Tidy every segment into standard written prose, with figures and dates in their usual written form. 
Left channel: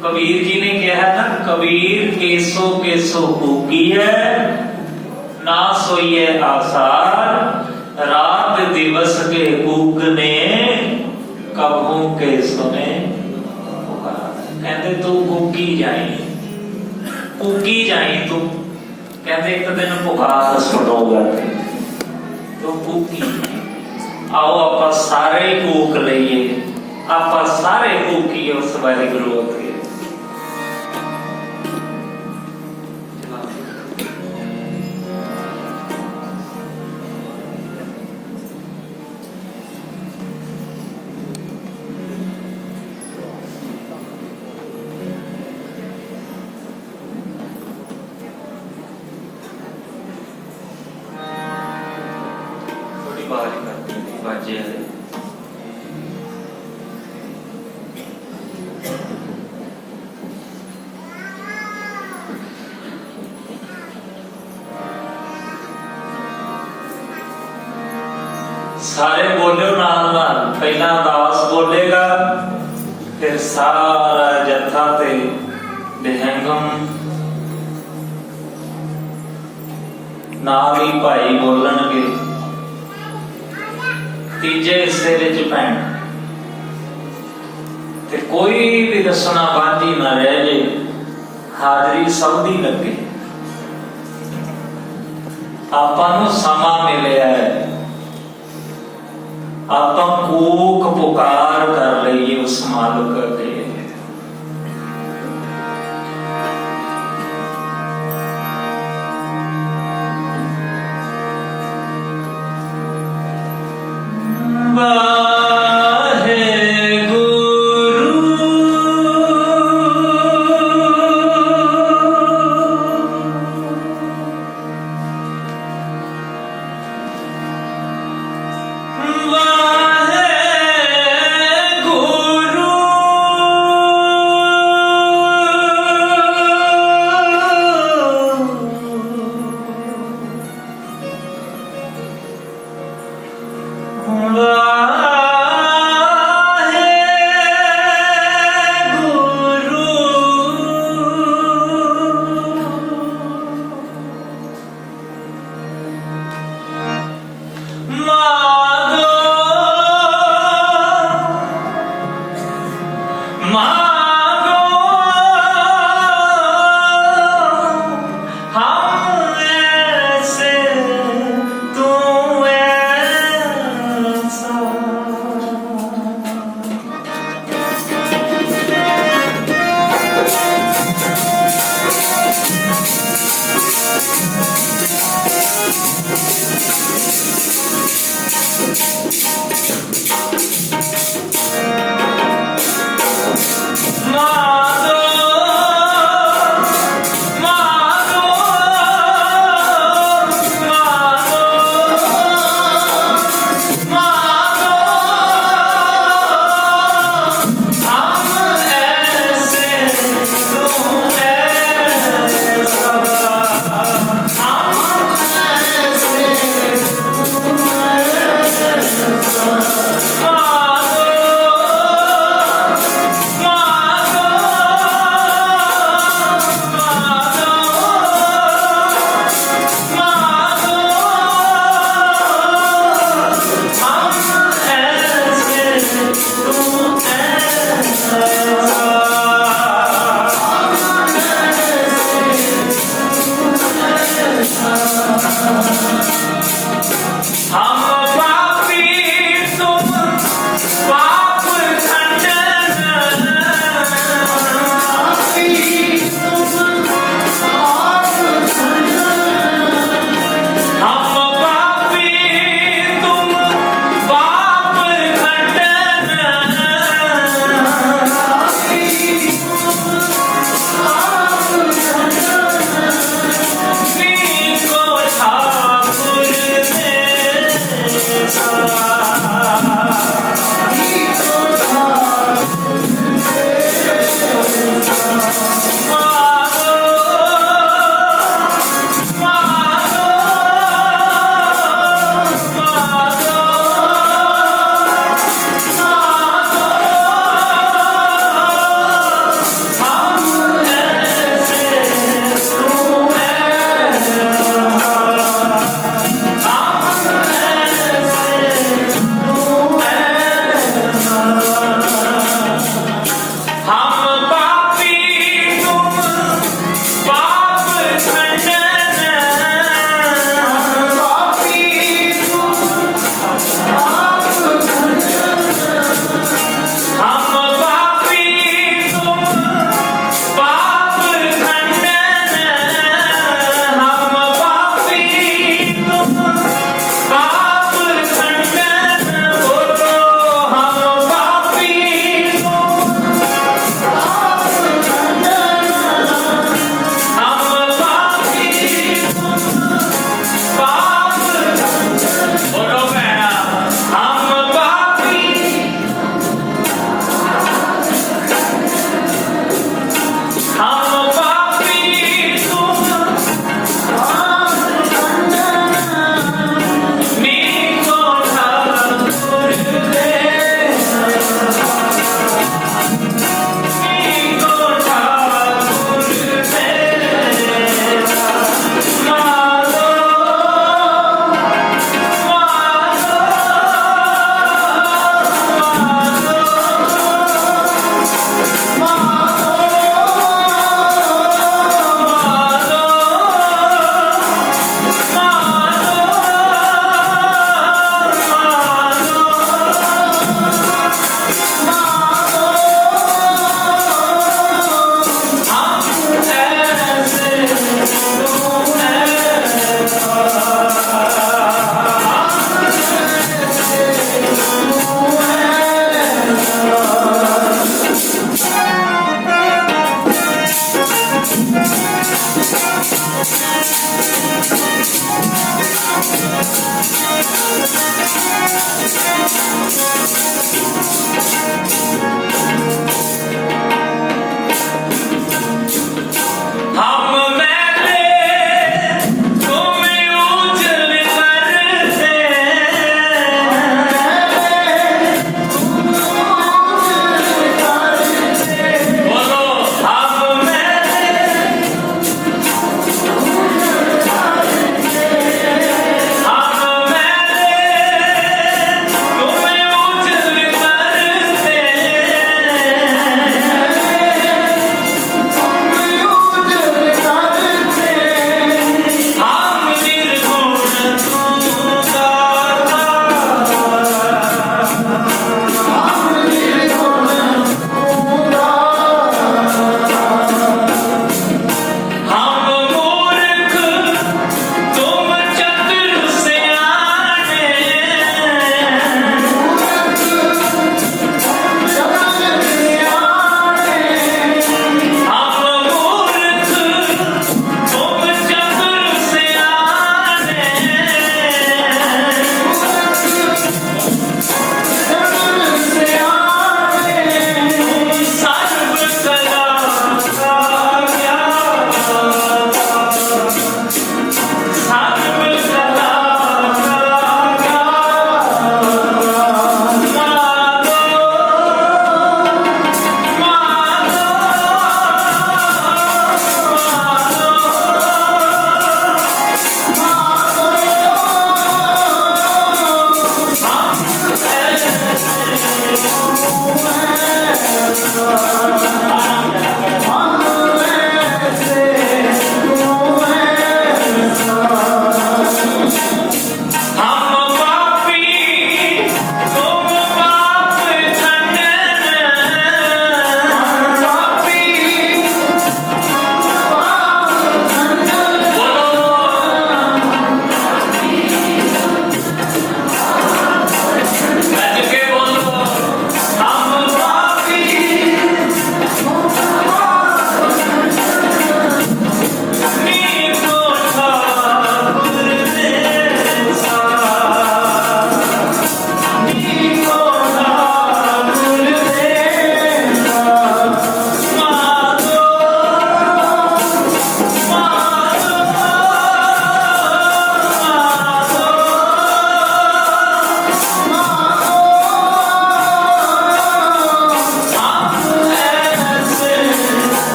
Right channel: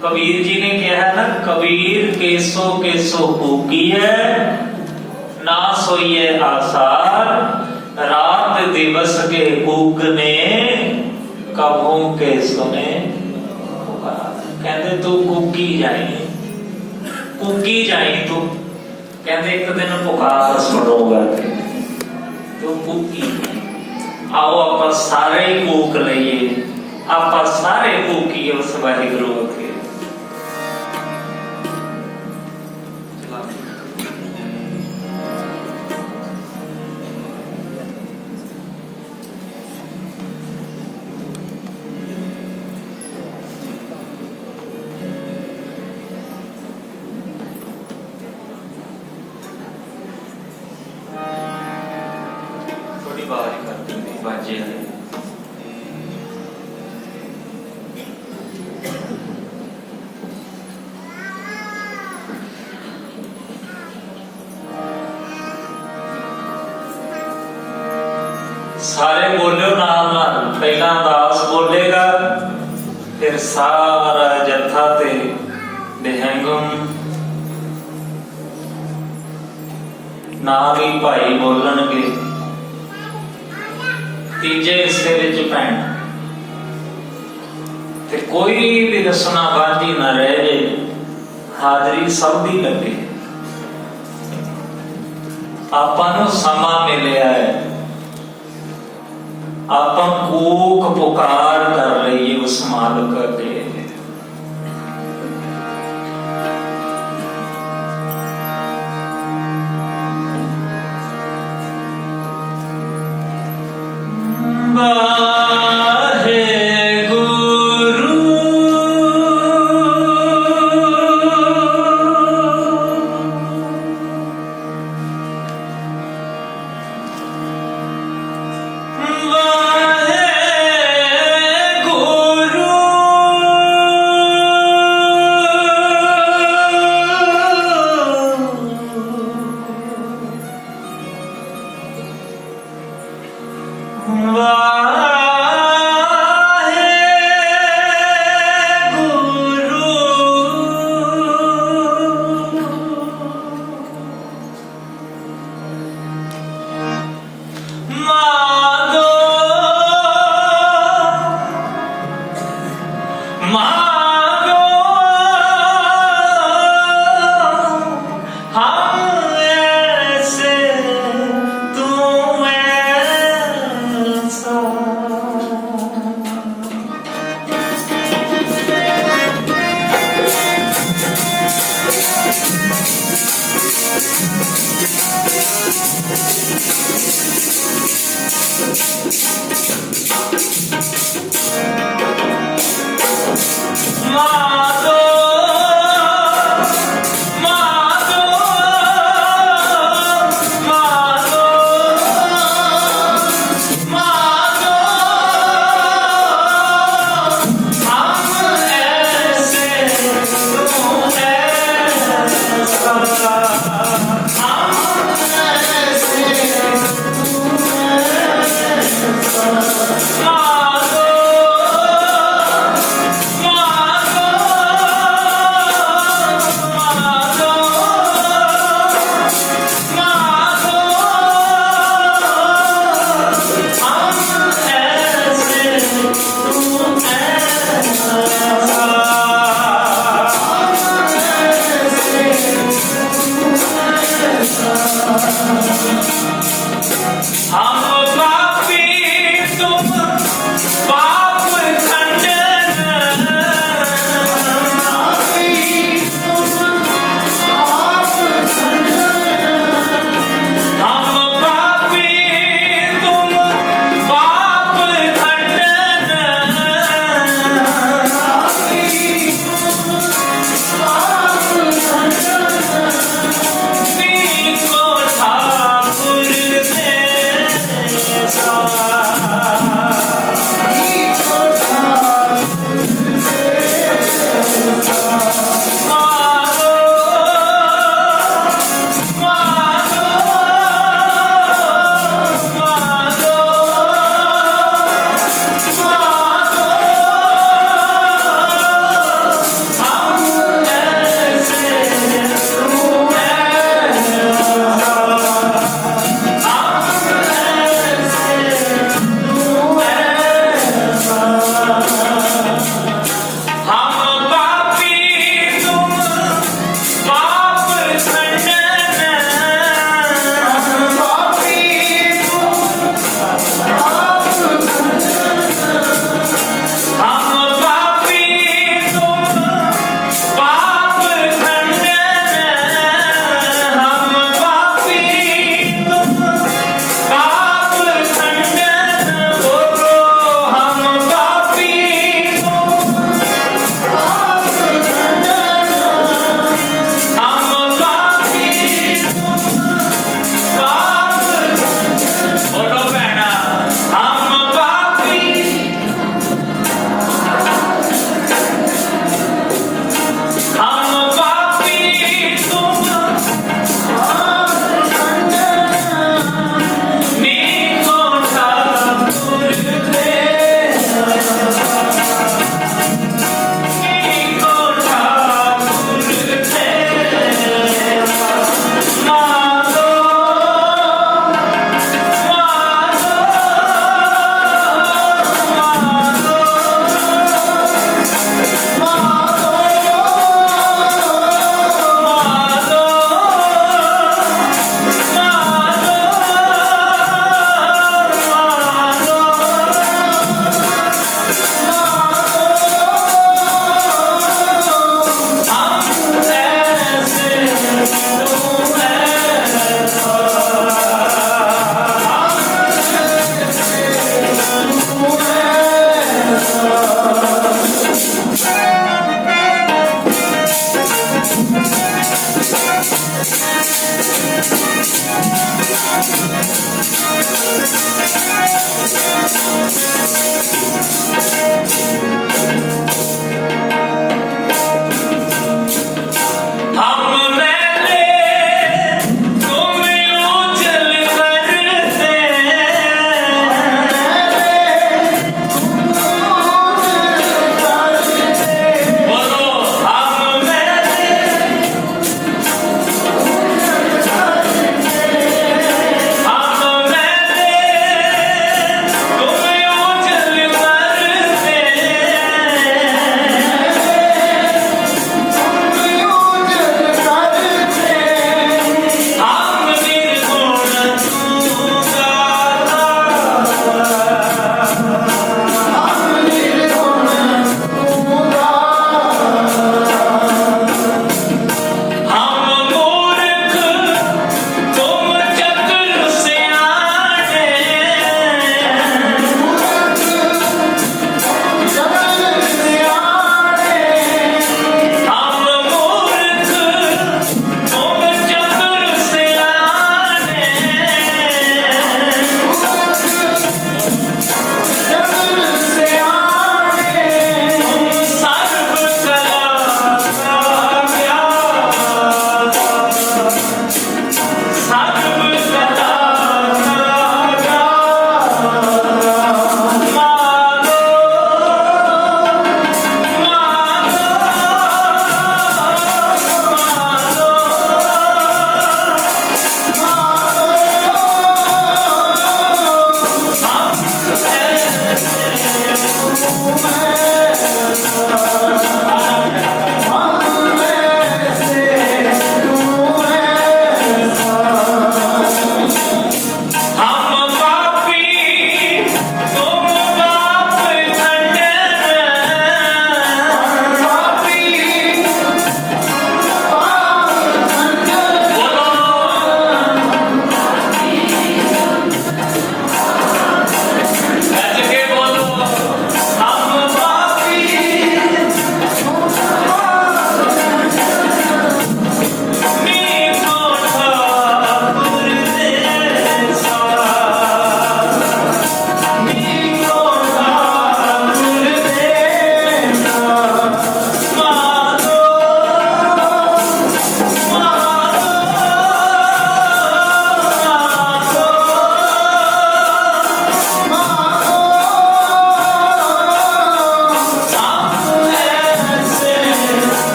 कबीर जी ने कहा ना, कबीर केसो केसो कूकी है, ना सोइए आसार, रात दिवस के कूकने, कभों के सुने। कहते तू कूकी जाई तू, कहते एक दिन पुकार सुनोगा तो कूकी। आओ आप सारे ही कूक लईए, आप सारे कूकीए उस वाहिगुरू के। सारे बोलो नाल नाल, पहला दास बोलेगा, फिर सारा जत्था ते निहंगम नाम ही भाई बोलणगे। तीजे हिस्से विच भैण ते कोई भी रसना बांझी ना रह जाए, हाजरी सब दी लगे। आपां नूं समा मिलिया है, आप कूक पुकार कर रही है उस मालिक के।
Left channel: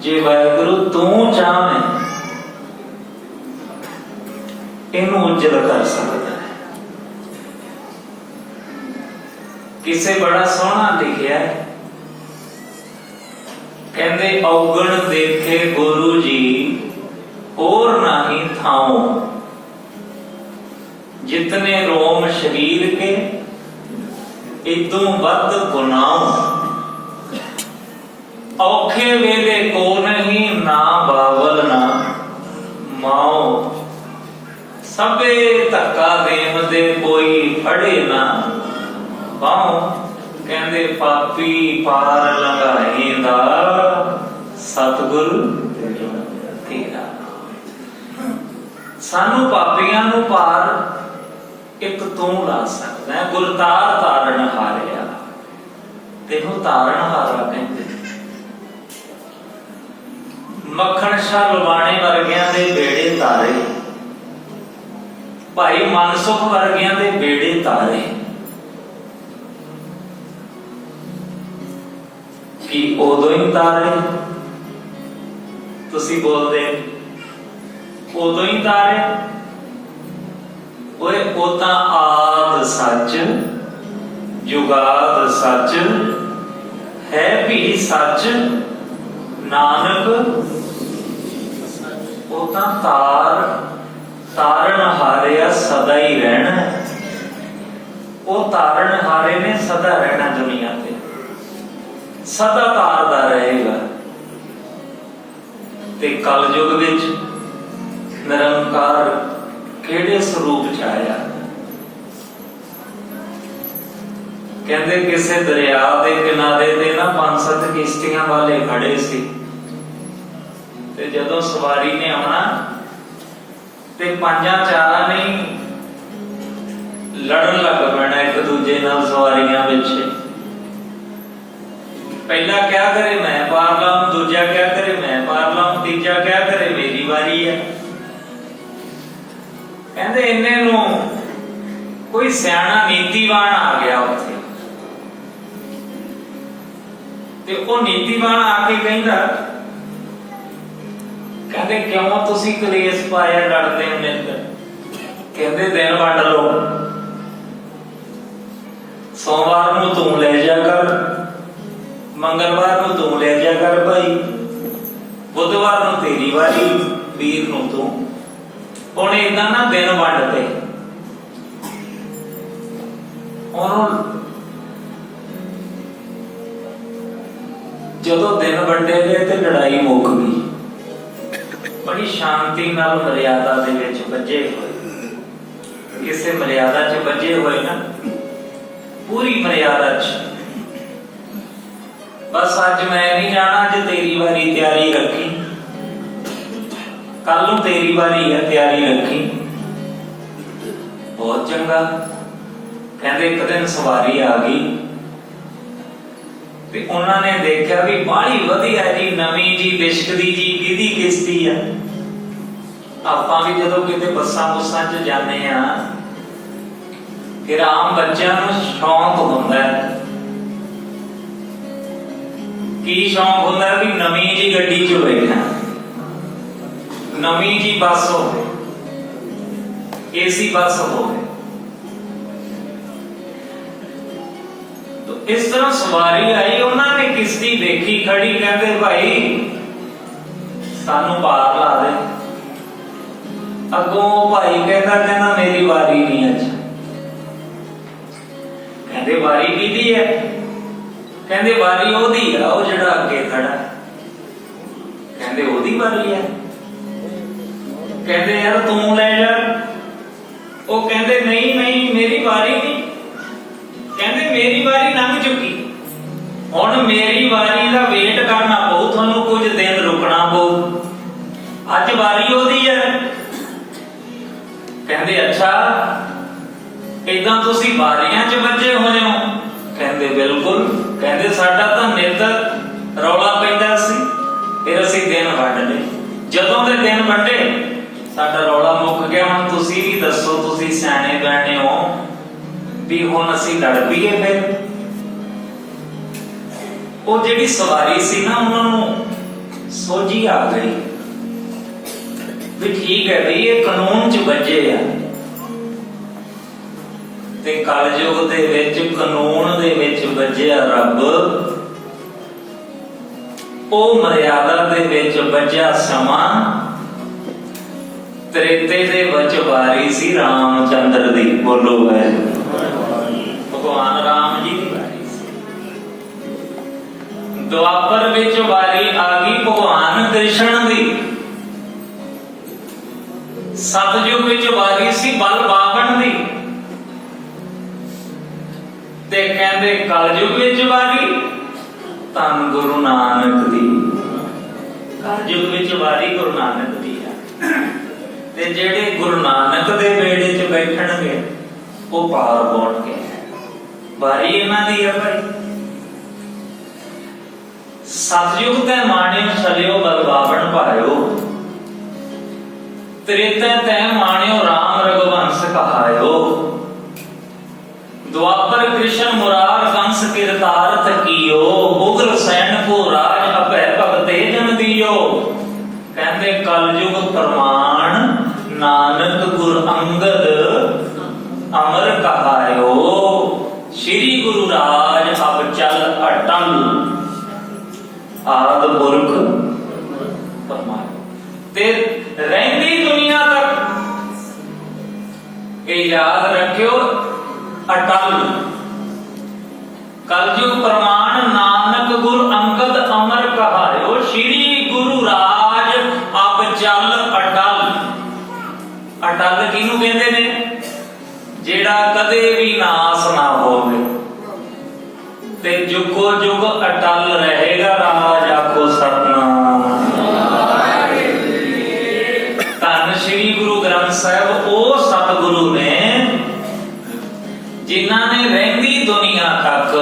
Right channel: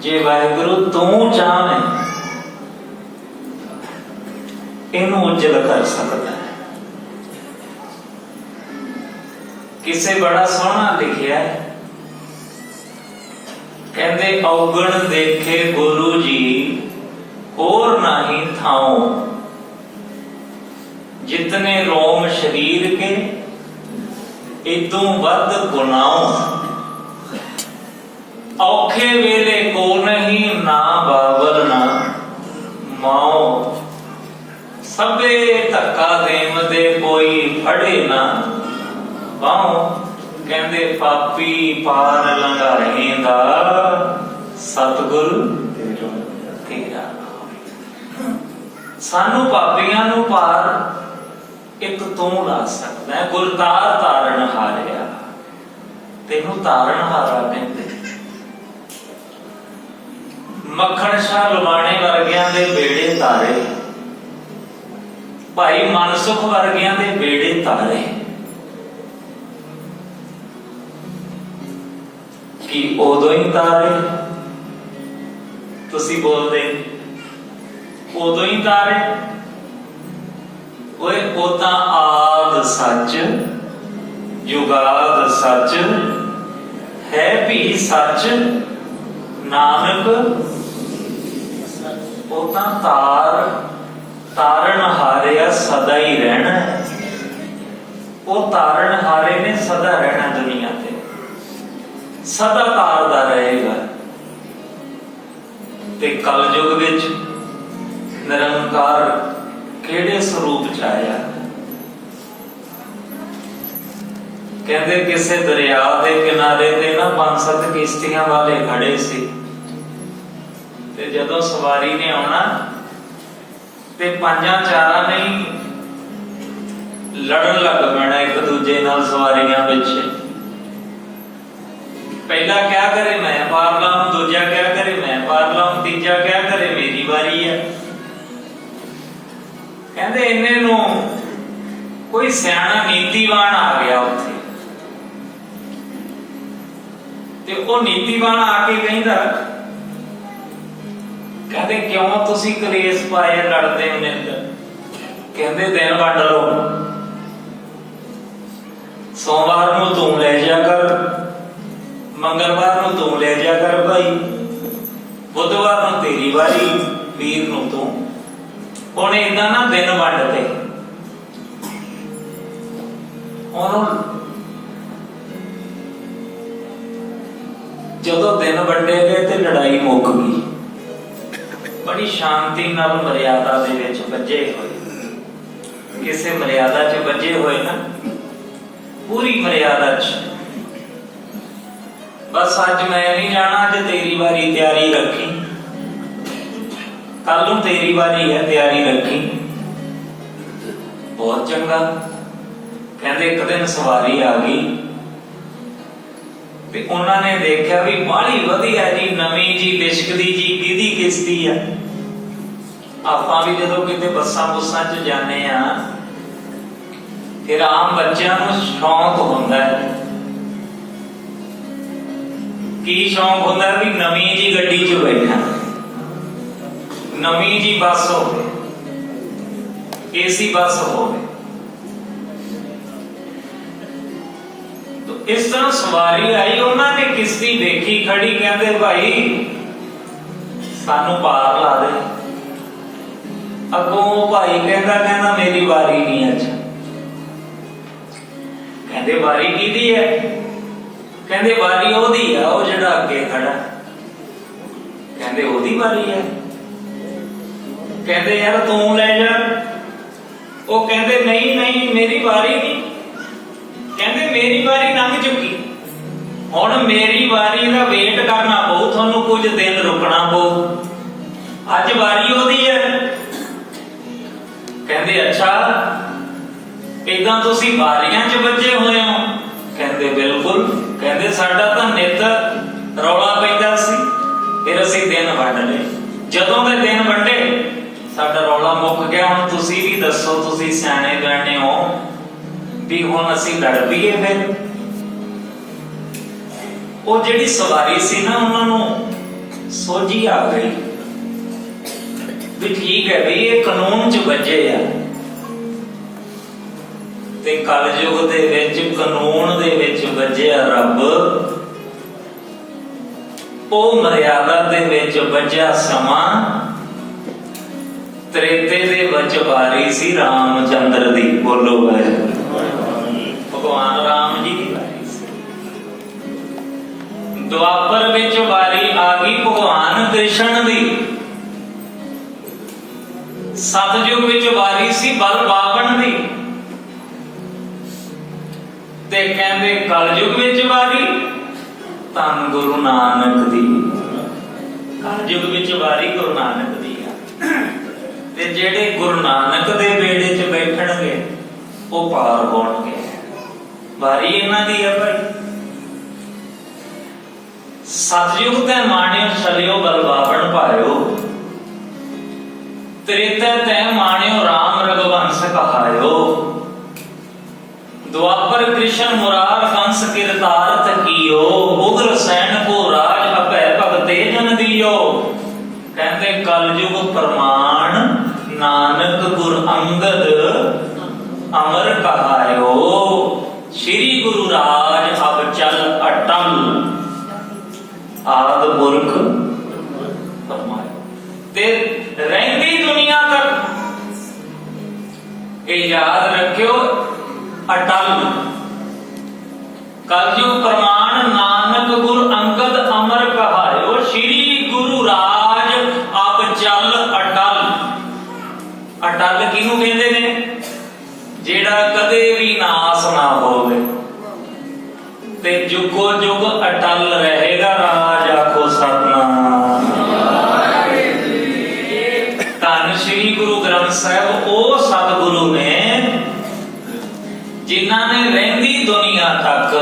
ਜੇ ਵਾਹਿਗੁਰੂ ਤੂੰ ਚਾਹਵੇਂ ਇਹਨੂੰ ਉਜਲ ਕਰ ਸਕਦਾ ਹੈ। ਕਿਸੇ ਬੜਾ ਸੋਹਣਾ ਲਿਖਿਆ, ਕਹਿੰਦੇ ਔਗਣ ਦੇਖੇ ਗੁਰੂ ਜੀ ਹੋਰ ਨਹੀਂ ਥਾਉ, ਜਿਤਨੇ ਰੋਮ ਸ਼ਰੀਰ ਕੇ ਇਦੋਂ ਵੱਧ ਗੁਨਾਹ। ਔਖੇ ਵੇਲੇ ਕੋ ਨਹੀਂ ਨਾ ਬਾਬਲ ਨਾ ਮਾਓ, ਸਭੇ ਧੱਕਾ ਦੇਵਦੇ ਕੋਈ ਫੜੇ ਨਾ ਬਾਹੋਂ। ਕਹਿੰਦੇ ਪਾਪੀ ਪਾਰ ਲੰਘਾਏ ਦਾ ਸਤਿਗੁਰੂ ਤੇਰਾ। ਸਾਨੂੰ ਪਾਪੀਆਂ ਨੂੰ ਪਾਰ ਇੱਕ ਤੂੰ ਲਾ ਸਕਦਾ ਹੈ। ਗੁਰਤਾਰ ਤਾਰਨ ਹਾਰਿਆ, ਤੈਨੂੰ ਤਾਰਨ ਹਾਰਾ ਕਹਿੰਦੇ। ਮੱਖਣ ਸ਼ਾਹ ਲਵਾਣੇ ਵਰਗਿਆਂ ਦੇ ਬੇੜੇ ਤਾਰੇ, ਭਾਈ ਮਨਸੁਖ ਵਰਗਿਆਂ ਦੇ ਬੇੜੇ ਤਾਰੇ। ਕਿ ਉਦੋਂ ਹੀ ਤਾਰੇ, ਤੁਸੀਂ ਬੋਲਦੇ ਉਦੋਂ ਹੀ ਤਾਰੇ। ਓਏ ਉਹ ਤਾਂ ਆਦ ਸੱਚ ਜੁਗਾਦ ਸੱਚ ਹੈ ਵੀ ਸੱਚ ਨਾਨਕ। ਉਹ ਤਾਂ ਤਾਰਨ ਹਾਰਿਆ ਸਦਾ ਹੀ ਰਹਿਣਾ। ਉਹ ਤਾਰਨ ਹਾਰੇ ਨੇ ਸਦਾ ਰਹਿਣਾ ਦੁਨੀਆ ਤੇ, ਸਦਾ ਤਾਰਦਾ ਰਹੇਗਾ। ਤੇ ਕਲਯੁਗ ਵਿੱਚ ਨਿਰੰਕਾਰ ਕਿਹੜੇ ਸਰੂਪ ਚ ਆਇਆ? ਕਹਿੰਦੇ ਕਿਸੇ ਦਰਿਆ ਦੇ ਕਿਨਾਰੇ ਤੇ ਨਾ 5-7 ਕਿਸ਼ਤੀਆਂ ਵਾਲੇ ਖੜੇ ਸੀ, ਤੇ ਜਦੋਂ ਸਵਾਰੀ ਨੇ ਆਉਣਾ ਤੇ 5-4 ਨੇ ਲੜਨ ਲੱਗ ਪੈਣਾ ਇੱਕ ਦੂਜੇ ਨਾਲ ਸਵਾਰੀਆਂ ਵਿੱਚ। ਪਹਿਲਾ ਕਿਆ ਕਰੇ ਮੈਂ ਪਾਰ ਲਾਉਂ, ਦੂਜਾ ਕਿਆ ਕਰੇ ਮੈਂ ਪਾਰ ਲਾਉਂ, ਤੀਜਾ ਕਿਆ ਕਰੇ ਮੇਰੀ ਵਾਰੀ ਹੈ। ਕਹਿੰਦੇ ਇੰਨੇ ਨੂੰ ਕੋਈ ਸਿਆਣਾ ਨੀਤੀਵਾਨ ਆ ਗਿਆ ਉੱਥੇ, ਤੇ ਉਹ ਨੀਤੀਵਾਨ ਆ ਕੇ ਕਹਿੰਦਾ, ਕਹਿੰਦੇ ਕਿਉਂ ਤੁਸੀਂ ਕਲੇਸ਼ ਪਾਇਆ, ਲੜਦੇ ਹੋ ਮੇਰੇ ਨਾਲ? ਕਹਿੰਦੇ ਦਿਨ ਵੰਡ ਲਓ, ਸੋਮਵਾਰ ਨੂੰ ਤੂੰ ਲੈ ਜਾ ਕਰ, ਮੰਗਲਵਾਰ ਨੂੰ ਤੂੰ ਲੈ ਜਾ ਕਰ ਭਾਈ, ਬੁੱਧਵਾਰ ਨੂੰ ਤੇਰੀ ਵਾਰੀ, ਵੀਰ ਨੂੰ ਤੂੰ। ਉਹਨੇ ਇਦਾਂ ਨਾ ਦਿਨ ਵੰਡਤੇ। ਉਹਨੂੰ ਜਦੋਂ ਦਿਨ ਵੰਡੇ ਗਏ ਤੇ ਲੜਾਈ ਮੁੱਕ ਗਈ। ਬੜੀ ਸ਼ਾਂਤੀ ਨਾਲ ਮਰਿਆਦਾ ਦੇ ਵਿੱਚ ਬੱਝੇ ਹੋਏ, ਕਿਸੇ ਮਰਿਆਦਾ 'ਚ ਬੱਝੇ ਹੋਏ ਨਾ, ਪੂਰੀ ਮਰਿਆਦਾ 'ਚ। ਬਸ ਅੱਜ ਮੈਂ ਨਹੀਂ ਜਾਣਾ, ਅੱਜ ਤੇਰੀ ਵਾਰੀ, ਤਿਆਰੀ ਰੱਖੀ, ਕੱਲ ਨੂੰ ਤੇਰੀ ਵਾਰੀ ਹੈ, ਤਿਆਰੀ ਰੱਖੀ। ਬਹੁਤ ਚੰਗਾ। ਕਹਿੰਦੇ ਇੱਕ ਦਿਨ ਸਵਾਰੀ ਆ ਗਈ ਤੇ ਉਹਨਾਂ ਨੇ ਦੇਖਿਆ ਵੀ ਬਾਹਲੀ ਵਧੀਆ ਜੀ, ਨਵੀਂ ਜੀ, ਲਿਸ਼ਕਦੀ ਜੀ, ਕਿਹਦੀ ਕਿਸ਼ਤੀ ਆ। ਆਪਾਂ ਵੀ ਜਦੋਂ ਕਿਤੇ ਬੱਸਾਂ ਬੁੱਸਾਂ 'ਚ ਜਾਂਦੇ ਆ, ਫਿਰ ਆਮ ਬੱਚਿਆਂ ਨੂੰ ਸ਼ੌਂਕ ਹੁੰਦਾ ਹੈ। ਕੀ ਸ਼ੌਂਕ ਹੁੰਦਾ ਵੀ ਨਵੀਂ ਜੀ ਗੱਡੀ 'ਚ ਬੈਠਾ, ਨਵੀਂ ਜੀ ਬੱਸ ਹੋਵੇ, ਏਸੀ ਬੱਸ ਹੋਵੇ। ਇਸ ਤਰ੍ਹਾਂ ਸਵਾਰੀ ਆਈ, ਉਹਨਾਂ ਨੇ ਕਿਸ਼ਤੀ ਦੇਖੀ ਖੜੀ, ਕਹਿੰਦੇ ਭਾਈ ਸਾਨੂੰ ਪਾਰ ਲਾ ਦੇ। ਅੱਗੋਂ ਭਾਈ ਕਹਿੰਦਾ ਮੇਰੀ ਵਾਰੀ ਨਹੀਂ ਅੱਜ। ਕਹਿੰਦੇ ਵਾਰੀ ਕਿਹਦੀ ਹੈ? ਕਹਿੰਦੇ ਵਾਰੀ ਉਹਦੀ ਆ, ਉਹ ਜਿਹੜਾ ਅੱਗੇ ਖੜਾ। ਕਹਿੰਦੇ ਉਹਦੀ ਵਾਰੀ ਹੈ। ਕਹਿੰਦੇ ਯਾਰ ਤੂੰ ਲੈ ਜਾ। ਉਹ ਕਹਿੰਦੇ ਨਹੀਂ ਨਹੀਂ ਮੇਰੀ ਵਾਰੀ ਨਹੀਂ। ਕਹਿੰਦੇ ਮੇਰੀ ਵਾਰੀ ਲੰਘ ਚੁੱਕੀ, ਹੁਣ ਮੇਰੀ ਵਾਰੀ ਦਾ ਵੇਟ ਕਰਨਾ ਪਊ, ਤੁਹਾਨੂੰ ਕੁਝ ਦਿਨ ਰੁਕਣਾ ਪਊ, ਅੱਜ ਵਾਰੀ ਉਹਦੀ ਹੈ। ਕਹਿੰਦੇ ਅੱਛਾ, ਏਦਾਂ ਤੁਸੀਂ ਵਾਰੀਆਂ 'ਚ ਵੱਜੇ ਹੋਏ ਹੋ? ਕਹਿੰਦੇ ਬਿਲਕੁਲ। ਕਹਿੰਦੇ ਸਾਡਾ ਤਾਂ ਨਿੱਤ ਰੌਲਾ ਪੈਂਦਾ ਸੀ, ਫਿਰ ਅਸੀਂ ਦਿਨ ਵੰਡ ਲਏ। ਜਦੋਂ ਦੇ ਦਿਨ ਵੰਡੇ ਸਾਡਾ ਰੌਲਾ ਮੁੱਕ ਗਿਆ। ਹੁਣ ਤੁਸੀਂ ਵੀ ਦੱਸੋ, ਤੁਸੀਂ ਸਿਆਣੇ ਬਿਆਣੇ ਹੋ, ਵੀ ਹੁਣ ਅਸੀਂ ਲੜ ਪਈਏ? ਫਿਰ ਉਹ ਜਿਹੜੀ ਸਵਾਰੀ ਸੀ ਨਾ, ਉਹਨਾਂ ਨੂੰ ਸੋਝੀ ਆ ਗਈ ਵੀ ਠੀਕ ਹੈ ਵੀ ਇਹ ਕਾਨੂੰਨ 'ਚ ਵੱਜੇ ਆ, ਤੇ ਕਲਯੁਗ ਦੇ ਵਿੱਚ ਕਾਨੂੰਨ ਦੇ ਵਿੱਚ ਵੱਜਿਆ ਰੱਬ, ਉਹ ਮਰਿਆਦਾ ਦੇ ਵਿੱਚ ਵੱਜਿਆ ਸਮਾਂ। ਤ੍ਰੇਤੇ ਦੇ ਵਿੱਚ ਵਾਰੀ ਸੀ ਰਾਮਚੰਦਰ ਦੀ, ਬੋਲੋ ਹੈ ਭਗਵਾਨ ਰਾਮ ਜੀ ਦੀ ਵਾਰੀ ਸੀ। ਦੁਆਪਰ ਵਿੱਚ ਵਾਰੀ ਆ ਗਈ ਭਗਵਾਨ ਕ੍ਰਿਸ਼ਨ ਦੀ। ਸਤਜੁਗ ਵਿੱਚ ਵਾਰੀ ਸੀ ਬਲਬਾਵਨ ਦੀ, ਤੇ ਕਹਿੰਦੇ ਕਲਯੁਗ ਵਿੱਚ ਵਾਰੀ ਧੰਨ ਗੁਰੂ ਨਾਨਕ ਦੀ। ਕਲਯੁਗ ਵਿੱਚ ਵਾਰੀ ਗੁਰੂ ਨਾਨਕ ਦੀ ਹੈ, ਤੇ ਜਿਹੜੇ ਗੁਰੂ ਨਾਨਕ ਦੇ ਬੇੜੇ 'ਚ ਬੈਠਣਗੇ ਉਹ ਪਾਰ ਪਾਉਣਗੇ। ਵਾਰੀ ਇਹਨਾਂ ਦੀ ਹੈ ਭਾਈ। ਸਤਜੁਗ ਤੇ ਮਾਣਿਓ ਛਲਿਓ ਬਲਬਾਵਨ ਭਾਇਓ, ਤ੍ਰੇਤਾ ਤੇ ਮਾਣਿਓ ਰਾਮ ਰਘੁਵੰਸ਼ ਕਹਾਇਓ। ਦੁਆਪਰ ਕ੍ਰਿਸ਼ਨ ਮੁਰਾਰ ਕੰਸ ਕਿਰਤਾਰਥ ਕੀਓ, ਉਗਰ ਸੈਨ ਕੋ ਰਾਜ ਅਭੈ ਭਗਤੇ ਜਨ ਦਿਓ। ਕਹਿੰਦੇ ਕਲਯੁਗ ਪ੍ਰਮਾਣ ਨਾਨਕ ਗੁਰ ਅੰਗਦ ਅਮਰ ਕਹਾਇਓ। ਸ੍ਰੀ ਗੁਰੂ ਰਾਜ ਅਬ ਚਲ ਅਟਲ, ਆਦ ਪੁਰਖ ਤੇ ਰਹਿੰਦੀ ਦੁਨੀਆ ਤੱਕ ਇਹ ਯਾਦ ਰੱਖਿਓ ਅਟਲ। ਕਲਯੁਗ ਪ੍ਰਮਾਣ ਨਾਨਕ ਗੁਰ ਅੰਗਦ ਅਮਰ ਕਹਾਇਓ। ਸ੍ਰੀ ਗੁਰੂ ਰਾਜ ਅਬ ਚਲ ਅਟਲ। ਅਟਲ ਕਿਹਨੂੰ ਕਹਿੰਦੇ ਨੇ? ਜਿਹੜਾ ਕਦੇ ਵੀ ਨਾਸ ਨਾ ਹੋਵੇ ਤੇ ਜੁਗੋ ਜੁਗ ਅਟਲ ਰਹੇਗਾ। ਰਾਜ ਆਖੋ ਸਤਨਾਮ। ਧੰਨ ਸ੍ਰੀ ਗੁਰੂ ਗ੍ਰੰਥ ਸਾਹਿਬ ਉਹ ਸਤਿਗੁਰੂ ਨੇ ਜਿਨ੍ਹਾਂ ਨੇ ਰਹਿੰਦੀ ਦੁਨੀਆ ਤੱਕ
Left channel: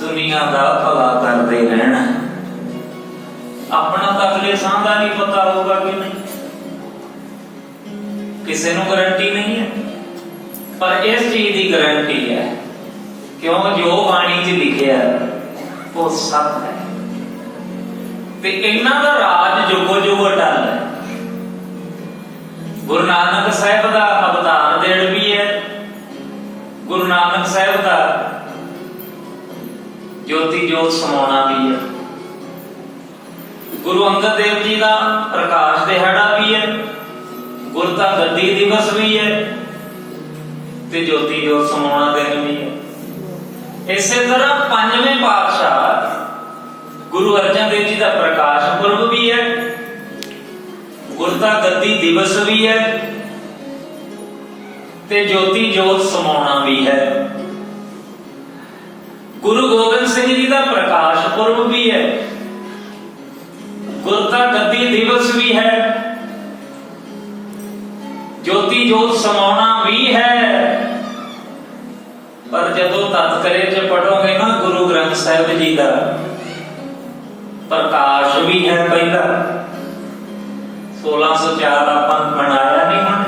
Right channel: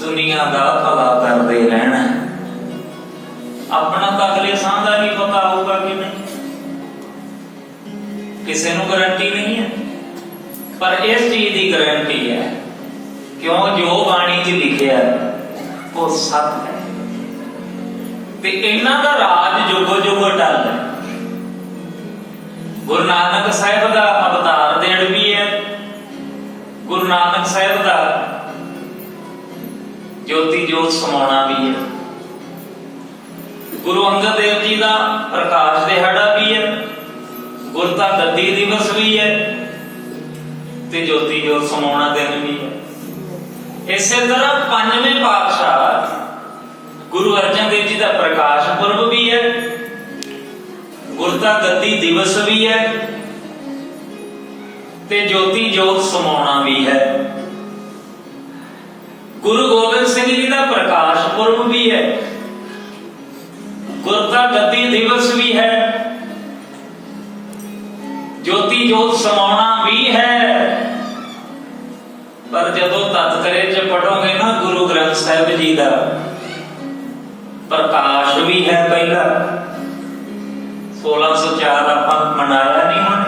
ਦੁਨੀਆ ਦਾ ਭਲਾ ਕਰਦੇ ਰਹਿਣਾ। ਆਪਣਾ ਤਾਂ ਅਗਲੇ ਸਾਹ ਦਾ ਨਹੀਂ ਪਤਾ ਹੋਊਗਾ ਕਿ ਨਹੀਂ, ਕਿਸੇ ਨੂੰ ਗਰੰਟੀ ਨਹੀਂ ਹੈ, ਪਰ ਇਸ ਚੀਜ਼ ਦੀ ਗਰੰਟੀ ਹੈ ਕਿਉਂ ਜੋ ਬਾਣੀ 'ਚ ਲਿਖਿਆ ਉਹ ਸੱਚ ਹੈ, ਤੇ ਇਹਨਾਂ ਦਾ ਰਾਜ ਜੁਗੋ ਜੁਗ ਅਟਲ ਹੈ। ਗੁਰੂ ਨਾਨਕ ਸਾਹਿਬ ਦਾ ਅਵਤਾਰ ਦਿਨ ਵੀ ਹੈ, ਗੁਰੂ ਨਾਨਕ ਸਾਹਿਬ ਦਾ ਜੋਤੀ ਜੋਤ ਸਮਾਉਣਾ ਵੀ ਹੈ, ਗੁਰੂ ਅੰਗਦ ਦੇਵ ਜੀ ਦਾ ਪ੍ਰਕਾਸ਼ ਦਿਹਾੜਾ ਵੀ ਹੈ, ਗੁਰਤਾ ਗੱਦੀ ਦਿਵਸ ਵੀ ਹੈ, ਤੇ ਜੋਤੀ ਜੋਤ ਸਮਾਉਣਾ ਦਿਨ ਵੀ ਹੈ। ਇਸੇ ਤਰ੍ਹਾਂ ਪੰਜਵੇਂ ਪਾਤਸ਼ਾਹ ਗੁਰੂ ਅਰਜਨ ਦੇਵ ਜੀ ਦਾ ਪ੍ਰਕਾਸ਼ ਪੁਰਬ ਵੀ ਹੈ, ਗੁਰਤਾ ਗੱਦੀ ਦਿਵਸ ਵੀ ਹੈ, ਤੇ ਜੋਤੀ ਜੋਤ ਸਮਾਉਣਾ ਵੀ ਹੈ। ਗੁਰੂ ਗੋਬਿੰਦ ਸਿੰਘ ਜੀ ਦਾ ਪ੍ਰਕਾਸ਼ ਪੁਰਬ ਵੀ ਹੈ, ਗੁਰਤਾ ਗੱਦੀ ਦਿਵਸ ਵੀ ਹੈ, ਜੋਤੀ ਜੋਤ ਸਮਾਉਣਾ ਵੀ ਹੈ। ਪਰ ਜਦੋਂ ਤਤਕਰੇ 'ਚ ਪੜੋਗੇ ਨਾ ਗੁਰੂ ਗ੍ਰੰਥ ਸਾਹਿਬ ਜੀ ਦਾ ਪ੍ਰਕਾਸ਼ ਵੀ ਹੈ ਪਹਿਲਾ 1604 ਆਪਾਂ ਮਨਾਇਆ ਨਹੀਂ ਹੁਣ,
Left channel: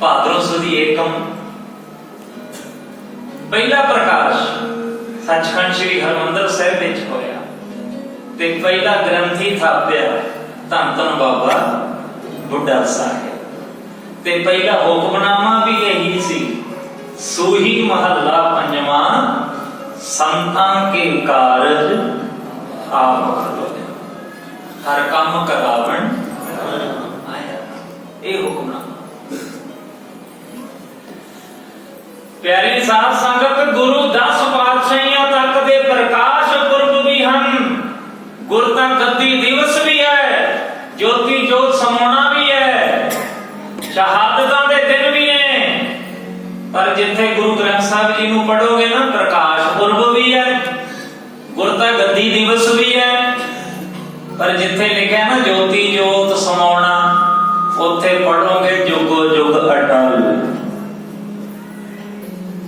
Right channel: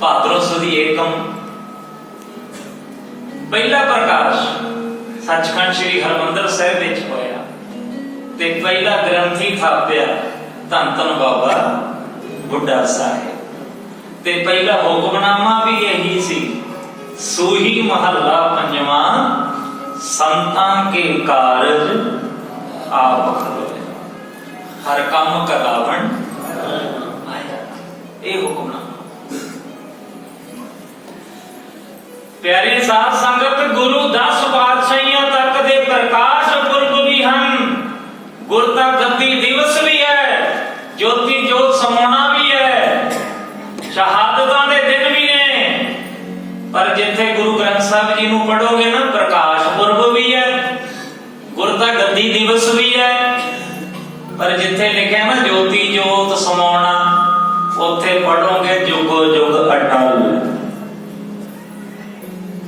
ਭਾਦਰੋਂ ਸੁਦੀ ਏਕਮ ਪਹਿਲਾ ਪ੍ਰਕਾਸ਼ ਸੱਚਖੰਡ ਸ੍ਰੀ ਹਰਿਮੰਦਰ ਸਾਹਿਬ ਵਿੱਚ ਹੋਇਆ, ਤੇ ਪਹਿਲਾ ਗ੍ਰੰਥੀ ਥਾਪਿਆ ਧੰਨ ਧੰਨ ਬਾਬਾ ਬੁੱਢਾ ਸਾਹਿਬ, ਤੇ ਪਹਿਲਾ ਹੁਕਮਨਾਮਾ ਵੀ ਇਹੀ ਸੀ, ਸੂਹੀ ਮਹੱਲਾ ਪੰਜਵਾਂ ਸੰਤਾਂ ਕੇ ਕਾਰਜ ਆਪ ਹਰ ਕੰਮ ਕਰਾਵਣ ਆਇਆ। ਇਹ ਹੁਕਮਨਾਮਾ ਪਿਆਰੀ ਸਾਧ ਸੰਗਤ, ਗੁਰੂ 10 ਪਾਤਸ਼ਾਹੀਆਂ ਤੱਕ ਦੇ ਪ੍ਰਕਾਸ਼ ਪੁਰਬ ਵੀ ਹਨ, ਗੁਰਤਾ ਗੱਦੀ ਦਿਵਸ ਵੀ ਹੈ, ਜੋਤੀ ਜੋਤ ਸਮਾਉਣਾ ਵੀ ਹੈ, ਸ਼ਹਾਦਤਾਂ ਦੇ ਦਿਨ ਵੀ ਨੇ। ਪਰ ਜਿੱਥੇ ਗੁਰੂ ਗ੍ਰੰਥ ਸਾਹਿਬ ਜੀ ਨੂੰ ਪੜੋਗੇ ਨਾ ਪ੍ਰਕਾਸ਼ ਪੁਰਬ ਵੀ ਹੈ, ਗੁਰਤਾ ਗੱਦੀ ਦਿਵਸ ਵੀ ਹੈ, ਪਰ ਜਿੱਥੇ ਲਿਖਿਆ ਨਾ ਜੋਤੀ ਜੋਤ ਸਮਾਉਣਾ ਉੱਥੇ ਪੜੋਗੇ ਜੁਗੋ ਜੁਗ ਅਟਲ।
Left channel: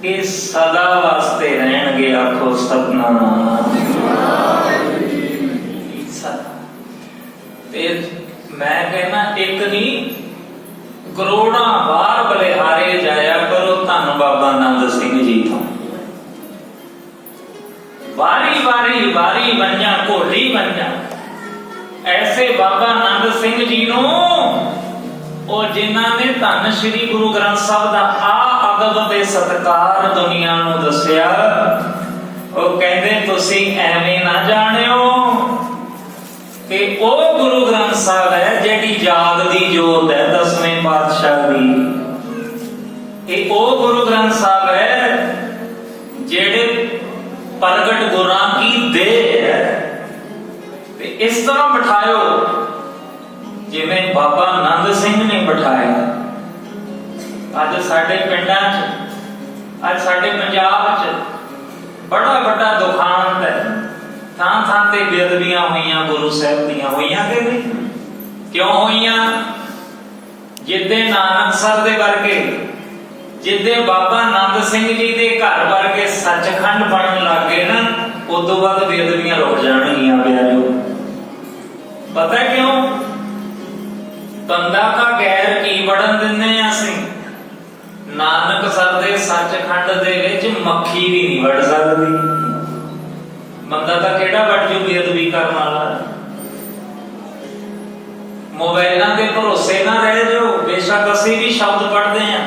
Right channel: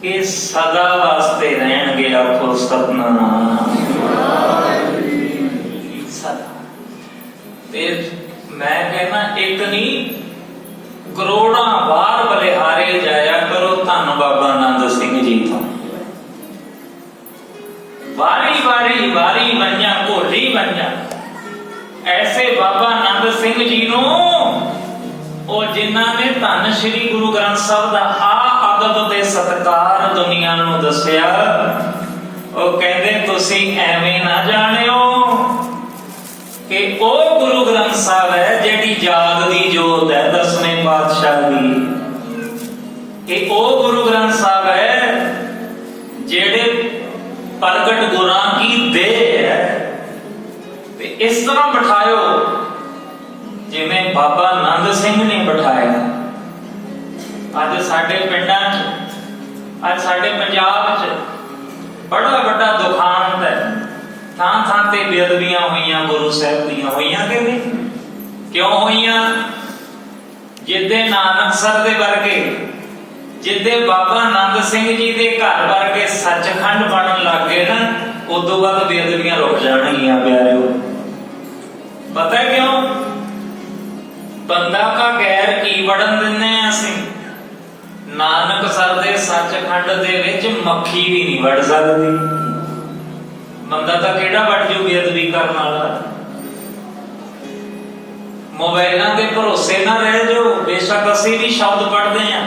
ਇਹ ਸਦਾ ਵਾਸਤੇ ਰਹਿਣਗੇ। ਆਖੋ ਸਤਨਾਮ। ਤੇ ਮੈਂ ਕਹਿੰਦਾ ਇੱਕ ਨਹੀਂ ਕਰੋੜਾਂ ਵਾਰ ਬਲਿਹਾਰੇ ਜਾਇਆ ਕਰੋ ਧੰਨ ਬਾਬਾ ਆਨੰਦ ਸਿੰਘ ਜੀ ਤੋਂ। ਵਾਰੀ ਵਾਰੀ ਕਈ ਵਾਰੀ ਬਣੀਆਂ ਘੋਲੀ ਬਣੀਆਂ। ਐਸੇ ਬਾਬਾ ਆਨੰਦ ਸਿੰਘ ਜੀ ਨੂੰ ਉਹ ਜਿਨ੍ਹਾਂ ਨੇ ਧੰਨ ਸ਼੍ਰੀ ਗੁਰੂ ਗ੍ਰੰਥ ਸਾਹਿਬ ਦਾ ਆ ਅਦਬ ਤੇ ਸਤਿਕਾਰ ਦੁਨੀਆ ਨੂੰ ਦੱਸਿਆ, ਉਹ ਕਹਿੰਦੇ ਤੁਸੀਂ ਐਵੇਂ ਨਾ ਜਾਣਿਓ ਕਿ ਉਹ ਗੁਰੂ ਗ੍ਰੰਥ ਸਾਹਿਬ ਹੈ ਜਿਹੜੀ ਜਾਗਦੀ ਜੋਤ ਹੈ ਦਸਵੇਂ ਪਾਤਸ਼ਾਹ ਦੀ। ਇਹ ਉਹ ਗੁਰੂ ਗ੍ਰੰਥ ਸਾਹਿਬ ਹੈ ਜਿਹੜੇ ਪ੍ਰਗਟ ਗੁਰਾਂ ਕੀ ਦੇਹ ਹੈ। ਤੇ ਇਸ ਤਰ੍ਹਾਂ ਬਿਠਾਇਓ ਜਿਵੇਂ ਬਾਬਾ ਆਨੰਦ ਸਿੰਘ ਨੇ ਬਿਠਾਇਆ। ਅੱਜ ਸਾਡੇ ਪਿੰਡਾਂ 'ਚ, ਅੱਜ ਸਾਡੇ ਪੰਜਾਬ 'ਚ ਬੜਾ ਵੱਡਾ ਦੁਖਾਂਤ ਹੈ। ਥਾਂ ਥਾਂ ਤੇ ਬੇਅਦਬੀਆਂ ਹੋਈਆਂ ਗੁਰੂ ਸਾਹਿਬ ਦੀਆਂ। ਹੋਈਆਂ ਕਿ ਨਹੀਂ? ਕਿਉਂ ਹੋਈਆਂ? ਜਿੱਦੇ ਨਾਨਕਸਰ ਦੇ ਵਰਗੇ, ਜਿੱਦੇ ਬਾਬਾ ਆਨੰਦ ਸਿੰਘ ਜੀ ਦੇ ਘਰ ਵਰਗੇ ਸੱਚਖੰਡ ਬਣਨ ਲੱਗ ਗਏ ਨਾ, ਉਦੋਂ ਬਾਅਦ ਬੇਅਦਬੀਆਂ ਰੁਕ ਜਾਣਗੀਆਂ ਪਿਆਰਿਓ। ਪਤਾ ਕਿਉਂ? ਬੰਦਾ ਕਾ ਗੈਰ ਕੀ ਵੜਨ ਦਿੰਦੇ ਆ ਅਸੀਂ। ਨਾਨਕਸਰ ਦੇ ਸੱਚਖੰਡ ਦੇ ਵਿੱਚ ਮੱਖੀ ਵੀ ਨਹੀਂ ਵੜ ਸਕਦੀ। ਬੰਦਾ ਤਾਂ ਕਿਹੜਾ ਵੜ ਜੂ ਬੇਅਦਬੀ ਕਰਨ ਵਾਲਾ। ਮੋਬਾਈਲਾਂ ਦੇ ਭਰੋਸੇ ਨਾ ਰਹਿ ਜਾਓ। ਬੇਸ਼ੱਕ ਅਸੀਂ ਵੀ ਸ਼ਬਦ ਪੜ੍ਹਦੇ ਆ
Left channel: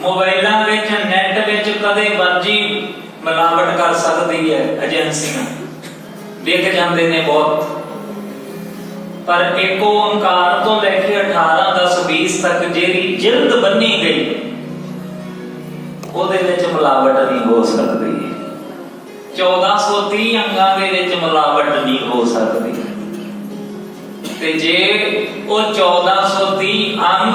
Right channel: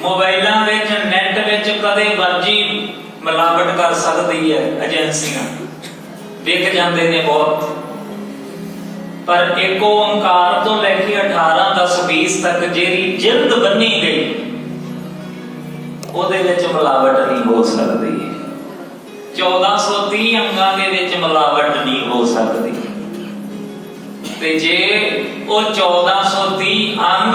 ਮੋਬਾਈਲਾਂ ਵਿੱਚ, ਨੈਟ ਵਿੱਚ ਕਦੇ ਮਰਜੀ ਮਿਲਾਵਟ ਕਰ ਸਕਦੀ ਹੈ ਏਜੰਸੀਆਂ, ਦੇਖ ਜਾਂਦੇ ਨੇ ਬਹੁਤ। ਪਰ ਇੱਕ ਓਂਕਾਰ ਤੋਂ ਲੈ ਕੇ 18, 10, 20 ਤੱਕ ਜਿਹੜੀ ਜਿਲਦ ਬੰਨੀ ਗਈ ਉਹਦੇ ਵਿੱਚ ਮਿਲਾਵਟ ਨਹੀਂ ਹੋ ਸਕਦੀ। 1430 ਅੰਗਾਂ ਦੇ ਵਿੱਚ ਮਿਲਾਵਟ ਨਹੀਂ ਹੋ ਸਕਦੀ। ਤੇ ਜੇ ਉਹ 1430 ਅੰਗ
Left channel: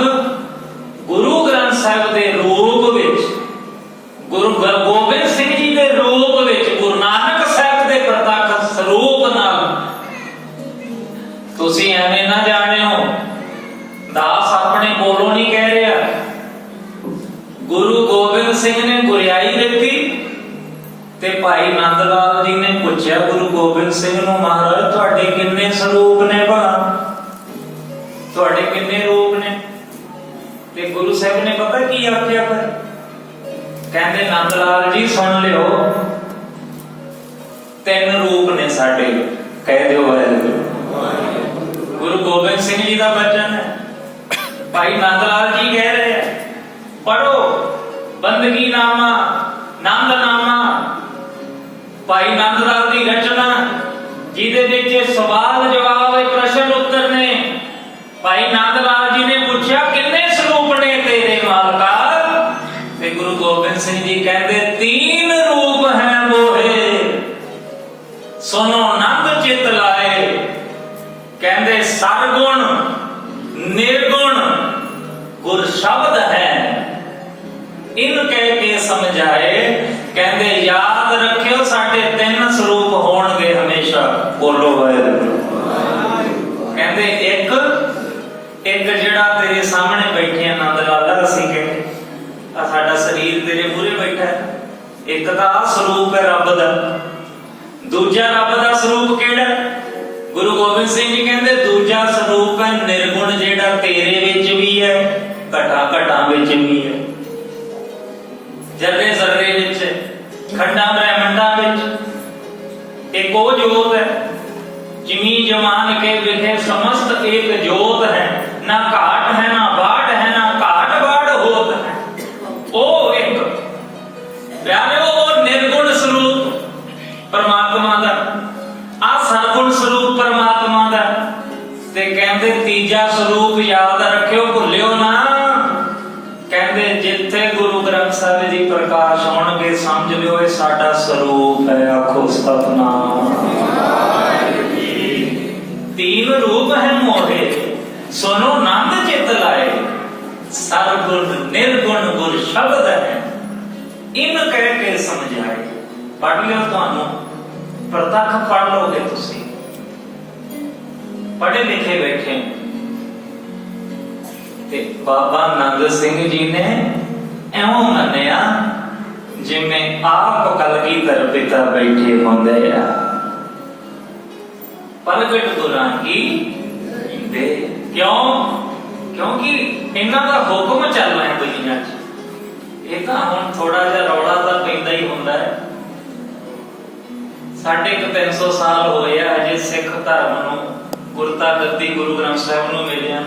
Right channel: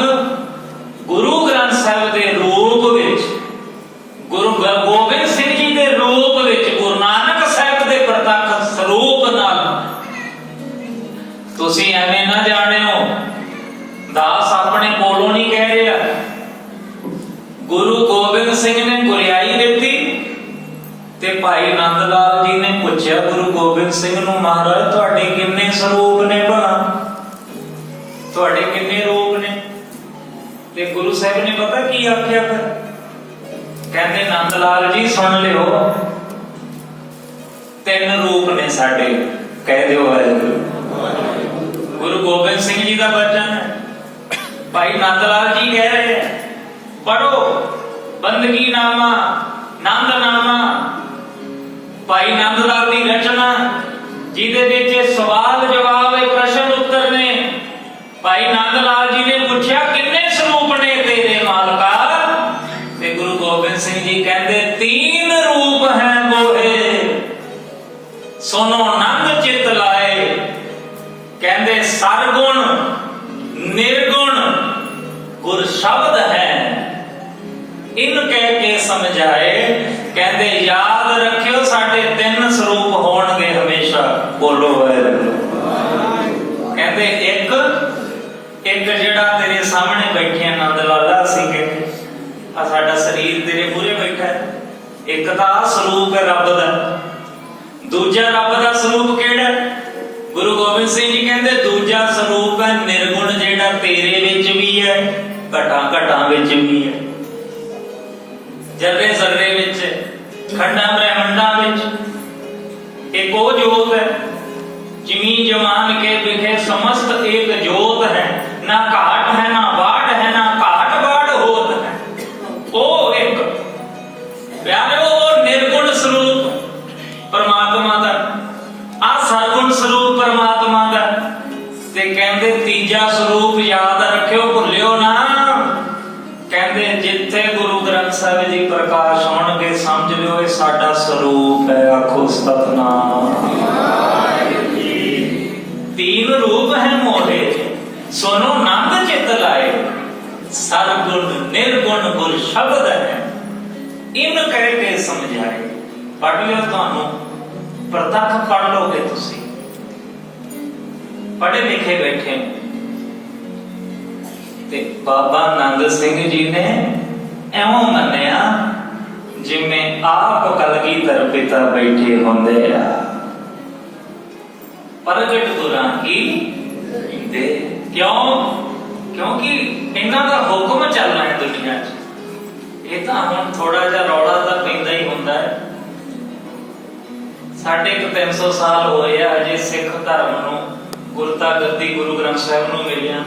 ਗੁਰੂ ਗ੍ਰੰਥ ਸਾਹਿਬ ਦੇ ਰੂਪ ਵਿੱਚ, ਗੁਰੂ ਗੋਬਿੰਦ ਸਿੰਘ ਜੀ ਦੇ ਰੂਪ ਵਿੱਚ, ਗੁਰੂ ਨਾਨਕ ਸਾਹਿਬ ਦੇ ਪ੍ਰਤੱਖ ਸਰੂਪ ਨਾਲ, ਤੁਸੀਂ ਐਵੇਂ ਨਾ ਜਾਣਿਓ। ਦਾਸ ਆਪਣੇ ਕੋਲੋਂ ਨਹੀਂ ਕਹਿ ਰਿਹਾ। ਗੁਰੂ ਗੋਬਿੰਦ ਸਿੰਘ ਨੇ ਗੁਰਿਆਈ ਦਿੱਤੀ ਤੇ ਭਾਈ ਨੰਦ ਲਾਲ ਜੀ ਨੇ ਪੁੱਛਿਆ ਗੁਰੂ ਗੋਬਿੰਦ ਸਿੰਘ ਨੂੰ, ਮਹਾਰਾਜ ਤੁਹਾਡੇ ਕਿੰਨੇ ਸਰੂਪ ਨੇ ਭਲਾ? ਤੁਹਾਡੇ ਕਿੰਨੇ ਰੂਪ ਨੇ? ਤੇ ਗੁਰੂ ਸਾਹਿਬ ਨੇ ਪਤਾ ਕੀ ਆਖਿਆ? ਕਹਿੰਦੇ ਨੰਦ ਲਾਲ ਜੀ ਸੁਣ ਲਿਓ, 3 ਰੂਪ ਨੇ ਸਾਡੇ। ਕਹਿ ਦਿਓ ਗੁਰੂ ਗੋਬਿੰਦ ਸਿੰਘ ਜੀ ਦਾ ਬਚਨ ਹੈ। ਭਾਈ ਨੰਦ ਲਾਲ ਜੀ ਕਹਿ ਰਹੇ ਪੜੋ ਬੰਦਗੀ ਨਾਮਾ, ਨੰਦ ਨਾਮਾ, ਭਾਈ ਨੰਦ ਲਾਲ ਦੀ ਰਚਨਾ ਜਿਹਦੇ ਵਿੱਚ ਸਵਾਲ ਜਵਾਬ, ਪ੍ਰਸ਼ਨ ਉੱਤਰ ਨੇ। ਭਾਈ ਨੰਦ ਲਾਲ ਜੀ ਨੇ ਪੁੱਛਿਆ ਕਿੰਨੇ ਸਰੂਪ ਨੇ ਤੇਰੇ ਮਾਲਕਾ? ਤੇ ਗੁਰੂ ਗੋਬਿੰਦ ਸਿੰਘ ਜੀ ਕਹਿੰਦੇ 3 ਰੂਪ ਹੈ ਮੋਹੇ, ਸੁਨੋ ਨੰਦ ਚਿਤ ਲਾਏ। ਕਹਿੰਦੇ ਸਰਗੁਣ, ਨਿਰਗੁਣ, ਗੁਰ ਸ਼ਬਦ ਹੈ, ਇਨ ਕਹਿ ਕੇ ਸਮਝਾਏ। ਕਹਿੰਦੇ ਯਾਦ ਰੱਖਿਓ ਸਾਡੇ 3 ਸਰੂਪ ਹੋਣਗੇ ਹਮੇਸ਼ਾ। ਬੋਲੋ ਕਹਿੰਦੇ ਇੱਕ ਜਿਹੜਾ ਤੇਰੇ ਸਾਹਮਣੇ ਬੈਠੇ ਆਨੰਦ ਲਾਲਾ ਸੀਗੇ, ਆ ਸਾਡਾ ਸਰੀਰ ਤੇਰੇ ਮੂਹਰੇ ਬੈਠਾ ਹੈ। ਇੱਕ ਤਾਂ ਸਰੂਪ ਹੈ ਰੱਬ ਦਾ। ਦੂਜਾ ਰੱਬ ਦਾ ਸਰੂਪ ਕਿਹੜਾ? ਗੁਰੂ ਗੋਬਿੰਦ ਸਿੰਘ ਜੀ ਕਹਿੰਦੇ ਦੂਜਾ ਸਰੂਪ ਹੈ ਨਿਰਗੁਣ, ਜਿਹੜਾ ਤੇਰੇ ਵਿੱਚ ਵੀ ਹੈ, ਘਟਾਂ ਘਟਾਂ ਵਿੱਚ ਵੀ ਹੈ, ਜਰਰੇ ਜ਼ਰਰੇ ਵਿੱਚ, ਖੰਡਾਂ ਬ੍ਰਹਿਮੰਡਾਂ ਵਿੱਚ। ਇੱਕ ਉਹ ਜੋਤ ਹੈ ਜਿਮੀ ਜਵਾਨ ਕੇ ਵਿਖੇ ਸਮਸਤ ਇੱਕ ਜੋਤ ਹੈ, ਨਾ ਘਾਟ ਹੈ ਨਾ ਬਾਟ ਹੈ, ਨਾ ਘਾਟ ਬਾੜ ਹੋਤ ਹੈ। ਉਹ ਇੱਕ ਪਿਆਰੇ ਉਹ ਨਿਰਗੁਣ ਸਰੂਪ ਪਰਮਾਤਮਾ ਦਾ, ਆ ਸਰਗੁਣ ਸਰੂਪ ਪਰਮਾਤਮਾ ਦਾ। ਤੇ ਕਹਿੰਦੇ ਤੀਜਾ ਸਰੂਪ ਯਾਦ ਰੱਖਿਓ, ਭੁੱਲਿਓ ਨਾ। ਕਹਿੰਦੇ ਜਿੱਥੇ ਗੁਰੂ ਗ੍ਰੰਥ ਸਾਹਿਬ ਜੀ ਪ੍ਰਕਾਸ਼ ਹੋਣਗੇ ਸਮਝ ਲਿਓ ਇਹ ਸਾਡਾ ਸਰੂਪ ਹੈ। ਆਖੋ ਸਤਿਨਾਮ। 3 ਰੂਪ ਹੈ ਮੋਹੇ, ਸੁਨੋ ਨੰਦ ਚਿਤ ਲਾਏ। ਸਰਗੁਣ ਨਿਰਗੁਣ ਗੁਰ ਸ਼ਬਦ ਹੈ, ਇਨ ਕਹਿ ਕੇ ਸਮਝਾਏ। ਪੜ੍ਹ ਲਿਓ, ਤੁਹਾਨੂੰ ਪ੍ਰਤੱਖ ਪੜ੍ਹ ਲਓਗੇ। ਤੁਸੀਂ ਪੜ੍ਹੇ ਲਿਖੇ ਬੈਠੇ। ਤੇ ਬਾਬਾ ਆਨੰਦ ਸਿੰਘ ਜੀ ਨੇ ਐਉਂ ਮੰਨਿਆ ਜਿਵੇਂ ਆਪ ਕਲਗੀਧਰ ਪਿਤਾ ਬੈਠੇ ਹੁੰਦੇ ਆ। ਪ੍ਰਗਟ ਗੁਰਾਂ ਕੀ ਦੇ। ਕਿਉਂ? ਕਿਉਂਕਿ ਇਹਨਾਂ ਦਾ ਹੁਕਮ ਚੱਲਣਾ ਹੈ ਦੁਨੀਆ 'ਚ। ਇਹ ਤਾਂ ਹੁਣ ਥੋੜਾ ਜਿਹਾ ਰੌਲਾ ਤਾਂ ਪੈਂਦਾ ਹੀ ਹੁੰਦਾ ਹੈ। साढ़े 300 साल होए आ अजे सिख धर्म नूं गुरता गद्दी गुरु ग्रंथ साहिब नूं मिलिया।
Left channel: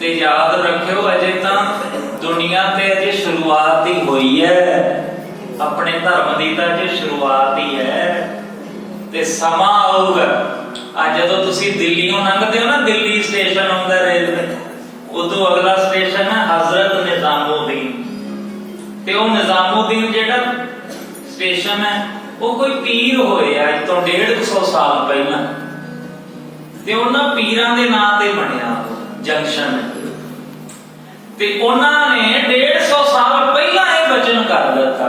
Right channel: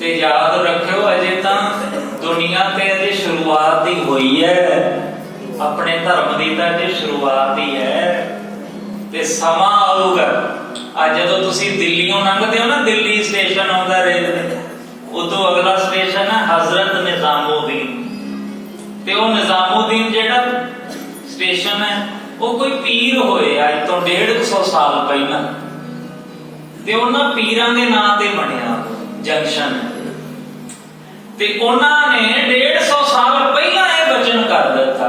ते याद रखियो अजे तां दुनिया ते अजे शुरुआत ही हुई है, अपने धर्म की तां अजे शुरुआत ही है। ते समा आऊगा अज जदों तुसीं दिल्लीओं लंघदे हो ना, दिल्ली स्टेशन आउंदा रेलवे, उदों अगला स्टेशन है हजरत निजामुद्दीन। ते वो निजामुद्दीन जिहड़ा स्टेशन है वो कोई पीर होए अज तो 150 साल पहला, ते उन्हां पीरां दे नां ते बनिया जंक्शन। ते उन्होंने 150 साल पहला ये वचन कर दिता,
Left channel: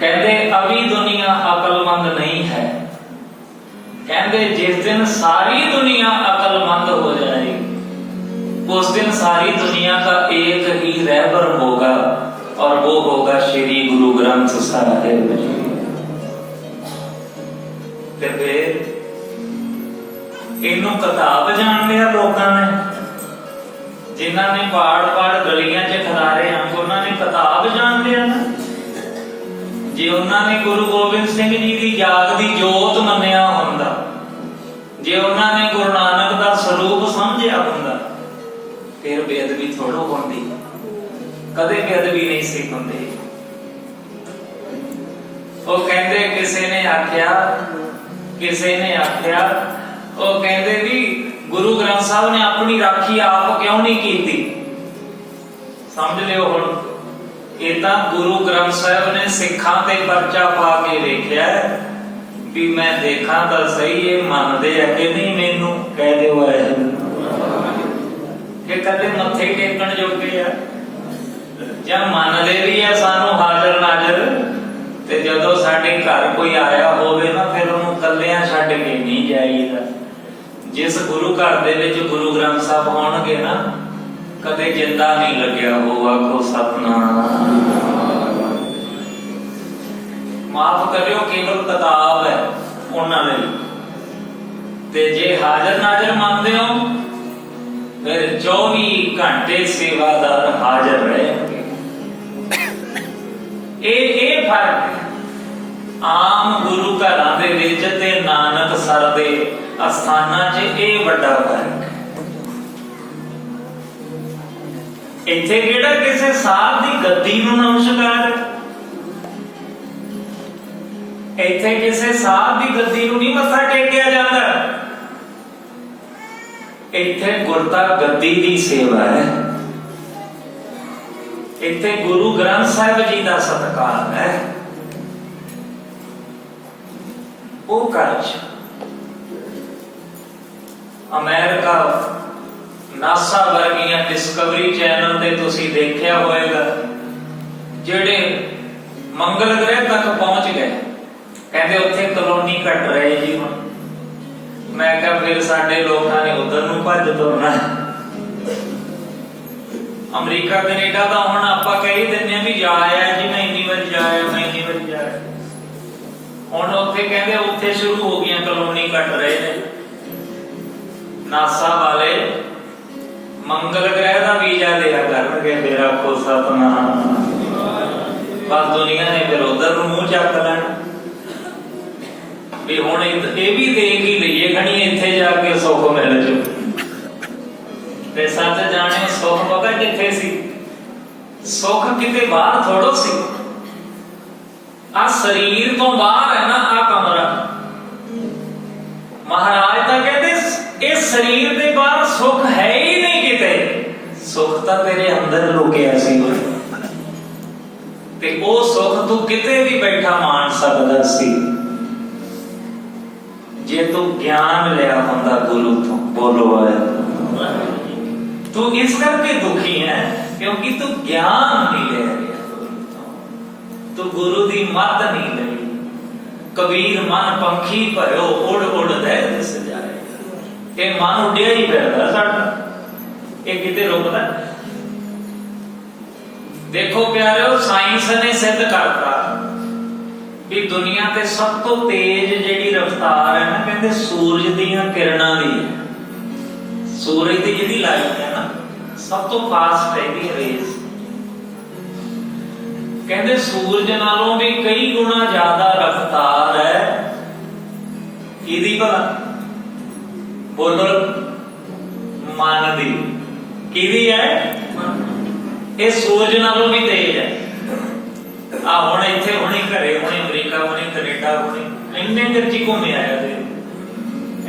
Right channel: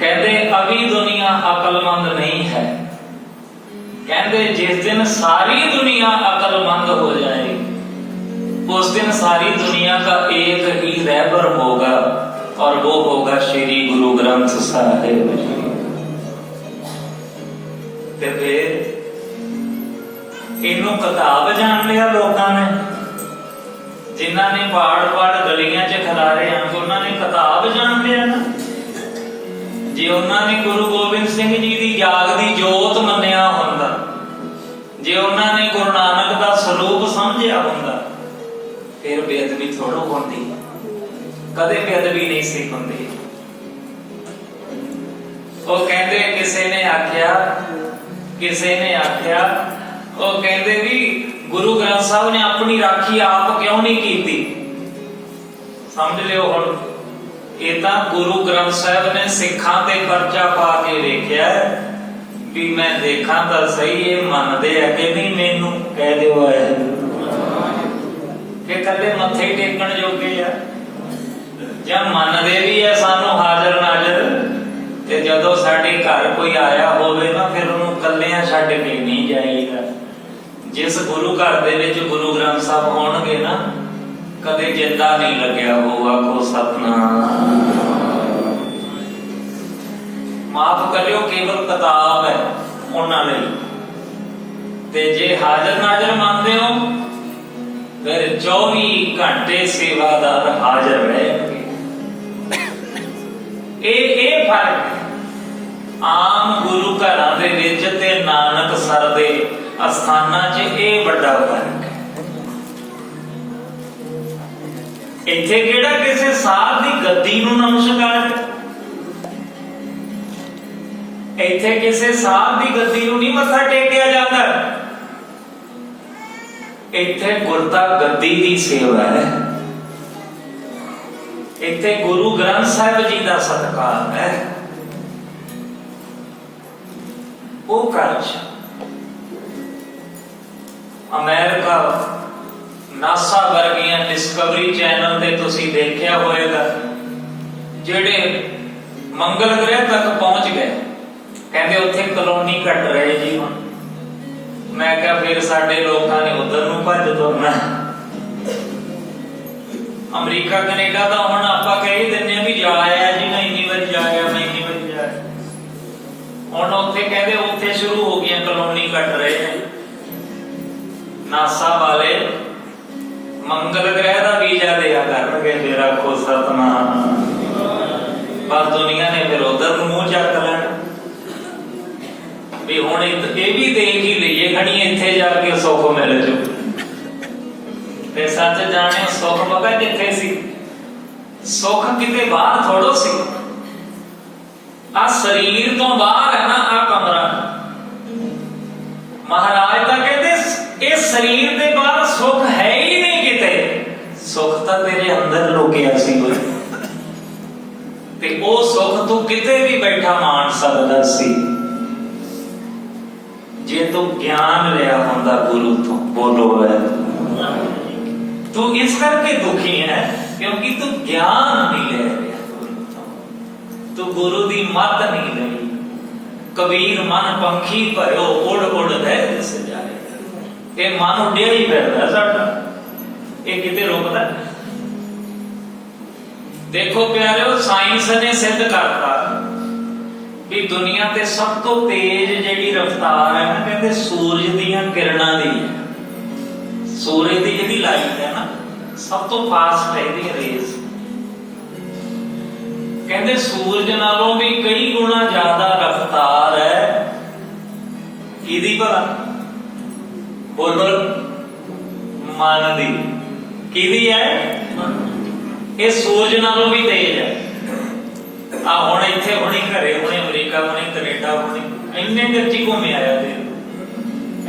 कहते अभी दुनिया अकलमंद नहीं है, कहते जिस दिन सारी दुनिया अकलमंद हो जाएगी उस दिन सारी दुनिया का एक ही रहबर होगा और वो होगा श्री गुरु ग्रंथ साहिब जी। ते फिर इनू किताब जान लिया लोगों ने, जिन्हों ने पाड़ पाड़ गलियां च खिलारे हैं उन्होंने किताब जान लिया ना। जे उन्होंने गुरु गोबिंद सिंह जी की जाग की जोत मन्निया हुंदा, जे उन्होंने गुरु नानक का स्वरूप समझिया हुंदा, फिर बेअदबी थोड़ी होंदी, कदे बेअदबी नहीं सी होंदी। वो कहते किसी ने आख्या वो कहते भी गुरु ग्रंथ साहब ने अपनी राखी आप क्यों नहीं की? समझ लियो हुण, ये तां गुरु ग्रंथ साहब ने सिखां ते परचा पा के वेख्या भी मैं देखा तो सही ये मनदे है कि नहीं, मैनू कह दिओ कि कदे मत्थे टेकण जोगे आ जां मनदे भी है सानू हाजर नाजर। ते जदों साडे घर कोई आया होवे ना फिर उहनूं कल्लियां छड्ड के नहीं जाईदा। जिस गुरु घर दे विच गुरु ग्रंथ साहब होणगे ना कदे जिंदा नहीं लग्या होगा को सतनाम। माफ करियो केवल किताब है उन्हां लई, ते जे हाजर नाजर मानदे हो फिर 24 घंटे सेवादार हाजर रहेंगे। ये फर्क है आम गुरु घरां दे विच ते नानक सर दे अस्थानां च, ये बड़ा फर्क है। इत्थे किहड़ा किसी साहब दी गद्दी नूं नमस्कार, इत्थे किसी साहब दी गद्दी नूं नहीं मत्था टेकिया जांदा, इत्थे गुरता गद्दी दी सेवा है, इत्थे गुरु ग्रंथ साहिब जी का सत्कार है। वो काज अमेरिका नासा वर्गियां डिस्कवरी चैनल ते तुसी देखिया होएगा, जेड़े मंगल ग्रह तक पहुंच गए, कहते उत्थे कॉलोनी कट रहे जी। हुण मैं कहा फिर साडे लोकां ने उधर नूं भज तुरना। अमरीका कनेडा तो हुण आपां कही दिंदे आ भी जा आया जी, मैं इन्नी बारी जाया, मैं इन्नी बारी जाया। हुण उत्थे कहते उत्थे शुरू हो गई कॉलोनी कट रहे हैं। नासा वाले मंगल ग्रह का वीजा दिया करके फिर आखो सतनाम, बस दुनिया ने फिर उधर मुंह चक लेना भी हुण ये भी देख ही लईए खड़ी इत्थे जाके सुख मिल जू। ते सच जाने सुख पता कित्थे सी? सुख किते बाहर थोड़ो सी, आ शरीर तो बाहर है ना आ कमरा। महाराज तो कहते इस शरीर के बाहर सुख है ही नहीं किते, सुख तो तेरे अंदर लुकिया सी। ते ओ सुख तू किते भी बैठा मान सकदा सी जे तू ज्ञान लिया हुंदा गुरु तो। बोलो है तू इस करके दुखी है क्योंकि तू ज्ञान नहीं ले रहा, तू गुरु दी मत नहीं ले। कबीर मन पंखी भरो उड़ उड़ रह दिस जाए, ये मन उड़िया ही फिरदा साडा, ये किते रुकदा? देखो प्यारे साइंस ने सिद्ध करता भी दुनिया ते सब तो तेज जिहड़ी रफ्तार है ना, कहते सूरज दीयां किरणां दी। सूरज दी जिहड़ी लाइट है ना सब तो फास्ट है दी रेस, कहते सूरज नालों भी कई गुना ज्यादा ਬੋਲੋ ਮਨ ਦੀ। ਕਿਹਦੀ ਹੈ? ਇਹ ਸੂਰਜ ਨਾਲੋਂ ਵੀ ਤੇਜ਼ ਹੈ। ਆ ਹੁਣ ਇੱਥੇ ਹੁਣੇ ਘਰੇ, ਹੁਣੇ ਅਮਰੀਕਾ, ਹੁਣੇ ਕੈਨੇਡਾ, ਹੁਣੇ ਇੰਨੇ ਚਿਰ ਚ ਘੁੰਮੇ ਆਇਆ ਤੇ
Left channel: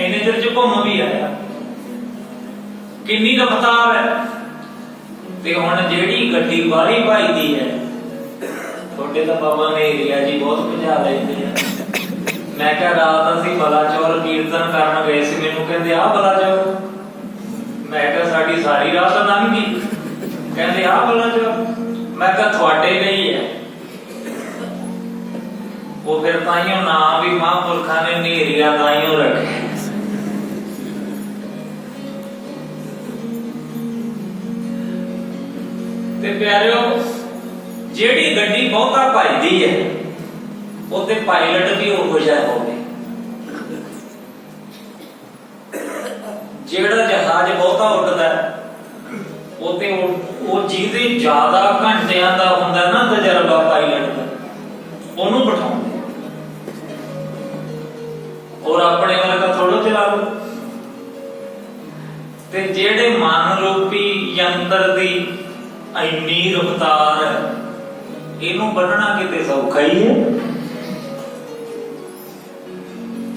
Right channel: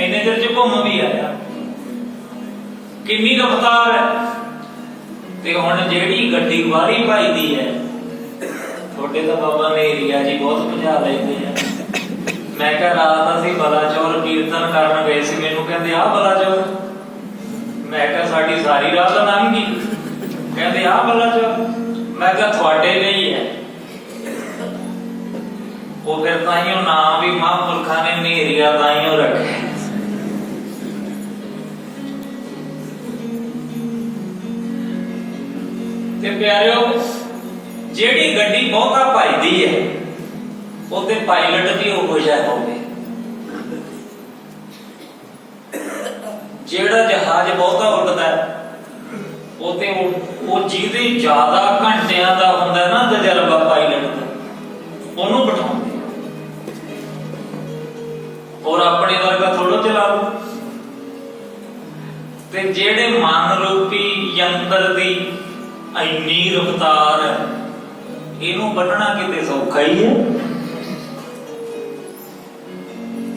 ਇੰਨੇ ਚਿਰ ਚ ਘੁੰਮ ਵੀ ਆਇਆ। ਕਿੰਨੀ ਰਫਤਾਰ ਹੈ। ਤੇ ਹੁਣ ਜਿਹੜੀ ਗੱਡੀ ਬਾਹਰੀ ਭਾਈਦੀ ਹੈ, ਤੁਹਾਡੇ ਤਾਂ ਬਾਬਾ ਨੇ ਏਰੀਆ ਜੀ ਬਹੁਤ ਭਜਾ ਲੈਂਦੇ ਆ। ਮੈਂ ਕਿਹਾ ਰਾਤ ਅਸੀਂ ਬਲਾਚੌਰ ਕੀਰਤਨ ਕਰਨ ਗਏ ਸੀ, ਮੈਨੂੰ ਕਹਿੰਦੇ ਆ ਬਲਾਚੌਰ। ਮੈਂ ਕਿਹਾ ਸਾਡੀ ਸਾਰੀ ਰਾਤ ਲੰਘ ਗਈ। ਕਹਿੰਦੇ ਆ ਬਲਾਚੌਰ। ਮੈਂ ਕਿਹਾ ਤੁਹਾਡੇ ਲਈ ਹੈ ਉਹ। ਫਿਰ ਤਾਈਓ ਨਾਮ ਵੀ ਮਹਾਂਪੁਰਖਾਂ ਨੇ ਨੇਰੀਆ ਤਾਈਓ ਰੱਖੇ। ਤੇ ਪਿਆਰਿਓ, ਜਿਹੜੀ ਗੱਡੀ ਬਹੁਤਾ ਭਜਦੀ ਹੈ ਉਹਦੇ ਪਾਇਲਟ ਵੀ ਉਹ ਜਿਹਾ ਹੋਵੇ। ਜਿਹੜਾ ਜਹਾਜ਼ ਬਹੁਤਾ ਉੱਡਦਾ ਉਹਦੇ ਉਹ ਜਿਹਦੇ ਜ਼ਿਆਦਾ ਘੰਟਿਆਂ ਦਾ ਹੁੰਦਾ ਨਾ ਤਜਰਬਾ ਪਾਇਲਟ ਦਾ, ਉਹਨੂੰ ਬਿਠਾਉਂਦੇ। ਔਰ ਆਪਣੇ ਵਰਗਾ ਥੋੜੋ ਚਲਾ ਲਓ। ਤੇ ਜਿਹੜੇ ਮਨ ਰੂਪੀ ਯੰਤਰ ਦੀ ਇੰਨੀ ਰਫਤਾਰ ਹੈ, ਇਹਨੂੰ ਵੱਢਣਾ ਕਿਤੇ ਸੌਖਾ ਹੀ ਹੈ।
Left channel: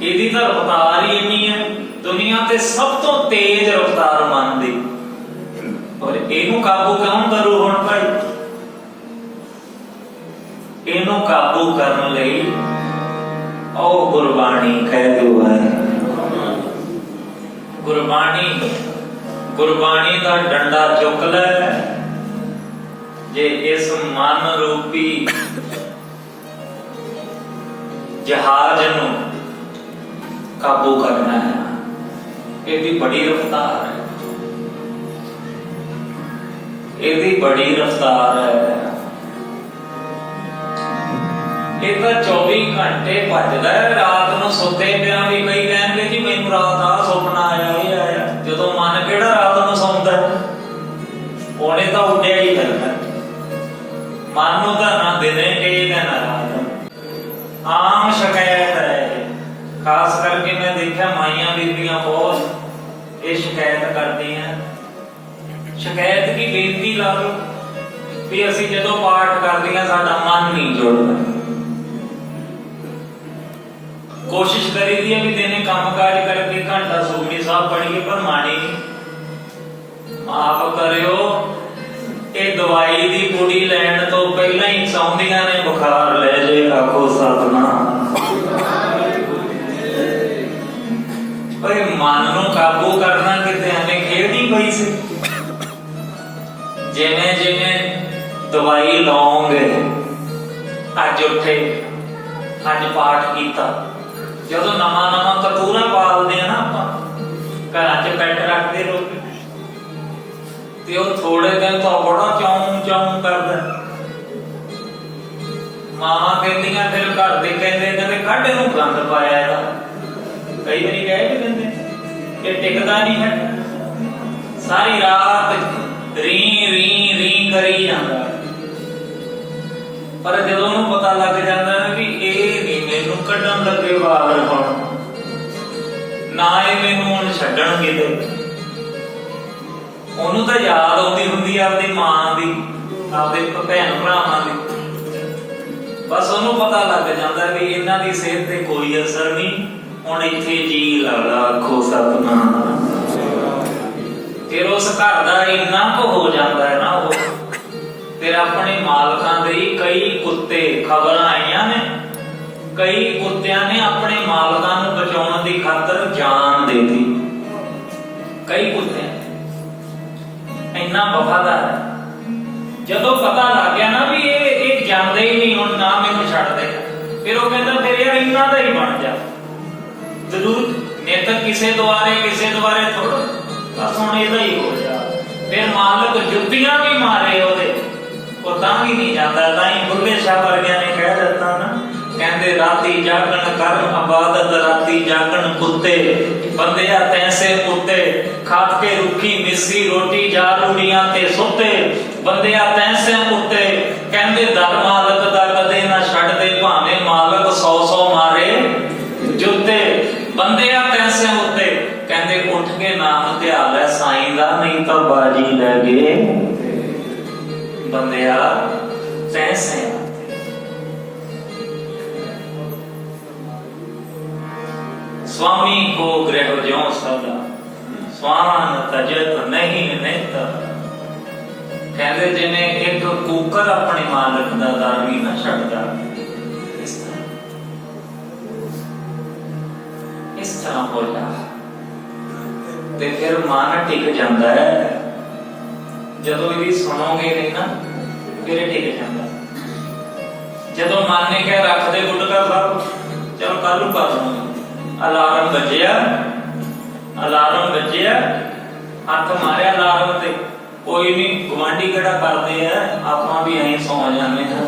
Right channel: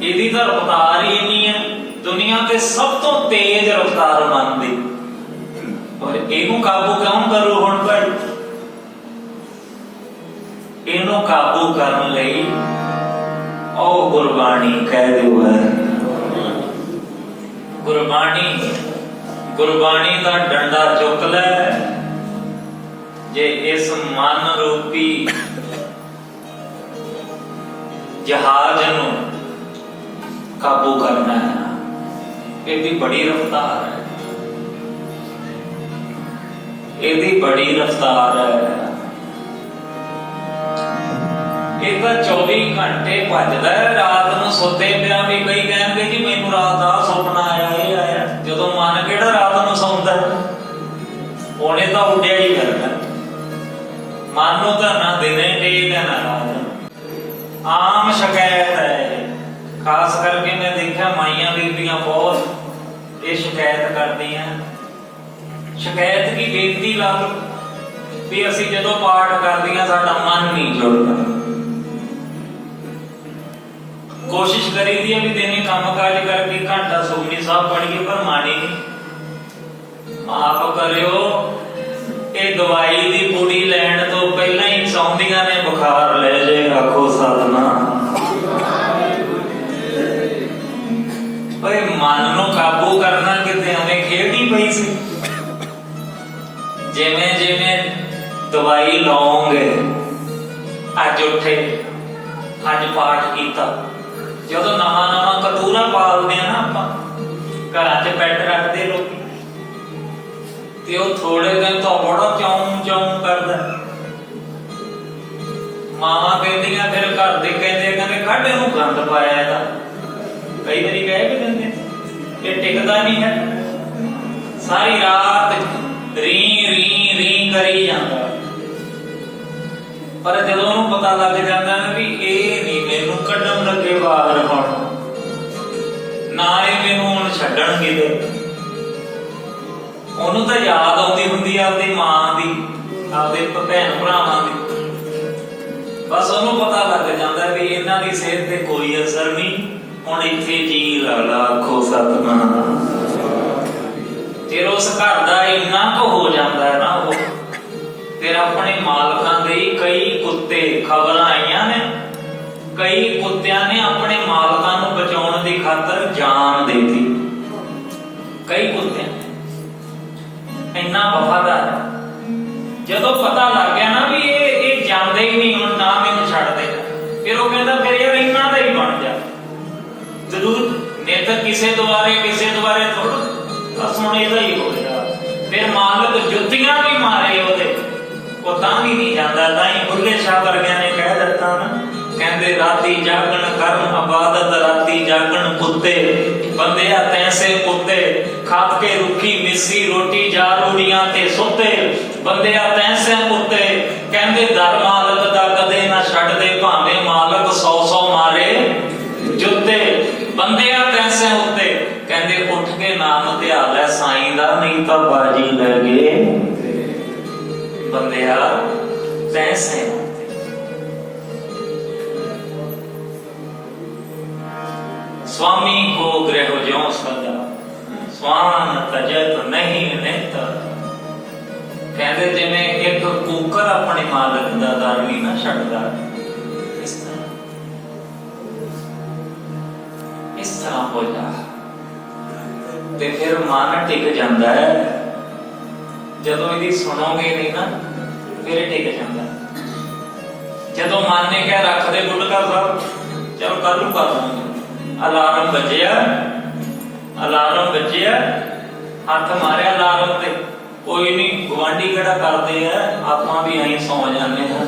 ਇਹਦੀ ਤਾਂ ਰਫਤਾਰ ਹੀ ਇੰਨੀ ਹੈ, ਦੁਨੀਆ ਤੇ ਸਭ ਤੋਂ ਤੇਜ਼ ਰਫਤਾਰ ਮਨ ਦੀ। ਔਰ ਇਹਨੂੰ ਕਾਬੂ ਕੌਣ ਕਰੂ? ਹੁਣ ਭਾਈ ਇਹਨੂੰ ਕਾਬੂ ਕਰਨ ਲਈ ਉਹ ਗੁਰਬਾਣੀ ਕਹਿ ਦਿਓ ਹੈ। ਗੁਰਬਾਣੀ ਦਾ ਡੰਡਾ ਚੁੱਕ ਲੈ। ਜੇ ਇਸ ਮਨ ਰੂਪੀ ਜਹਾਜ਼ ਨੂੰ ਕਾਬੂ ਕਰਨਾ ਹੈ, ਇਹਦੀ ਬੜੀ ਰਫਤਾਰ ਹੈ। ਇਹਦੀ ਬੜੀ ਰਫਤਾਰ ਹੈ। ਇਹ ਤਾਂ 24 ਘੰਟੇ ਭੱਜਦਾ ਹੈ। ਰਾਤ ਨੂੰ ਸੁੱਤੇ ਪਿਆ ਵੀ ਕਈ ਕਹਿੰਦੇ ਜੀ ਮੈਨੂੰ ਰਾਤ ਆ ਸੁਪਨਾ ਆਇਆ, ਇਹ ਆਇਆ। ਜਦੋਂ ਮਨ ਕਿਹੜਾ ਰਾਤ ਨੂੰ ਸੌਂਦਾ, ਉਹਨੇ ਤਾਂ ਉੱਡਿਆ ਹੀ ਫਿਰਨਾ। ਮਨ ਨੂੰ ਤਾਂ ਨਾ ਦਿਨੇ ਟੇਕ ਹੈ ਨਾ ਰਾਤ। ਆਮ ਸ਼ਿਕਾਇਤ ਹੈ, ਖਾਸ ਕਰਕੇ ਮੈਂ ਦੇਖਿਆ ਮਾਈਆਂ ਬੀਬੀਆਂ ਬਹੁਤ ਇਹ ਸ਼ਿਕਾਇਤ ਕਰਦੀਆਂ। ਸ਼ਿਕਾਇਤ ਕੀ ਬੇਨਤੀ ਲਾ ਲਓ ਵੀ ਅਸੀਂ ਜਦੋਂ ਪਾਠ ਕਰਦੀਆਂ ਸਾਡਾ ਮਨ ਨਹੀਂ ਜੁੜਦਾ। ਕੋਸ਼ਿਸ਼ ਕਰੀਦੀ ਹੈ ਵੀ ਦਿਨੇ ਕੰਮ ਕਾਜ ਕਰਕੇ ਘੰਟਾ ਸੁਖਮਨੀ ਸਾਹਿਬ ਪੜ੍ਹੀਏ, ਪਰ ਮਾਣੀ ਆਪ ਕਰਿਓ। ਇਹ ਦਵਾਈ ਦੀ ਬੁੜੀ ਲੈਣ ਤੋਂ ਪਹਿਲਾਂ ਹੀ ਸੌਂਦੀਆਂ ਨੇ ਬੁਖਾਰ ਲੈ ਜੇ। ਆਖੋ ਸਤਿਨਾਮ। ਓਏ ਮਨ ਨੂੰ ਕਾਬੂ ਕਰਨਾ ਕਿਤੇ ਐਵੇਂ ਖੇਡੀ ਪਈ ਸੀ। ਜਿਵੇਂ ਜਿਵੇਂ ਦਵਾਈ ਲਾਉਂਗੇ, ਅੱਜ ਉੱਠੇ, ਅੱਜ ਪਾਠ ਕੀਤਾ। ਜਦੋਂ ਨਵਾਂ ਨਵਾਂ ਕਤੂਰਾ ਪਾਲਦੇ ਆ ਨਾ ਆਪਾਂ, ਘਰਾਂ 'ਚ ਬੈੱਡ ਰੱਖਦੇ ਲੋਕੀ, ਤੇ ਉਹ ਥੋੜੇ ਦਿਨ ਤੋਂ ਬੜਾ ਚਾਉਂ ਕਰਦਾ। ਮਾਵਾਂ ਕਹਿੰਦੀਆਂ, ਫਿਰ ਘਰ ਦੇ ਕਹਿੰਦੇ ਕੱਢ ਇਹਨੂੰ ਗੰਦ ਪਾਇਆ ਇਹਦਾ। ਕਈ ਵਾਰੀ ਕਹਿ ਵੀ ਦਿੰਦੇ ਇਹ ਟਿਕਦਾ ਨਹੀਂ ਹੈ। ਸਾਰੀ ਰਾਤ ਰੀ ਰੀ ਰੀ ਕਰੀ ਜਾਂਦਾ। ਪਰ ਜਦੋਂ ਉਹਨੂੰ ਪਤਾ ਲੱਗ ਜਾਂਦਾ ਨਾ ਵੀ ਇਹ ਨਹੀਂ ਮੈਨੂੰ ਕੱਢਣ ਲੱਗੇ ਬਾਹਰ, ਹੁਣ ਨਾ ਇਹ ਮੈਨੂੰ ਹੁਣ ਛੱਡਣ ਕਿਤੇ, ਉਹਨੂੰ ਤਾਂ ਯਾਦ ਆਉਂਦੀ ਹੁੰਦੀ ਆ ਆਪਣੀ ਮਾਂ ਦੀ, ਆਪਦੇ ਭੈਣ ਭਰਾਵਾਂ ਦੀ। ਬਸ ਉਹਨੂੰ ਪਤਾ ਲੱਗ ਜਾਂਦਾ ਵੀ ਇਹਨਾਂ ਦੀ ਸਿਹਤ ਤੇ ਕੋਈ ਅਸਰ ਨਹੀਂ, ਹੁਣ ਇੱਥੇ ਜੀ ਲਾ ਆਖੋ ਸਤਿਨਾਮ। ਫਿਰ ਉਸ ਘਰ ਦਾ ਇੰਨਾ ਕੁ ਹੋ ਜਾਂਦਾ ਹੈ ਨਾ, ਉਹ ਫਿਰ ਆਪਣੇ ਮਾਲਕਾਂ ਦੇ ਕਈ ਕੁੱਤੇ, ਖਬਰਾਂ ਆਈਆਂ ਨੇ, ਕਈ ਕੁੱਤਿਆਂ ਨੇ ਆਪਣੇ ਮਾਲਕਾਂ ਨੂੰ ਬਚਾਉਣ ਦੀ ਖਾਤਰ ਜਾਨ ਦੇ ਦਿੱਤੀ। ਕਈ ਕੁੱਤਿਆਂ ਇੰਨਾ ਵਫਾਦਾਰ ਹੈ। ਜਦੋਂ ਪਤਾ ਲੱਗ ਗਿਆ ਨਾ ਵੀ ਇਹ ਜਾਂਦੇ ਹੀ ਨਹੀਂ, ਹੁਣ ਨਾ ਮੈਨੂੰ ਛੱਡਦੇ, ਫਿਰ ਉਹ ਕਹਿੰਦਾ ਫਿਰ ਯਾਰ ਇਹਨਾਂ ਦਾ ਹੀ ਬਣ ਜਾ। ਜ਼ਰੂਰ ਨਿਤ ਕਿਸੇ ਦੁਆਰੇ ਥੋੜਾ, ਬਸ ਹੁਣ ਇਹਦਾ ਹੀ ਹੋ ਗਿਆ। ਫਿਰ ਮਾਲਕ ਜੁੱਤੀਆਂ ਵੀ ਮਾਰੇ ਉਹਦੇ, ਉਹ ਤਾਂ ਵੀ ਨਹੀਂ ਜਾਂਦਾ। ਤਾਂ ਹੀ ਬੁੱਲੇ ਸ਼ਾਹ ਵਰਗਿਆਂ ਨੇ ਕਹਿ ਦਿੱਤਾ ਨਾ, ਕਹਿੰਦੇ ਰਾਤੀ ਜਾਗਣ ਕਰਨ ਇਬਾਦਤ, ਰਾਤੀ ਜਾਗਣ ਕੁੱਤੇ, ਬੰਦਿਆ ਤੈਸੇ ਕੁੱਤੇ, ਖਾਪ ਕੇ ਰੁੱਖੀ ਮਿੱਸੀ ਰੋਟੀ ਜਾ ਰੂੜੀਆਂ ਤੇ ਸੁੱਤੇ, ਬੰਦਿਆ ਤੈਸੇ ਕੁੱਤੇ। ਕਹਿੰਦੇ ਦਰ ਮਾਲਕ ਦਾ ਕਦੇ ਨਾ ਛੱਡਦੇ, ਭਾਵੇਂ ਮਾਲਕ 100 ਮਾਰੇ ਜੁੱਤੇ, ਬੰਦਿਆ ਤੈਸੇ ਉੱਤੇ। ਕਹਿੰਦੇ ਉੱਠ ਤਾਂ ਬਾਜੀ ਲਗੇ ਬੰਦਿਆ ਤੈਸੇ। स्वामी को गृह ज्यों सदा स्वान तजत नहीं नित। कहते जिवें एक कूकर अपने मालिक का दर भी ना छड्डदा, इस तरह हो जा ते फिर मन टिक जाता है। जदों इहदी सुनोगे नहीं ना फिर टिक जाता। जदों मन ने क्या रख दे गुटका साहब चलो कल कर लूंगा, अलार्म बजिया हक मारिया अलार्म ते कोई नहीं, गुआंढी कड़ा करते हैं आपां भी यहीं सौ जाने हैं।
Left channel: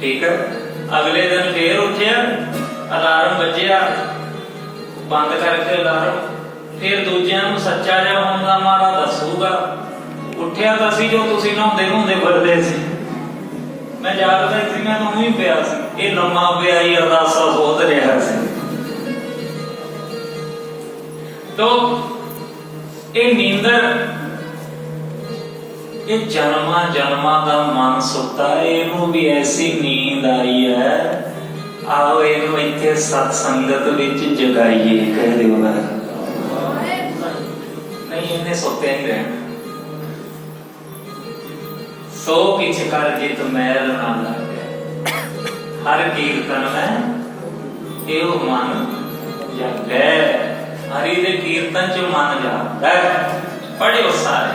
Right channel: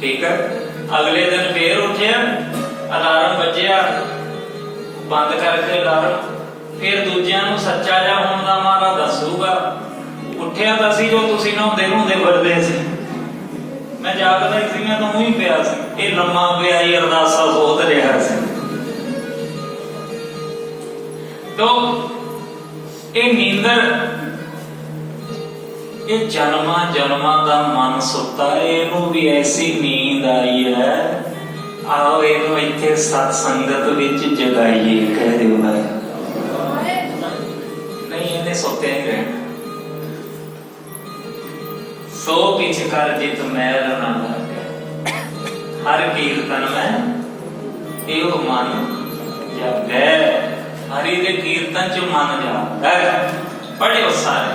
ठीक है, अगले दिन फिर उठिया अलार्म बजिया बंद करके अलार्म, फिर दूजिया नूं सच्चा जा होण दा मारा दसूगा। उठिया तां सी जो तुसीं नहाउंदे नहाउंदे फिरदे सी, मैं जागदा सी, मैं तो ही पिया सी, ये लम्मा पिया ही अरदासा सोच रहा सी। तो ये नींदर ये जन्मा जन्मा का मन सुता है, इनू भी ऐसी नींद आई है। आओ इनू इत्थे सत्संगत विच जगाइए, कह दे नहीं इन्हें सोते नहीं रहे। सो किछ कर जित मैल ना लागे, हर कीर्तन में एव मन जागे। हरि दे कीर्तन च मन जाता है। पढ़ियो सारे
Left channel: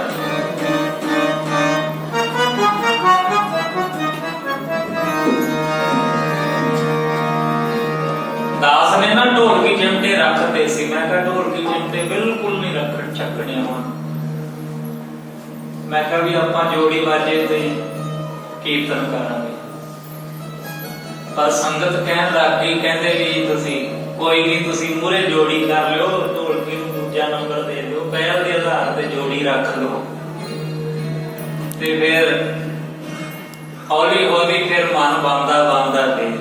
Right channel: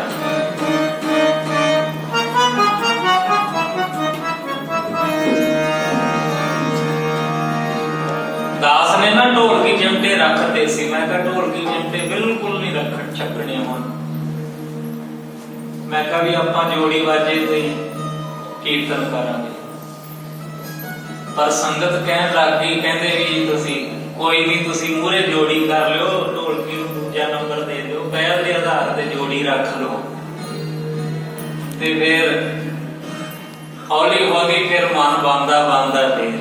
दास ने ना ढोलकी चिमटे रखते सी, मैं कहा ढोलकी चिमटे बिल्कुल नहीं रख छकने हुण। मैं कहा भी आपां जोड़ी बाजे ते कीर्तन करांगे, पर संगत कहन लग गई, कहंदे भी तुसीं कोई नहीं, तुसीं मूहरे जोड़ी कर लो, ढोलकी नूं दूजा नंबर दे दो, पहल के आधार ते जोड़ी रख लो। ते फिर हौली हौली फिर मन बनदा बनदा फिर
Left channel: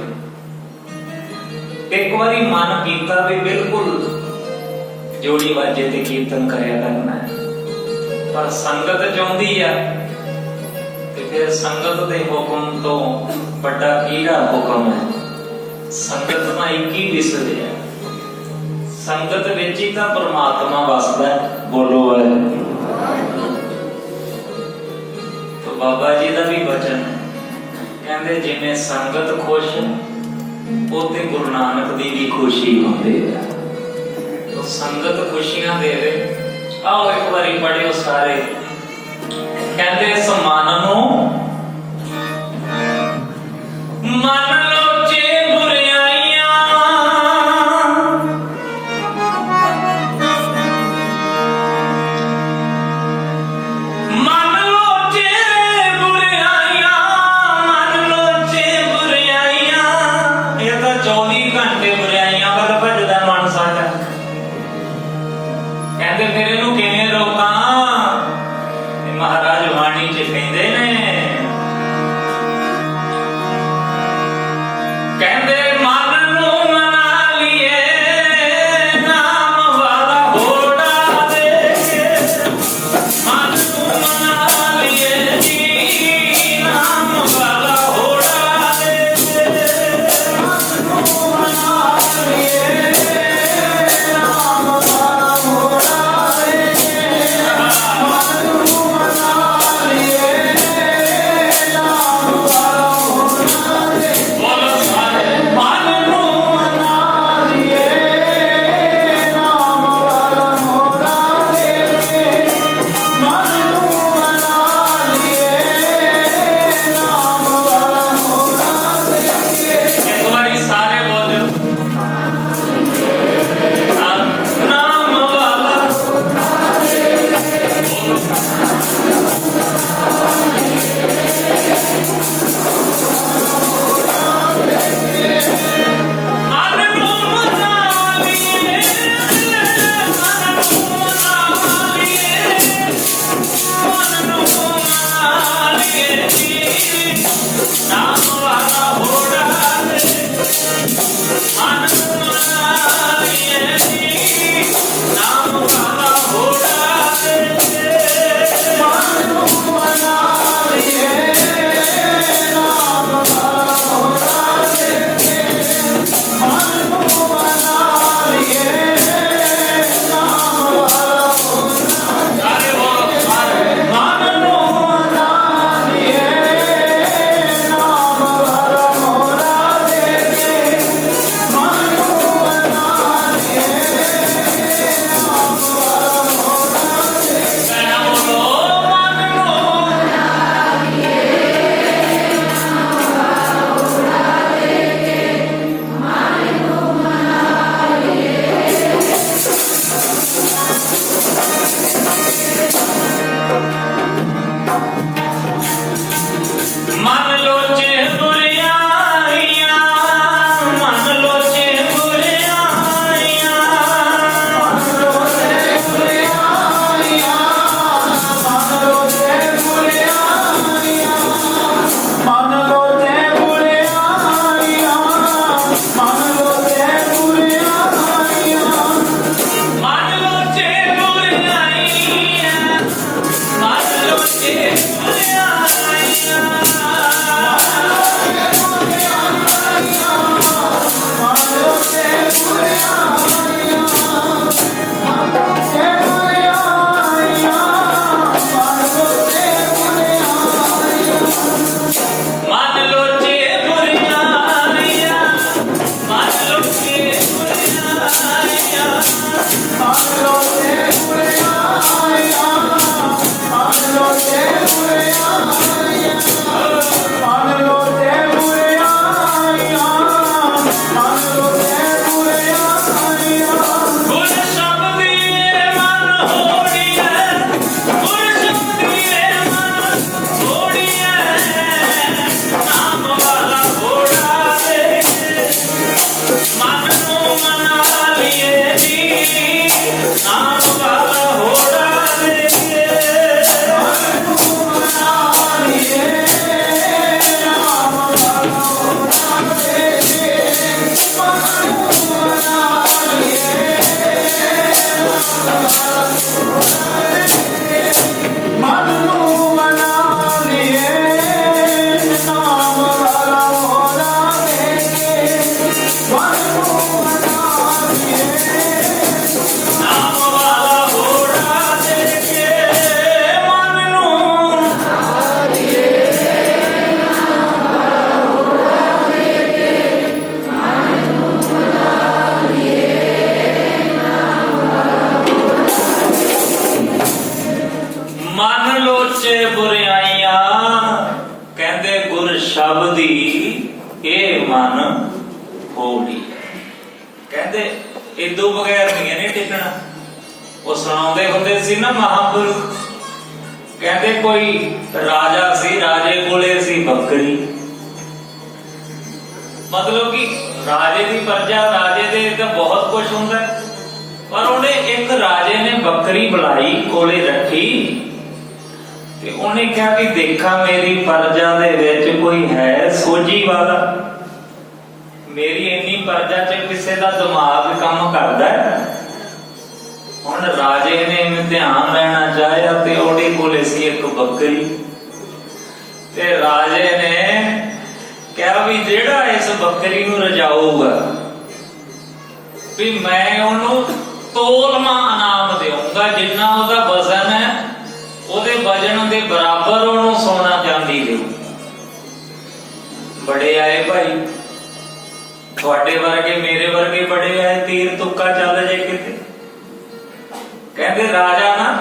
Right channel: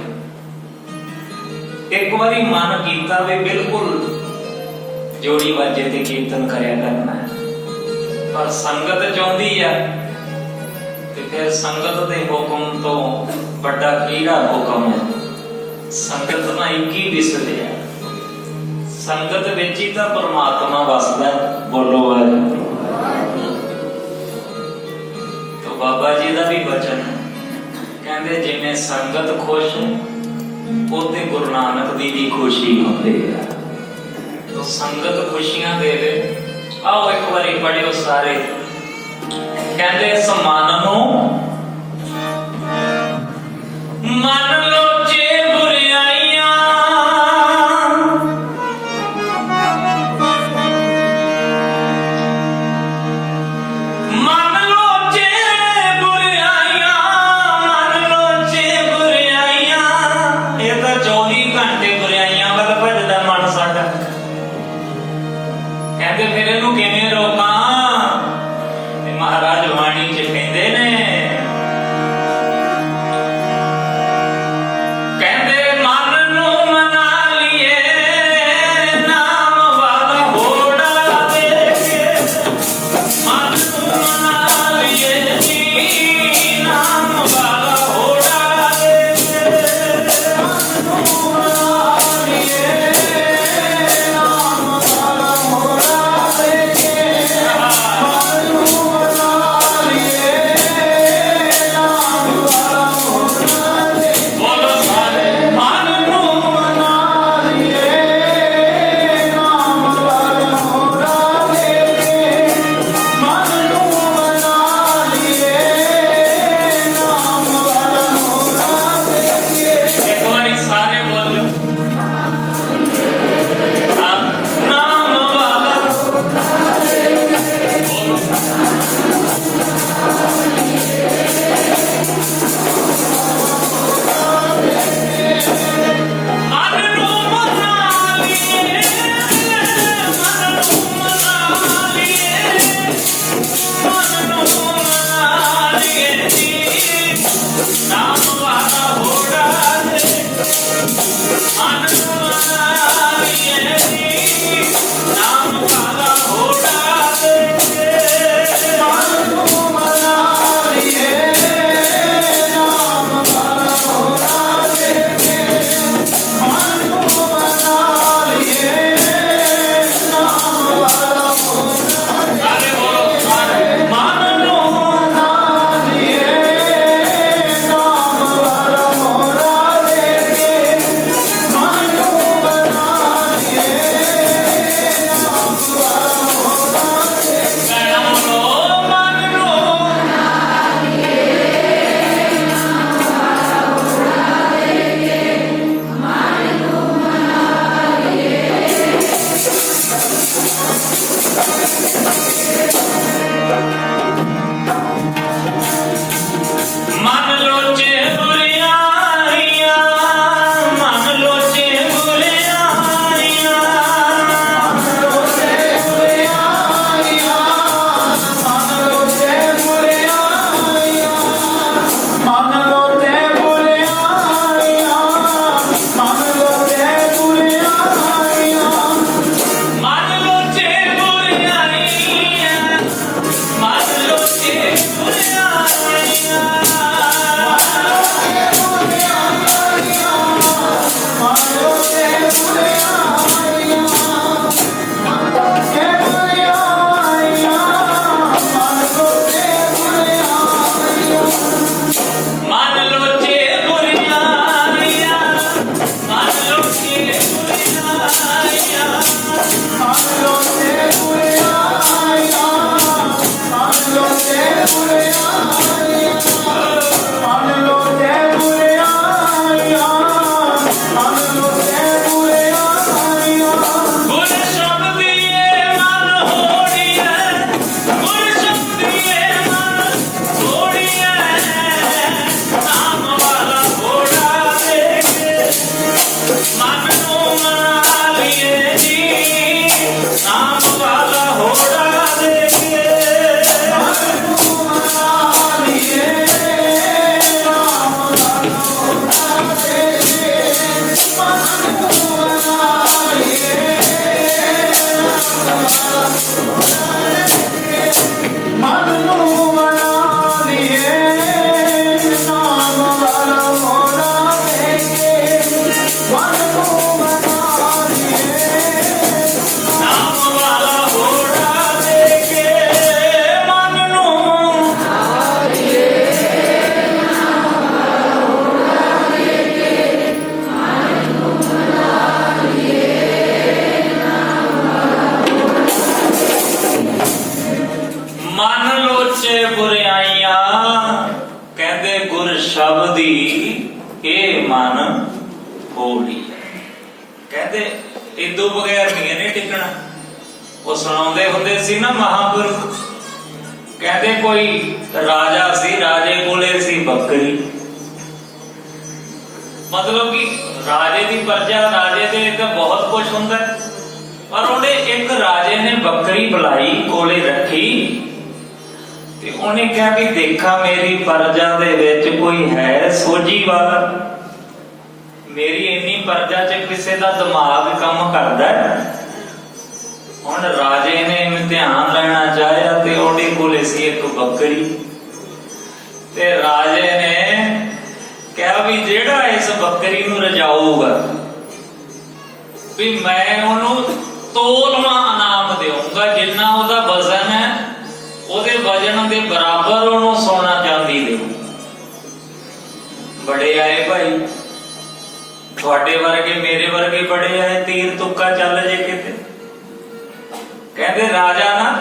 एक बारी मन कीता भी बिल्कुल जोड़ी बाजे ते कीर्तन करया करना है, पर संगत चाहुंदी आ ते फिर संगत दे हुक्म तो बड़ा किहड़ा हुक्म है। संगत ना एक ही विसरे, संगत विच ही तां परमात्मा वसदा है। बोलो वाहिगुरू। तो बाबा जी का भी वचन कहंदे जिवें संगत खुश उते गुरु नानक दी भी खुशी होंदी है। तो संगत खुशियां देवे। आओ एक बारी पढ़ियो सारे, कहंदे इस मन नूं मन ਗੁਰ ਸ਼ਬਦੀਏ ਮਨ ਹੋੜੀਐ, ਗੁਰ ਸ਼ਬਦੀਏ ਮਨ ਹੋੜੀਐ, ਨਾਮ ਵਾਲਾ ਹੋੜਾ ਦੇ ਕੇ ਮਨ ਨੂੰ ਮਨਾ ਲਈਏ ਜੀ, ਨਾਮ ਵਾਲਾ ਹੋੜਾ ਦੇ ਕੇ ਮਨ ਨੂੰ ਮਨਾ ਲਈਏ। ਮਨ ਲੋਚੇ ਬੁਰਾਈਆਂ, ਕਹਿੰਦੇ ਗੁਰ ਸ਼ਬਦੀ ਇਹ ਮਨ ਹੋੜੀ। ਕਹਿੰਦੇ ਇਦੋਂ ਬਗੈਰ ਨਹੀਂ ਟਿਕਣਾ। ਉਹ ਸੁਣਾਉਂਦੇ ਹੁੰਦੇ ਸੀ ਨਾ ਮਹਾਂਪੁਰਖ, ਕਹਿੰਦੇ ਕੋਈ ਰਾਜਾ ਸੀ, ਰਾਜੇ ਕੋਲੇ ਸੀ ਬੱਕਰੀ। ਮਤਲਬ ਕਿ ਰਾਜੇ ਦੀ ਪ੍ਰਜਾ, ਰਾਜੇ ਦੇ ਤਾਂ ਬਹੁਤ ਕੁਝ ਹੁੰਦਾ, ਪਰ ਉਹਨੇ ਇੱਕ ਰਾਜੇ ਨੇ ਬੱਕਰੀ ਬੁਲਾਈ, ਕੋਲੇ ਰੱਖੀ ਤੇ ਉਹਨੇ ਕਿਹਾ ਕਿ ਦੇਖਾਂ ਮੇਰੀ ਪ੍ਰਜਾ ਦੇ ਵਿੱਚ ਕੋਈ ਹੈ ਸੋਝੀ ਵਾਲਾ, ਮੇਰੀ ਇੰਨੀ ਪ੍ਰਜਾ 'ਚ ਕਿਸੇ ਦਾ ਦਿਮਾਗ ਕੰਮ ਕਰਦਾ। ਹੁਣ ਰਾਜੇ ਨੇ ਇਮਤਿਹਾਨ ਲੈਣਾ ਚਾਹਿਆ ਤੇ ਉਹਦੇ ਕੋਲੇ ਸੀ ਇੱਕ ਬੱਕਰੀ, ਤੇ ਰਾਜੇ ਨੇ ਕਿਹਾ ਵੀ ਜਿਹੜਾ ਇਸ ਬੱਕਰੀ ਨੂੰ ਰਜਾਊਗਾ ਵੀ ਮੈਂ ਉਹਨੂੰ ਤੋਲਵਾਂ ਇਨਾਮ ਦੇਊਂਗਾ, ਜਿੰਨਾ ਉਹਦਾ ਵਜ਼ਨ ਹੈ ਉਹਦੇ ਵਜਨ ਦੇ ਬਰਾਬਰ ਉਹਨੂੰ ਸੋਨਾ ਚਾਂਦੀ ਦੇ। ਬੜੇ ਆਏ ਭਾਈ, ਤੁਹਾਡੇ ਵਰਗੇ ਮੇਰੇ ਵਰਗੇ ਬੜੇ ਆਏ, ਤੀਰ ਤੁੱਕਾ ਚੱਲ ਜੇ ਕਿਤੇ। ਕਹਿੰਦੇ ਰਾਜਾ ਨਾ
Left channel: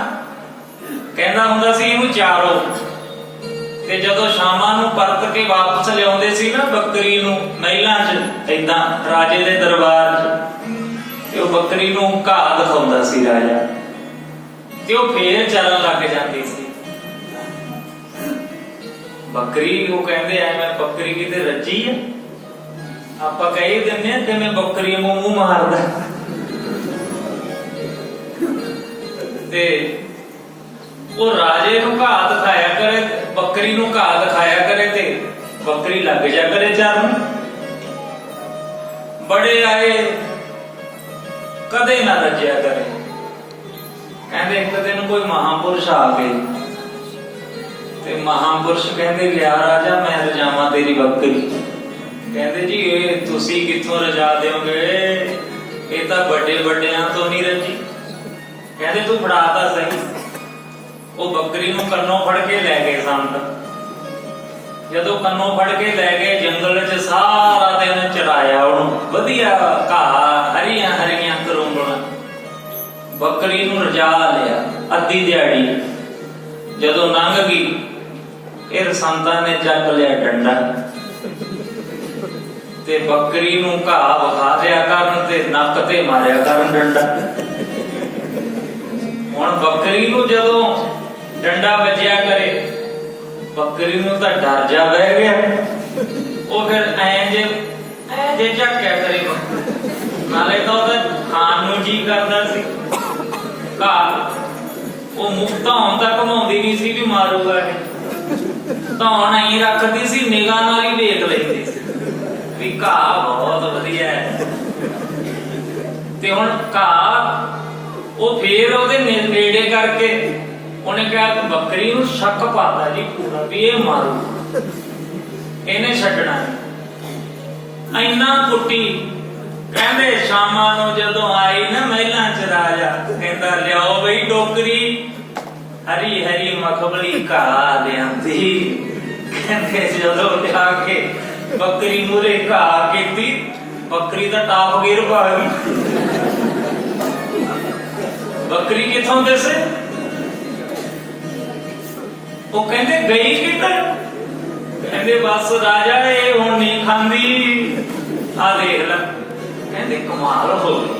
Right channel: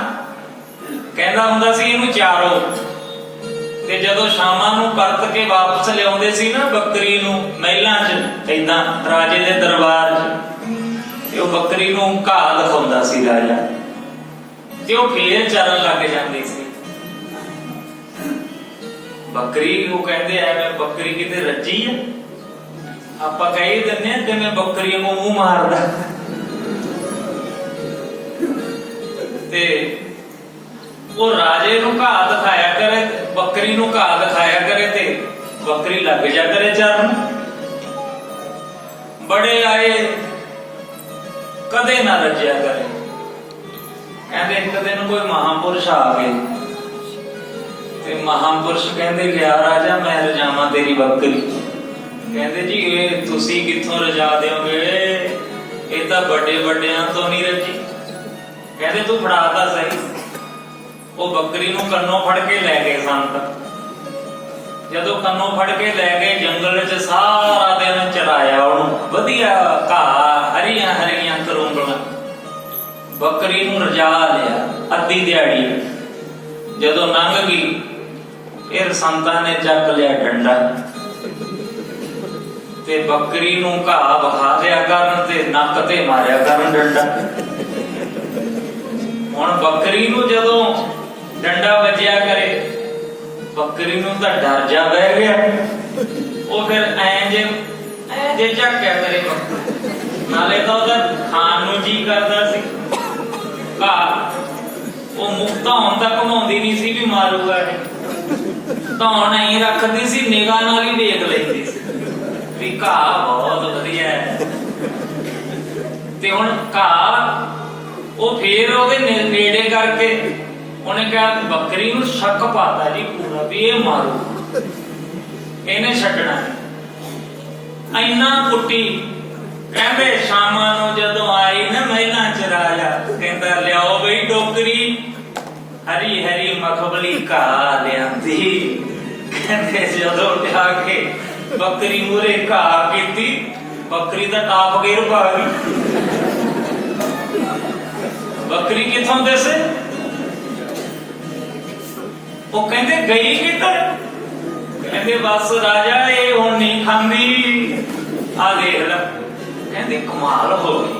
ਕਹਿੰਦਾ ਹੁੰਦਾ ਸੀ ਇਹਨੂੰ ਚਾਰੋ, ਤੇ ਜਦੋਂ ਸ਼ਾਮਾਂ ਨੂੰ ਪਰਤ ਕੇ ਵਾਪਸ ਲਿਆਉਂਦੇ ਸੀ ਨਾ ਬੱਕਰੀ ਨੂੰ ਮਹਿਲਾਂ 'ਚ, ਏਦਾਂ ਰਾਜੇ ਦੇ ਦਰਬਾਰ 'ਚ, ਤੇ ਉਹ ਬੱਕਰੀ ਨੂੰ ਘਾਹ ਦਿਖਾਉਂਦਾ ਸੀ ਰਾਜਾ, ਤੇ ਉਹ ਫੇਰ ਚੱਲਣ ਲੱਗ ਜਾਂਦੀ ਸੀ ਬੱਕਰੀ। ਉਹ ਕਹਿੰਦੇ ਐਵੇਂ ਬੱਕਰੀ ਕਿਤੇ ਰੱਜੀ ਹੈ, ਆਪਾਂ ਕਹਿ ਦਿੰਦੇ ਆ ਜਿਵੇਂ ਬੱਕਰੀ ਨੂੰ ਮੂੰਹ ਮਾਰਦਾ। ਤੇ ਉਹ ਰਾਜੇ ਨੂੰ ਘਾਹ ਦਿਖਾਇਆ ਕਰੇ, ਬੱਕਰੀ ਨੂੰ ਘਾਹ ਦਿਖਾਇਆ ਕਰੇ, ਤੇ ਬੱਕਰੀ ਲੱਗ ਜਾ ਕਰੇ ਚਰਨ। ਬੜੇ ਆਏ, ਕਦੇ ਨਾ ਰੱਜਿਆ ਕਰੇ। ਕਹਿੰਦੇ ਇੱਕ ਦਿਨ ਕੋਈ ਮਹਾਂਪੁਰਸ਼ ਆ ਗਏ, ਤੇ ਮਹਾਂਪੁਰਸ਼ ਕਹਿੰਦੇ ਲਿਆ ਰਾਜਾ ਮੈਂ ਰਜਾਵਾਂ ਤੇਰੀ ਬੱਕਰੀ। ਕਹਿੰਦੇ ਜੀ ਇਹ ਤੁਸੀਂ ਕਿੱਥੋਂ ਰਜਾ ਦਿਓਗੇ, ਇਹ ਤਾਂ ਵੱਡੇ ਵੱਡਿਆਂ ਤੋਂ ਨਹੀਂ ਰੱਜੀ। ਕਹਿੰਦੇ ਤੂੰ ਫੜਾ ਤਾਂ ਸਹੀ। ਉਹ ਬੱਕਰੀ ਨੂੰ ਕੰਨੋਂ ਫੜ ਕੇ ਲੈ ਗਏ ਸੰਤ। ਜਦੋਂ ਕੰਨੋਂ ਫੜ ਕੇ ਲੈ ਗਏ, ਜੰਗਲ 'ਚ ਸਾਰਾ ਦਿਨ ਚਰਾਇਆ ਉਹਨੂੰ, ਵਧੀਆ ਘਾਹ, ਹਰੀਆਂ ਹਰੀਆਂ ਕਰੂੰਬਲਾਂ। ਬੱਕਰੀ ਨੂੰ ਰਜਾ ਲਿਆ ਅੱਧੀ ਦਿਹਾੜੀ। ਜਦੋਂ ਲੰਘ ਗਈ, ਫਿਰ ਸੰਤਾਂ ਨੇ ਚੱਕ ਲਿਆ ਡੰਡਾ, ਤੇ ਬੱਕਰੀ ਨੂੰ ਘਾਹ ਵਿਖਾ ਦਿਆ ਕਰਨ ਤੇ ਨੱਕ ਤੇ ਮਾਰਿਆ ਕਰਨ ਡੰਡਾ। ਹੁਣ ਬੱਕਰੀ ਨੂੰ ਜਦੋਂ ਡੰਡਾ ਵੱਜਿਆ ਕਰੇ, ਬੱਕਰੀ ਨੂੰ ਤਾਂ ਡਰ ਜਾ ਬਹਿ ਗਿਆ। ਉਹ ਫਿਰ ਐਂ ਜੇ ਝੱਕਿਆ ਕਰੇ, ਨਾਲੇ ਤਾਂ ਉਹਦਾ ਖਾਣ ਨੂੰ ਜੀ ਕਰਦਾ ਸੀ ਘਾਹ। ਉਹ ਮੁਕਤਾ ਹੁਣ ਤੱਕ ਘਮਾਉਂਦੀ ਨਹੀਂ ਸੀ ਵੀ ਮਾਰੂਗਾ ਇਹ, ਧੌਣ ਆਈ ਰੱਖਦੀ ਸੀ, ਨਿਗਾਹ ਨਾਲ ਹੀ ਦੇਖ ਲੈਂਦੀ ਸੀ ਵੀ ਘਾਹ ਬਹੁਤ ਵਧੀਆ ਹੈ। ਤੇ ਹੁਣ ਘਾਹ ਉਹ ਫੇਰ ਉਹਦੇ ਨੇੜੇ ਕਰਕੇ ਉਹਨੇ ਕਿਹਾ ਬੱਕਰੀ ਨੂੰ ਸ਼ੱਕ ਪਾਤਾ ਜੀ ਪੂਰਾ ਵੀ ਇਹ ਮਾਰੂ, ਇਹਨੇ ਛੱਡਣਾ। ਇੰਨਾ ਕੁੱਟੀ। ਕਹਿੰਦੇ ਸ਼ਾਮਾਂ ਨੂੰ ਜਦੋਂ ਆਈ ਨਾ ਮਹਿਲਾਂ 'ਚ ਰਾਜਾ, ਕਹਿੰਦਾ ਲਿਆਓ ਬਈ ਟੋਕਰੀ, ਹਰੀ ਹਰੀ ਮਖਮਲੀ ਘਾਹ ਲਿਆਂਦੀ। ਕਹਿੰਦੇ ਜਦੋਂ ਜਾ ਕੇ ਬੱਕਰੀ ਮੂਹਰੇ ਘਾਹ ਕੀਤੀ, ਬੱਕਰੀ ਦਾ ਟਾਪ ਗੇਰ ਪਾ ਗਈ। ਬੱਕਰੀ ਕਿੱਥੋਂ ਦਿਸੇ? ਉਹ ਕਹਿੰਦੇ ਗਈ ਕਿੱਧਰ? ਕਹਿੰਦੇ ਬਸ ਰਾਜਾ ਇਹ ਹੁਣ ਨਹੀਂ ਖਾਂਦੀ, ਆ ਦੇਖ ਲੈ, ਕਹਿੰਦੇ ਕਮਾਲ ਹੋ ਗਈ।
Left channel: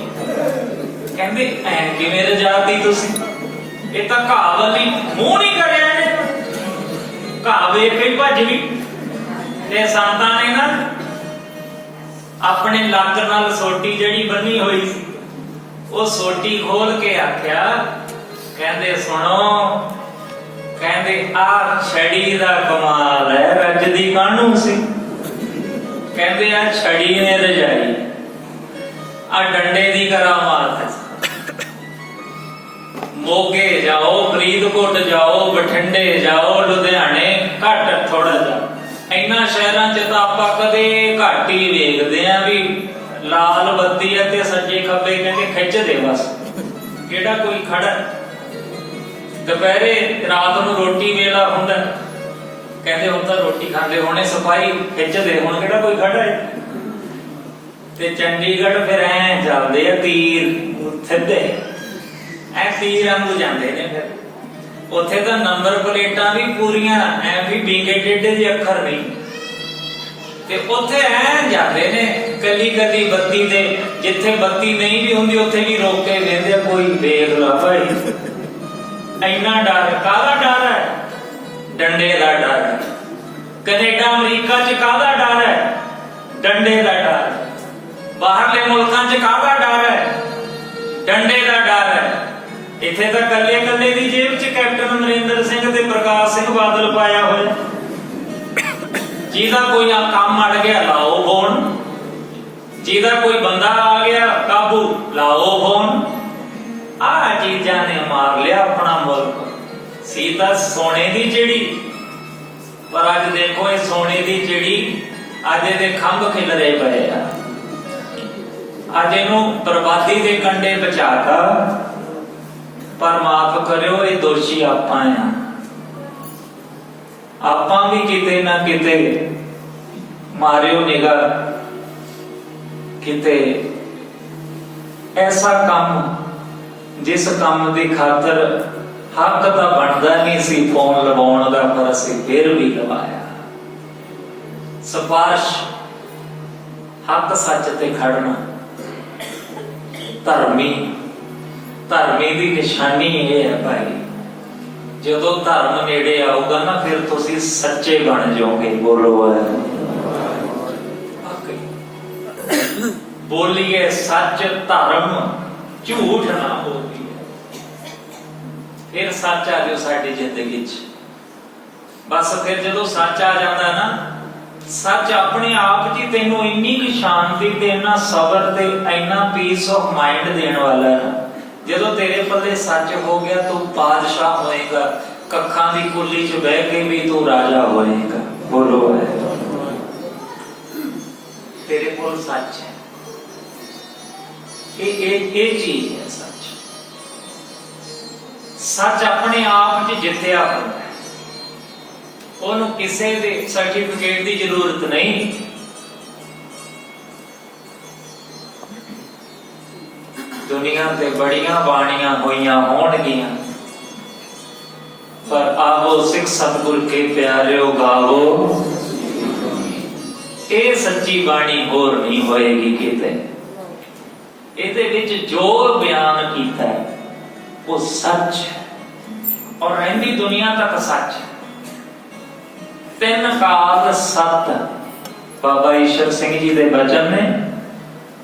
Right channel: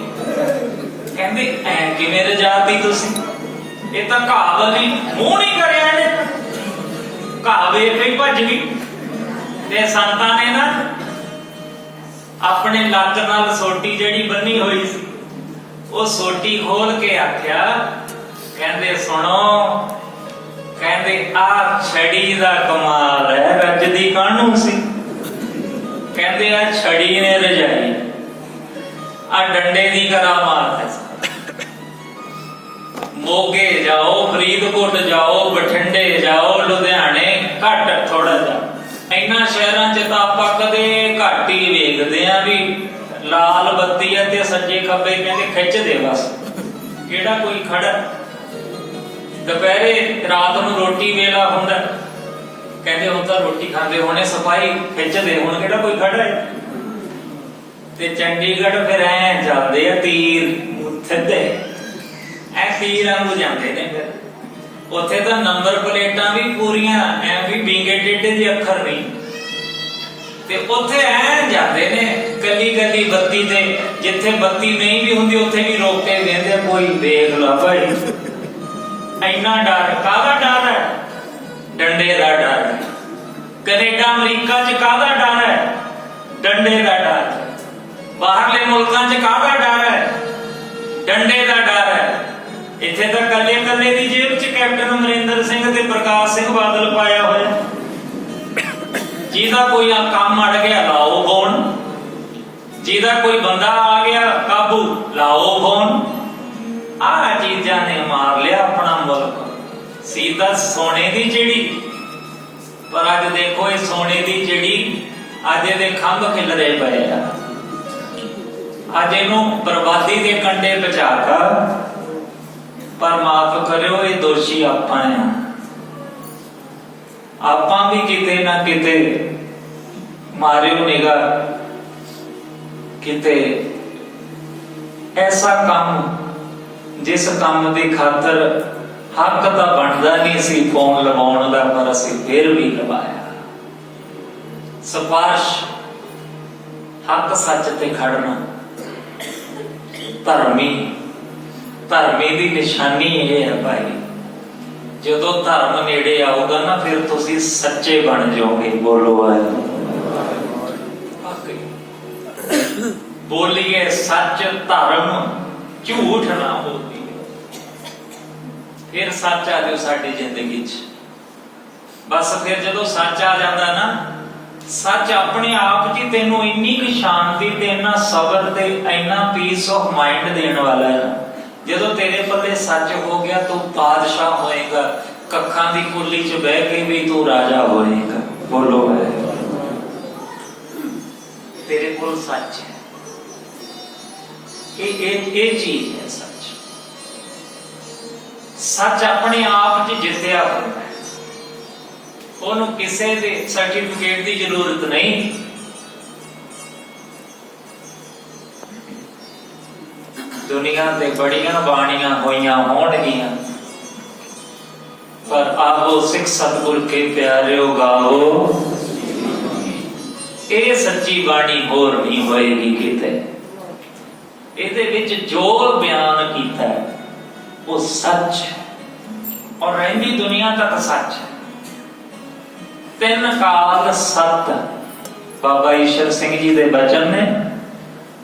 ਕਹਿੰਦੇ ਐ ਕਿਵੇਂ ਰਜਾਤੀ ਤੁਸੀਂ, ਇਹ ਤਾਂ ਘਾਹ ਨਹੀਂ, ਮੂੰਹ ਨਹੀਂ ਕਰਿਆ ਇਹਨੇ, ਘਾਹ ਵੇਖ ਕੇ ਭੱਜ ਗਈ। ਤੇ ਸੰਤਾਂ ਨੇ ਨਾ ਆਪਣੇ ਲੱਕ ਨਾਲ ਸੋਟੀ ਜਿਹੜੀ ਬੰਨੀ ਹੋਈ ਸੀ, ਉਹ ਸੋਟੀ ਖੋਲ ਕੇ ਆਖਿਆ, ਕਹਿੰਦੇ ਸੁਣੋ, ਕਹਿੰਦੇ ਆ ਛੜੀ ਦਾ ਕਮਾਲ ਹੈ, ਰੱਜਦੀ ਕਾਹਨੂੰ ਸੀ। ਕਹਿੰਦੇ ਆ ਛੜੀ ਨੇ ਰਜਾਈ, ਆ ਡੰਡੇ ਦੀ ਕਰਾਮਾਤ ਹੈ। ਮੋਗੇ ਜਾਓ, ਫਰੀਦਕੋਟ ਜਾਓ, ਬਠਿੰਡੇ ਜਾਓ, ਲੁਧਿਆਣੇ ਘੱਟ ਥੋੜਾ ਜਿਹਾ, ਇਹਨਾਂ ਸ਼ਹਿਰਾਂ 'ਚ ਤਾਂ ਆਪਾਂ ਕਦੇ ਘੱਟ ਹੀ ਵੇਖਦੇ ਆ ਵੀ ਲਾਲ ਬੱਤੀ ਹੈ ਤੇ ਸੱਜੇ ਖੱਬੇ ਕਹਿੰਦੇ ਖਿੱਚ ਦੇ ਬਸ, ਕਿਹੜਾ ਕੋਈ ਖੜਾ। ਦੁਪਹਿਰੇ ਰਾਤ ਨੂੰ ਰੋਟੀ ਵੇਲਾ ਹੁੰਦਾ, ਕਹਿੰਦੇ ਹੁਣ ਤਾਂ ਰੋਟੀ ਖਾਂਦੇ ਹੋਣੇ, ਸਫਾਈ ਖਿੱਚਦੇ, ਹੁਣ ਕਿਹੜਾ ਕੋਈ ਖੜਾ ਹੈ। ਤੇ ਚੰਡੀਗੜ੍ਹ ਫਿਰ ਐ ਜਾਂਦੇ ਆ ਤੀਰ ਸਿੱਧੇ, ਐ ਤੀਰ ਵਾਂਗੂ ਜਾਂਦੇ ਨੇ। ਫਿਰ ਉੱਥੇ ਤਾਂ ਨੰਬਰ ਪਲੇਟਾਂ ਵੀ ਪੂਰੀਆਂ, ਐ ਵੀ ਵਿੰਗੇ ਟੇਢੇ ਦੇ ਅੱਖਰ ਨਹੀਂ, ਤੇ ਉੱਥੇ ਐ ਜਾਂਦੇ ਨੇ ਕੱਲੀ ਕੱਲੀ ਬੱਤੀ ਤੇ, ਜਿੱਥੇ ਬੱਤੀ ਨਹੀਂ ਵੀ ਹੁੰਦੀ ਉੱਥੇ ਵੀ ਰੋਕ ਕੇ ਵੇਖਦੇ, ਕੋਈ ਵੇਖ ਲਾ ਭਾਈ। ਇੰਨਾ ਡਰ, ਕਾਹਦਾ ਡਰ ਹੈ? ਡੰਡੇ ਦਾ ਡਰ। ਕੈਨੇਡਾ ਅਮਰੀਕਾ 'ਚ ਕਾਹਦਾ ਡਰ ਹੈ? ਡੰਡੇ ਦਾ ਡਰ। ਬਾਹਰਲੇ ਮੁਲਕਾਂ 'ਚ ਕਾਹਦਾ ਡਰ ਹੈ? ਡੰਡੇ ਦਾ ਡਰ ਹੈ। ਇੱਥੇ ਤਾਂ ਕੱਲੇ ਕੱਲੇ ਦੀ ਜੇਬ 'ਚ ਕੈਪਟਨ ਅਮਰਿੰਦਰ ਸਿੰਘ ਤੇ ਪ੍ਰਕਾਸ਼ ਸਿੰਘ ਬਾਦਲ ਪਾਇਆ ਹੋਇਆ। ਜਿਹਦਾ ਕੋਈ ਕੰਮ ਅੜ ਗਿਆ ਲਾਓ ਫੋਨ, ਜਿਹਦਾ ਕੋਈ ਬੰਦਾ ਆ ਗਿਆ ਕਾਬੂ ਲਾਓ ਫੋਨ। ਆਹ ਚੀਜ਼ਾਂ ਨੇ ਮਾਰ ਲਿਆ ਆਪਣਾ ਮੁਲਕ। ਸੀ ਤਾਂ ਸੋਨੇ ਦੀ ਚਿੜੀ, ਪਰ ਅੱਜ ਦੇਖੋ ਇਹ ਸੋਨੇ ਦੀ ਚਿੜੀ ਅੱਜ ਇਹਦੇ ਖੰਭ ਖਿਲਰੇ ਪਏ ਆ। ਅੱਜ ਇਹਨੂੰ ਬਰਬਾਦੀ ਦੇ ਕੰਢੇ ਪਹੁੰਚਾਤਾ। ਪਰ ਮਾਫ ਕਰਿਓ, ਇਹ ਦੋਸ਼ੀ ਆਪਾਂ ਆ। ਆਪਾਂ ਵੀ ਕਿਤੇ ਨਾ ਕਿਤੇ ਮਾਰਿਓ ਨਿਗਾਹ, ਕਿਤੇ ਐਸਾ ਕੰਮ ਜਿਸ ਕੰਮ ਦੀ ਖਾਤਰ ਹੱਕ ਤਾਂ ਬਣਦਾ ਨਹੀਂ ਸੀ ਫੋਨ ਲਵਾਉਣ ਦਾ, ਪਰ ਅਸੀਂ ਫਿਰ ਵੀ ਲਵਾਇਆ। ਸਿਫਾਰਿਸ਼, ਹੱਕ ਸੱਚ ਤੇ ਖੜਨਾ, ਧਰਮੀ ਦੀ ਨਿਸ਼ਾਨੀ ਇਹ ਹੈ ਭਾਈ। ਜਦੋਂ ਧਰਮ ਨੇੜੇ ਆਊਗਾ ਨਾ, ਫਿਰ ਤੁਸੀਂ ਸੱਚੇ ਬਣ ਜਾਓਗੇ। ਬੋਲੋ ਬੋਲੀਏ ਸੱਚ, ਧਰਮ, ਝੂਠ ਨਾ ਬੋਲੀਏ, ਫਿਰ ਸੱਚ ਆ ਜਾਓ ਸਾਡੀ ਜ਼ਿੰਦਗੀ 'ਚ। ਬਸ ਫਿਰ ਜਦੋਂ ਸੱਚ ਆ ਜਾਂਦਾ ਨਾ, ਸੱਚ ਆਪਣੇ ਆਪ 'ਚ ਤੈਨੂੰ ਇੰਨੀ ਕੁ ਸ਼ਾਂਤੀ ਤੇ ਇੰਨਾ ਸਬਰ ਤੇ ਇੰਨਾ ਪੀਸ ਆਫ ਮਾਈਂਡ ਦੇਣ ਵਾਲਾ ਹੈ। ਜਦੋਂ ਤੇਰੇ ਪੱਲੇ ਸੱਚ ਹੋ ਗਿਆ, ਤੂੰ ਬਾਦਸ਼ਾਹ ਹੋਏਗਾ। ਕੱਖਾਂ ਦੀ ਕੁੱਲੀ 'ਚ ਬਹਿ ਕੇ ਵੀ ਤੂੰ ਰਾਜਾ ਹੋਏਗਾ। ਬੋਲੋ ਹੈ, ਤੇਰੇ ਕੋਲ ਸੱਚ ਹੈ। ਇਹ ਚੀਜ਼ ਹੈ ਸੱਚ। ਸੱਚ ਆਪਣੇ ਆਪ 'ਚ ਜਿੱਤਿਆ ਹੋਇਆ, ਉਹਨੂੰ ਕਿਸੇ ਦੇ ਸਰਟੀਫਿਕੇਟ ਦੀ ਜ਼ਰੂਰਤ ਨਹੀਂ। ਦੁਨੀਆ ਤੇ ਬੜੀਆਂ ਬਾਣੀਆਂ ਹੋਈਆਂ ਹੋਣਗੀਆਂ, ਪਰ ਆਵੋ ਸਿੱਖ ਸਤਿਗੁਰ ਕੇ ਪਿਆਰਿਓ ਗਾਵੋ, ਇਹ ਸੱਚੀ ਬਾਣੀ ਹੋਰ ਨਹੀਂ ਹੋਏਗੀ ਕਿਤੇ। ਇਹਦੇ ਵਿੱਚ ਜੋ ਬਿਆਨ ਕੀਤਾ ਉਹ ਸੱਚ ਹੈ, ਔਰ ਰਹਿੰਦੀ ਦੁਨੀਆ ਤੱਕ ਸੱਚ ਹੈ। ਤਿੰਨ ਕਾਲ ਸੱਤ ਬਾਬਾ ਈਸ਼ਰ ਸਿੰਘ ਜੀ ਦੇ ਬਚਨ ਨੇ।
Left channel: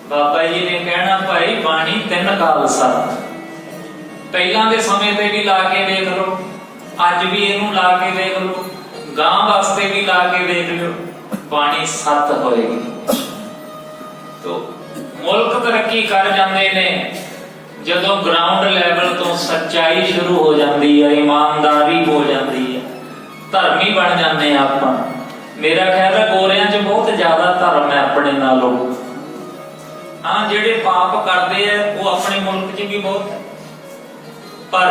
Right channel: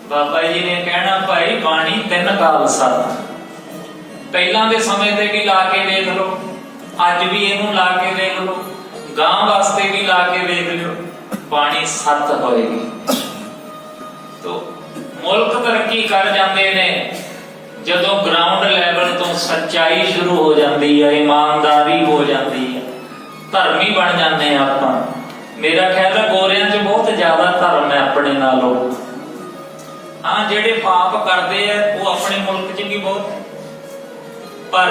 ਬਾਬਾ ਜੀ ਨੇ ਕਹਿਣਾ ਭਾਈ ਬਾਣੀ ਤਿੰਨ ਕਾਲ ਸੱਤ। ਪਹਿਲਾਂ ਦੇ ਸਮੇਂ ਤੇ ਵੀ ਲਾ ਕੇ ਵੇਖ ਲਓ, ਅੱਜ ਵੀ ਇਹਨੂੰ ਲਾ ਕੇ ਵੇਖ ਲਓ, ਗਾਂ ਵਾਸਤੇ ਵੀ ਲਾ ਕੇ ਵੇਖ ਲਿਓ, ਬਾਣੀ ਸੱਤ ਹੋਏਗੀ। ਤੋ ਮੁਲਕ ਤਰੱਕੀ ਕਰ ਜਾਂਦੇ ਨੇ ਜਦੋਂ ਗਰਾਊਂਡ ਲੈਵਲ ਤੋਂ ਸੱਚਾਈ ਸ਼ੁਰੂ ਹੋ ਜਾਂਦੀ ਹੈ, ਇਮਾਨਦਾਰੀ ਹੋ ਜਾਂਦੀ ਹੈ, ਧਰਮੀ ਬਣ ਜਾਂਦੇ ਆ ਆਪਾਂ। ਮੇਰਾ ਖਿਆਲ ਹੈ ਗੋਰਿਆਂ 'ਚ ਬਹੁਤ ਜ਼ਿਆਦਾ ਧਰਮ ਹੈ ਆਪਣੇ ਨਾਲੋਂ। ਹਾਂ, ਜਿਹੜੇ ਪਾਪ ਕਰਦੇ ਆ ਉਹ ਆਪਣੇ ਮੁਲਕ 'ਚ ਵੀ ਬਹੁਤ, ਪਰ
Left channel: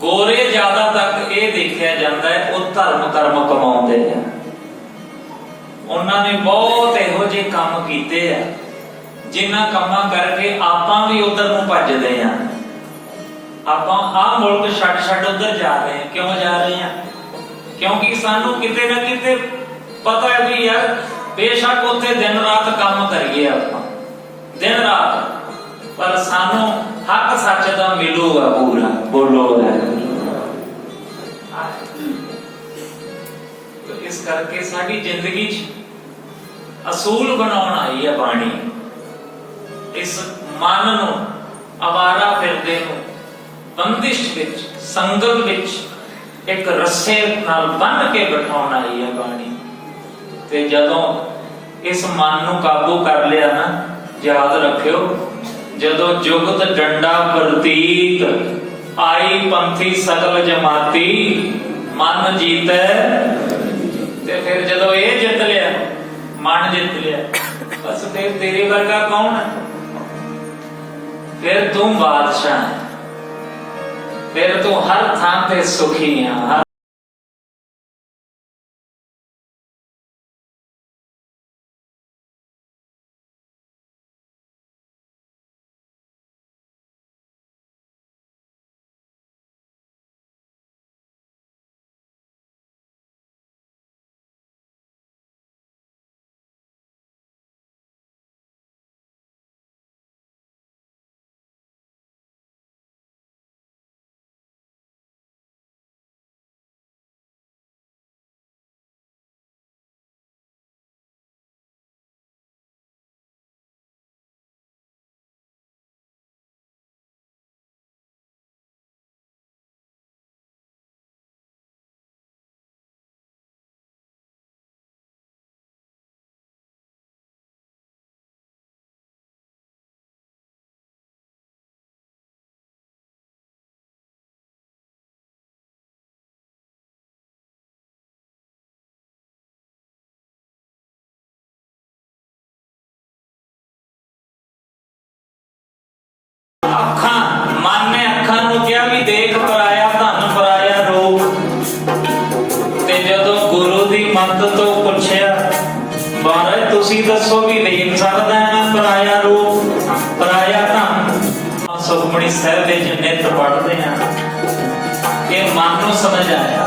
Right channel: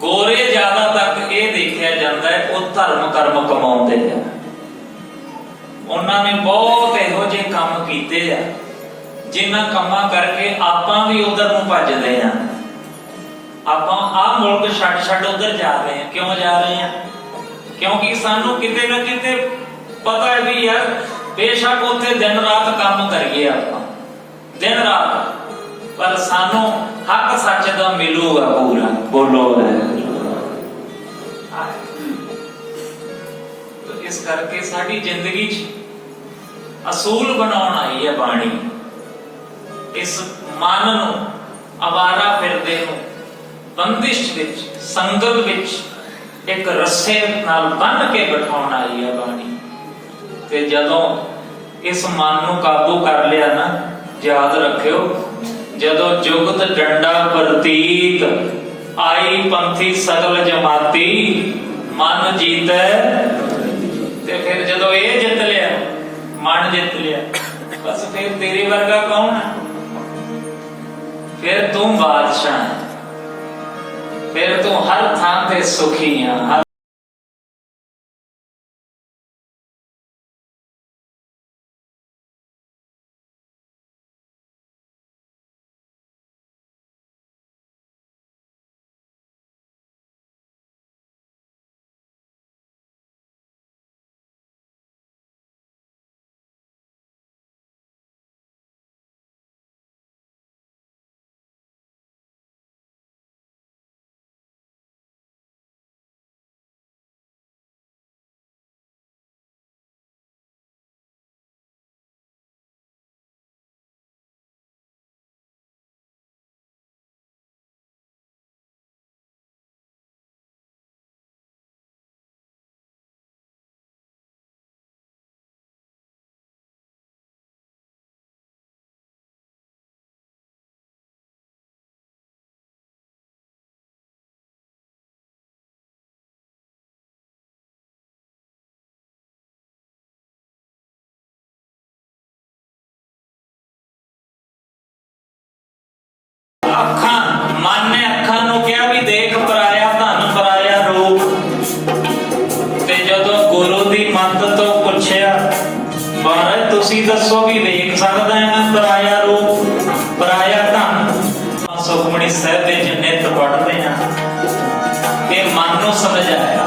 ਗੋਰੇ ਜ਼ਿਆਦਾ ਤੱਕ ਇਹ ਦੇਖਿਆ ਜਾਂਦਾ ਹੈ ਉਹ ਧਰਮ ਕਰਮ ਕਮਾਉਂਦੇ ਆ। ਉਹਨਾਂ ਨੇ ਬਹੁਤ ਇਹੋ ਜਿਹੇ ਕੰਮ ਕੀਤੇ ਆ ਜਿਨ੍ਹਾਂ ਕੰਮਾਂ ਕਰਕੇ ਆਪਾਂ ਵੀ ਉਧਰ ਨੂੰ ਭੱਜਦੇ ਆ। ਆਪਾਂ ਆਹ ਮੁਲਕ ਛੱਡ ਉਧਰ ਜਾ ਰਹੇ ਆ। ਕਿਉਂ ਜਾ ਰਹੇ ਆ? ਕਿਉਂਕਿ ਸਾਨੂੰ ਕਿਤੇ ਨਾ ਕਿਤੇ ਪਤਾ ਹੈ ਵੀ ਯਾਰ ਬੇਸ਼ੱਕ ਉੱਥੇ ਦਿਨ ਰਾਤ ਕੰਮ ਕਰੀਏ ਆਪਾਂ, ਦਿਨ ਰਾਤ, ਪਰ ਸਾਨੂੰ ਹੱਕ ਸੱਚ ਦਾ ਮਿਲੂਗਾ ਪੂਰਾ। ਬੋਲੋ ਇਸ ਕਰਕੇ ਸਾਡੀ ਜ਼ਿੰਦਗੀ 'ਚ ਅਸੂਲ ਬਣਾਉਣ ਆਈ ਹੈ ਬਾਣੀ। ਇਸ ਮਨ ਨੂੰ, ਅਵਾਰਾ ਫਿਰਦੇ ਨੂੰ ਬੰਦਿਸ਼ ਵਿੱਚ, ਸੰਗਲ ਵਿੱਚ ਇੱਕ ਰੱਸੇ ਨਾਲ ਬੰਨ੍ਹ ਕੇ ਬਿਠਾਉਣ ਆਈ ਹੈ ਬਾਣੀ। ਤੇ ਜਦੋਂ ਇਸ ਮਨ ਨੂੰ ਕਾਬੂ ਕਰ ਲਿਆ ਨਾ, ਯਾਦ ਰੱਖਿਓ, ਜਦੋਂ ਜੁਗਤ ਡੰਡਾ ਪ੍ਰਤੀਤ ਆਈ ਪੰਥੀ ਸਗਲ ਜਮਾਤੀ ਮਨ ਜੀਤੈ। ਤੇ ਫਿਰ ਜਦੋਂ ਇਹ ਜਿੱਤ ਲਿਆ, ਮਨ ਜਿੱਤ ਲਿਆ, ਬਸ ਫਿਰ ਤੇਰੇ ਵਰਗਾ ਕੌਣ ਹੈ? ਫਿਰ ਤੂੰ ਬਾਦਸ਼ਾਹ, ਫਿਰ ਤੂੰ ਹਰ ਥਾਂ ਤੇ ਸੁਖੀ ਆ। ਅੱਖਾਂ, ਮਨ ਨੇ ਅੱਖਾਂ ਨੂੰ ਕਿਹਾ ਵੀ ਦੇਖ ਪਰਾਇਆ ਧਨ, ਪਰਾਇਆ ਰੂਪ। ਤੇ ਜਦੋਂ ਗੁਰੂ ਦੀ ਮੱਤ ਤੋਂ ਪੁੱਛਿਆ, ਮਹਾਰਾਜ ਤੁਸੀਂ ਦੱਸੋ ਵੀ ਵੇਖ ਸਕਦਾ ਹੈ ਨਾ ਪਰਾਇਆ ਰੂਪ, ਪਰਾਇਆ ਧਨ? ਸੁਖਮਣੀ ਸਾਹਿਬ ਦੇ ਜਿੰਨੇ ਪੜ੍ਹਦੇ ਆ, ਇਹ ਮਨ ਨੂੰ ਸਮਝ ਆਇਆ।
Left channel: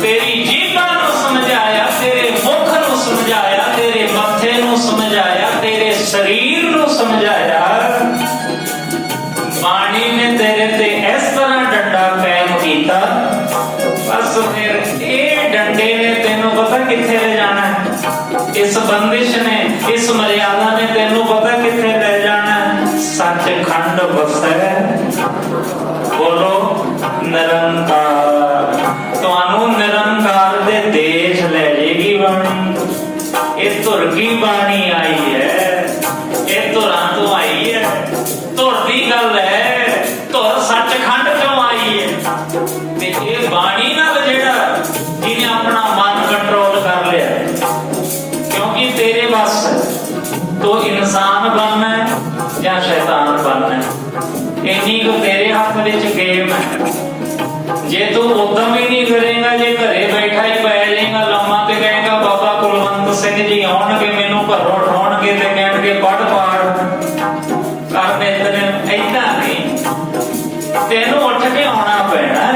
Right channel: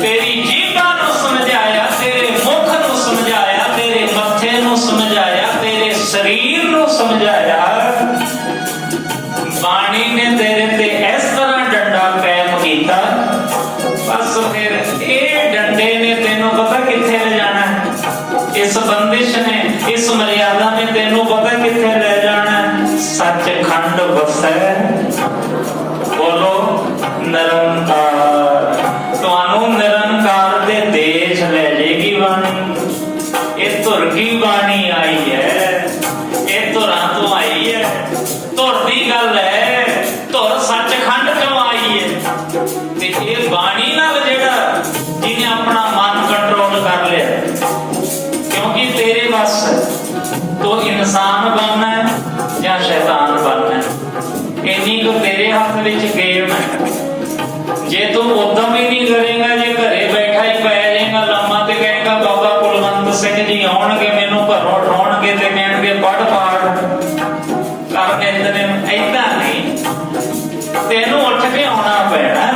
ਤੇਰੀ ਜੀਭਾਂ ਨੂੰ ਸਮਝਾਇਆ, ਤੇਰੇ ਮੁਖ ਨੂੰ ਸਮਝਾਇਆ, ਤੇਰੇ ਮੱਥੇ ਨੂੰ ਸਮਝਾਇਆ, ਤੇਰੇ ਸਰੀਰ ਨੂੰ ਸਮਝਾਇਆ। ਬਾਣੀ ਨੇ ਤੇਰੇ ਤੇ ਇਸ ਤਰ੍ਹਾਂ ਡੰਡਾ ਕਾਇਮ ਕੀਤਾ, ਬਸ ਫਿਰ ਇਹ ਡੰਡੇ ਨੇ ਤੈਨੂੰ ਪਤਾ ਕਿੱਥੇ ਲੈ ਜਾਣਾ। ਇਸ ਬੰਦਿਸ਼ ਨੇ, ਇਸ ਮਰਿਆਦਾ ਨੇ ਤੈਨੂੰ ਪਤਾ ਕਿੱਥੇ ਲੈ ਜਾਣਾ। ਸੱਚਖੰਡ ਵਸੈ, ਬੋਲੋ ਨਿਰੰਕਾਰ। ਤੁਹਾਨੂੰ ਨਿਰੰਕਾਰ ਦੇ ਦੇਸ਼ ਲੈ ਜਾਏਗੀ ਬਾਣੀ। ਇਹ ਧੁਰ ਕੀ ਬਾਣੀ ਆਈ ਹੈ, ਇਹ ਧੁਰਾਂ ਤੋਂ ਆਈ ਹੈ। ਧੁਰ ਦੀ ਗੱਲ ਹੈ, ਧੁਰ ਸੱਚਖੰਡ ਤੋਂ ਆਈ ਹੈ। ਤੇ ਇਹ ਬਾਣੀ ਨਾਲ ਜਿਹੜਾ ਜਿਹਨੇ ਆਪਣਾ ਮਨ ਕੰਟਰੋਲ ਕਰ ਲਿਆ, ਕਿਉਂਕਿ ਤੇਰੇ ਬਸ ਤੂੰ ਇਨਸਾਨ ਬਣਨਾ ਹੈ ਜਾਂ ਸ਼ੈਤਾਨ ਬਣਨਾ ਹੈ, ਇੰਨੀ ਕੁ ਤੇਰੇ ਹੱਥ ਵਿੱਚ ਗੇਮ ਹੈ। ਜੇ ਤੂੰ ਉਦਮ ਹੀ ਨਹੀਂ ਕਰੇਗਾ, ਜੇ ਘਰੇ ਬੈਠਾ ਹੀ ਪੈ ਜਾਏਗਾ ਲੰਮਾ ਤੇ ਕਹੇਗਾ ਬਾਬਾ ਕੁਲਵੰਤ ਸਿੰਘ ਜੀ ਆਉਣਗੇ ਮੈਨੂੰ ਘਰੋਂ ਉਠਾਉਣਗੇ ਤੇ ਕਹਿਣਗੇ ਪੜ੍ਹ ਪਾੜ ਕਰਨੇ ਤੇਰੇ, ਏਦਾਂ ਨਹੀਂ। ਤੈਨੂੰ ਉੱਠ ਕੇ ਆਉਣਾ ਪੈਣਾ,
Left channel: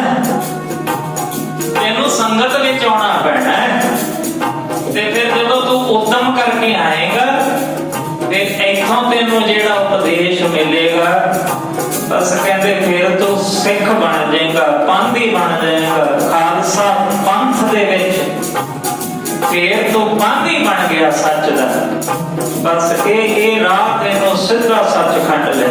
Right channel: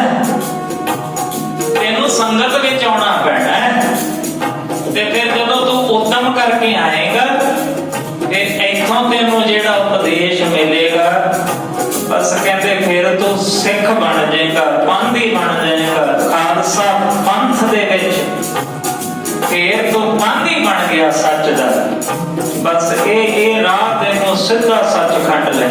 ਤੈਨੂੰ ਸੰਗਤ ਵਿੱਚ ਆਉਣਾ ਪੈਣਾ। ਤੇ ਫਿਰ ਜਦੋਂ ਤੂੰ ਉਦਮ ਕਰਕੇ ਆਏਗਾ ਤੇ ਇੱਥੋਂ ਤੈਨੂੰ ਜਿਹੜਾ ਉਪਦੇਸ਼ ਮਿਲੇਗਾ, ਬਸ ਕਹਿੰਦੇ ਫਿਰ ਤੂੰ ਸਿੱਖ ਬਣ ਜਾਏਗਾ, ਪੰਥੀ ਬਣ ਜਾਏਗਾ। ਖਾਲਸਾ ਪੰਥ ਦੇ ਵਿੱਚ ਫਿਰ ਤੂੰ ਪੰਥੀ ਬਣ ਗਿਆ ਸੱਚ ਦਾ। ਬਸ ਇਹ ਰਾਹ ਤੈਨੂੰ ਸਿੱਧਾ ਸੱਚਖੰਡ ਲੈ।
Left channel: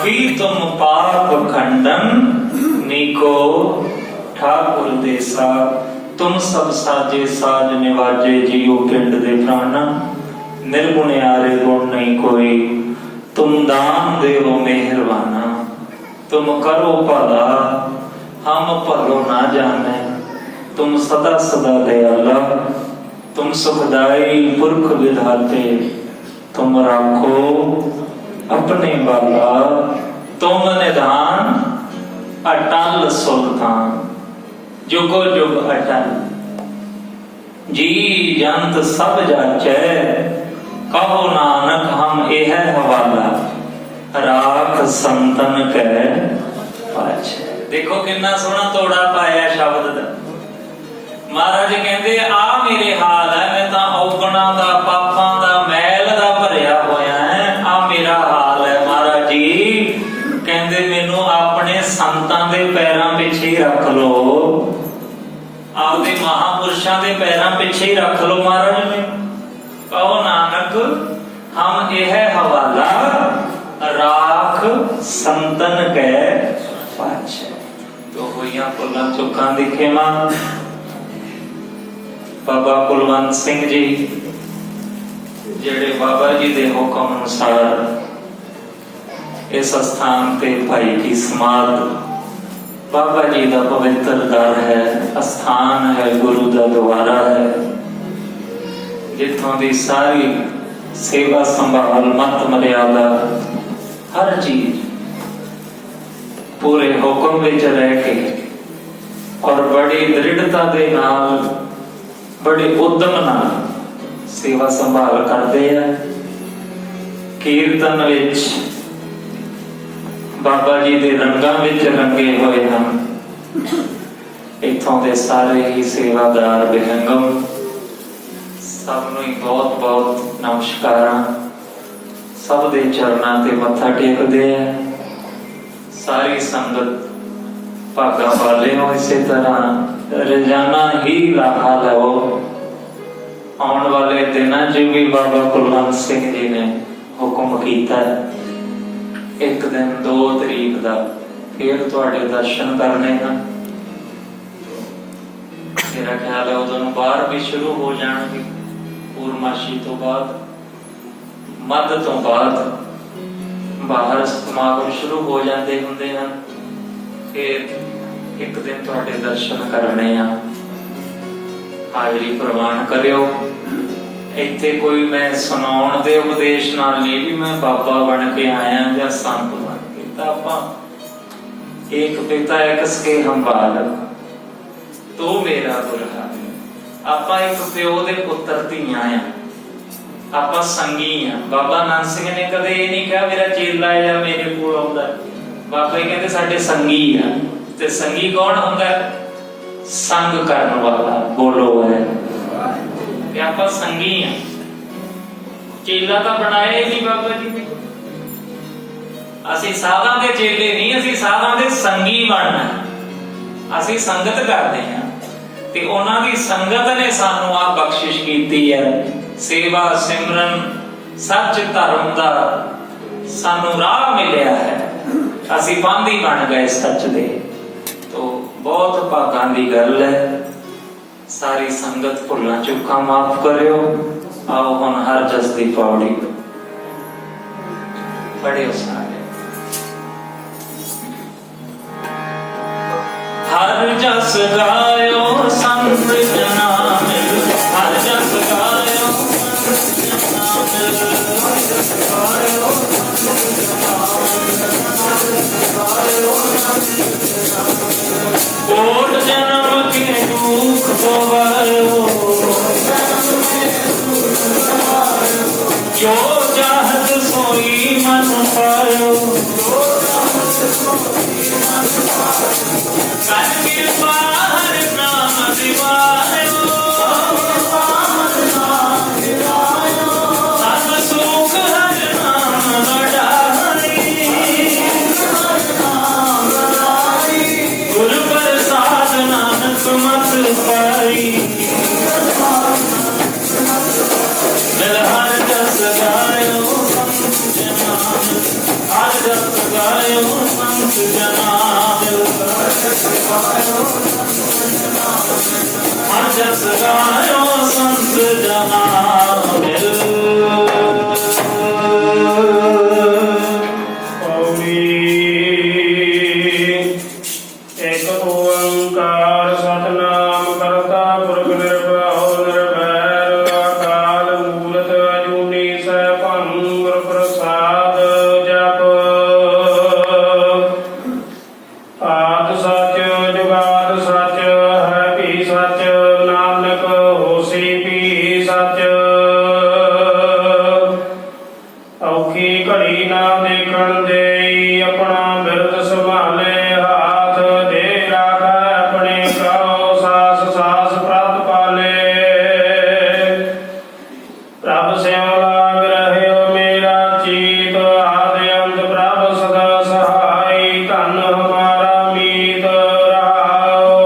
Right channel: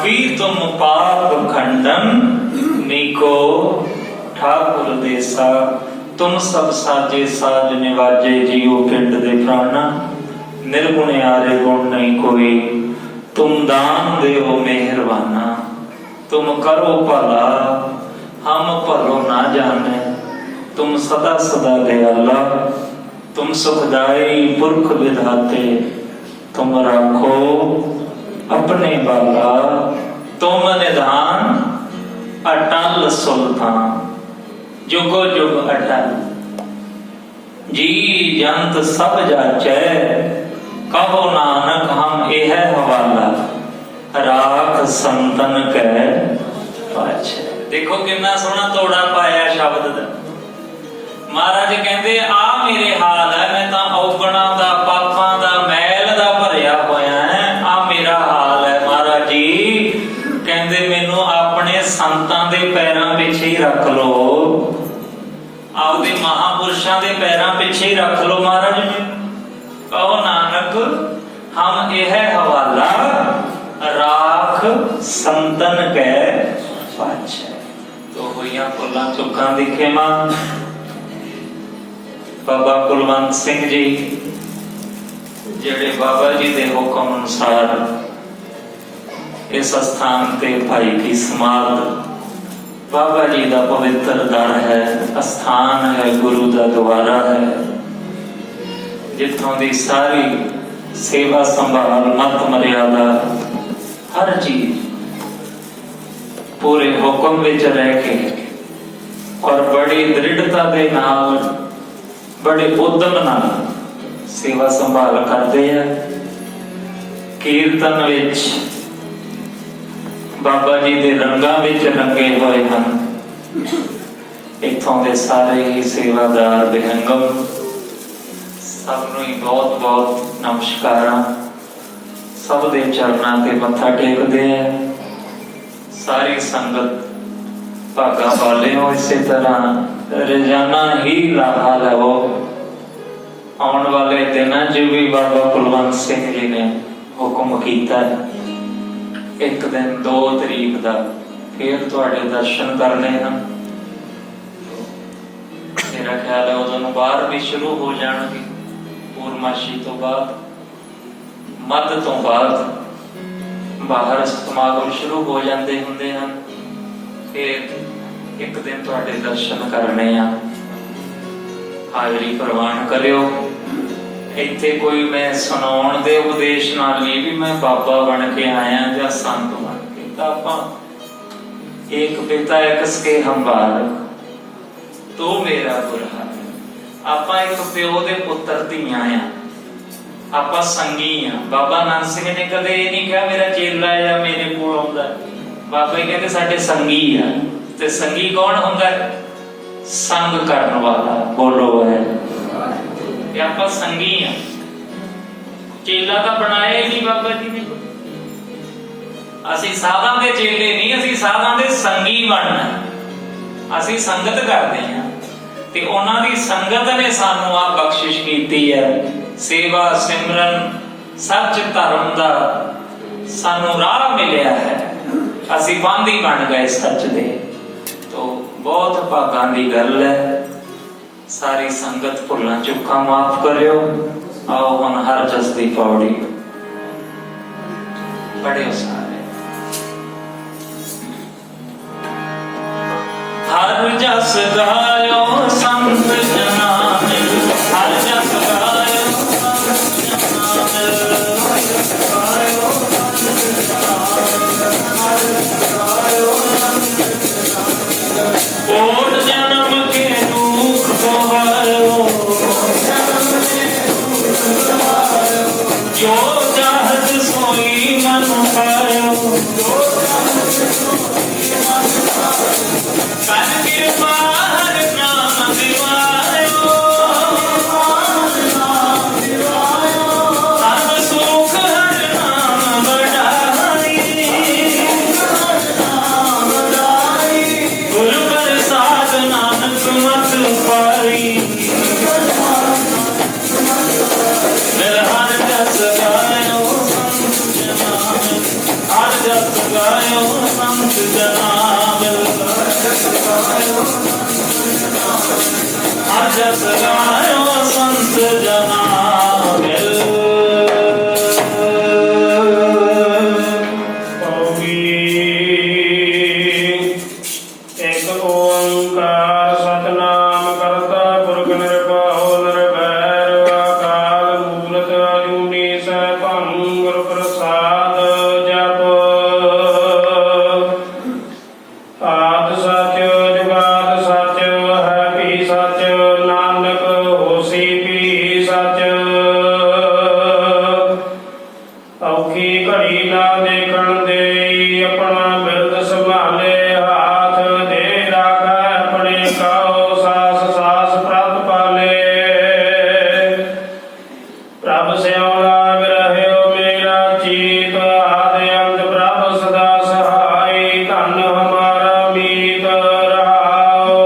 पापी तुम पाप खंडन नीको ठाकुर देसा। तुम सब साजे साज निवाजे जियो पिंड दे प्राणा। निर्गुण आरे गुण नहीं कोई तुम दान देवो मेहरबाना। तुम करो भला हम भलो ना जाने। तुम सदा सदा दयाला। तुम सुखदाई पुरख विधाते। तुम राखो अपने बाला। तुम निधान अटल सुल्तान। जुगो जुग अटल जी जंत सब जाचै। कहो नानक हम एह हवाला। राख संतन कै पाछै। देखो कितना सोहना तोड़ा पाया शब्द दा। महाराज कहते आ मेरे हाल है, मैं तां औगणा दा पापां दा मैल दा भरिया होया है। आ मेरा हाल है महाराज जी। कहते मैनू अपने संतां दे पैरां पिछे ही रख लो, आपदे महापुरुषां दे पैरां पिछे ही रख लो महाराज जी। कहो नानक हम यह हवाला। राख संतन कै पाछै। तो होइया भुलां चुकां दी खेमा। बाबा कुलवंत सिंह जी जेड़े बाबा जी दे हुक्म अनुसार इस स्थान ते भाई की समाध बाबा जी का पवित्र दर है, स्थान है, गुरु का द्वारा है, जिथों की सारी सेवा संभाल मत मर्यादा हर चीज पूरे हुक्म विच रह के और बड़ी दृढ़ता दे नाल बड़े उद्यम नाल सेवा संभाल करते हैं। कीर्तन विच बाबा जी दे रंगां विच रंगे हुए हैं। इत्थों दे सारे ही सेवादार विहंगम सबनूं ही बहुत बहुत नमस्कार। सब दे चरणां ते मत्था टेकदे हैं। सारी संगत भागा वाले हो। इसी तरह रोजाना ही लाभा लो। आने वाले दिनों च भी बाबा कुलवंत सिंह जी ने हुक्म किया है, एक दिन 2 तरीक का फिर तुहाडे दर्शन करने हैं। मेरा ख्याल है उदों बाहर भी शुरू हो जाएंगे। पूर्णमाशी तो बाद मध्य तो बाद बाहर समागम शुरू हो जाते होंगे हैं। फिर एक दिन तुहाडे दर्शन करने हैं। हाजरी प्रवान करियो। इत्थे कोई मैं सुनाउण दे उपदेश नाल नहीं भी मैं बाबा बन के आया या संत बन के। तो आपां एक पिता एक सके हम बालक तो मेरा बुरा। आपां एक प्यो दे पुत्र धीआं आ। आपां संगी आ। बाबा नानक सिंह ने कदे ये नहीं कहा मेरा चेला या मेरे कोल आउंदा। बाबा ही कहते साडे संगी आ। ते संगी कौन हुंदा? संग करन वाला। बोलो है आप संगी हैं। चेला तो बनाया ही नहीं बाबा जी ने। असी साधा दे चेले नहीं, असी साधा दे संगी बनना। असी संगत करते हैं ते उन्हां दी संगत ने सानू आ बख्शिश कीती है। सेवा सिमरन सच धर्म दा सानू राह मिलिया है। असी बंदी बन गए सच दे। तो बहुत भागां दी गल है। सारी संगत भुलां चुकां माफ करियो। आओ हुण हर जस दी पौड़ी पढ़ियो सारे। हर जस गायो संत जनान। हर जस गायो कोट जन्म के दुख गवायो। जो चाहत सोई मन पायो। कर कृपा हर नाम दिवायो। सब सुख हर नाम बढ़ाई। गुर प्रसाद नानक मत पाई। हर जस गायो हर जस गायो जस गायो संत जना मिल। एक ओंकार सतनाम करता पुरख निर्भयो निर्भैर अकाल मूलत अजूनी सैभं गुर प्रसाद जप। आद सच जुगाद सच है भी सच नानक होसी भी सच। औखी घड़ी ना देखण देई अपना बिरद संभाले हाथ दे राखै अपने कहो सास सास प्रत पाले। प्रभ स्यों लाग रहयो मेरा चीत आदि अंत प्रभ सदा सहाय धन हमारा मीत रहाओ।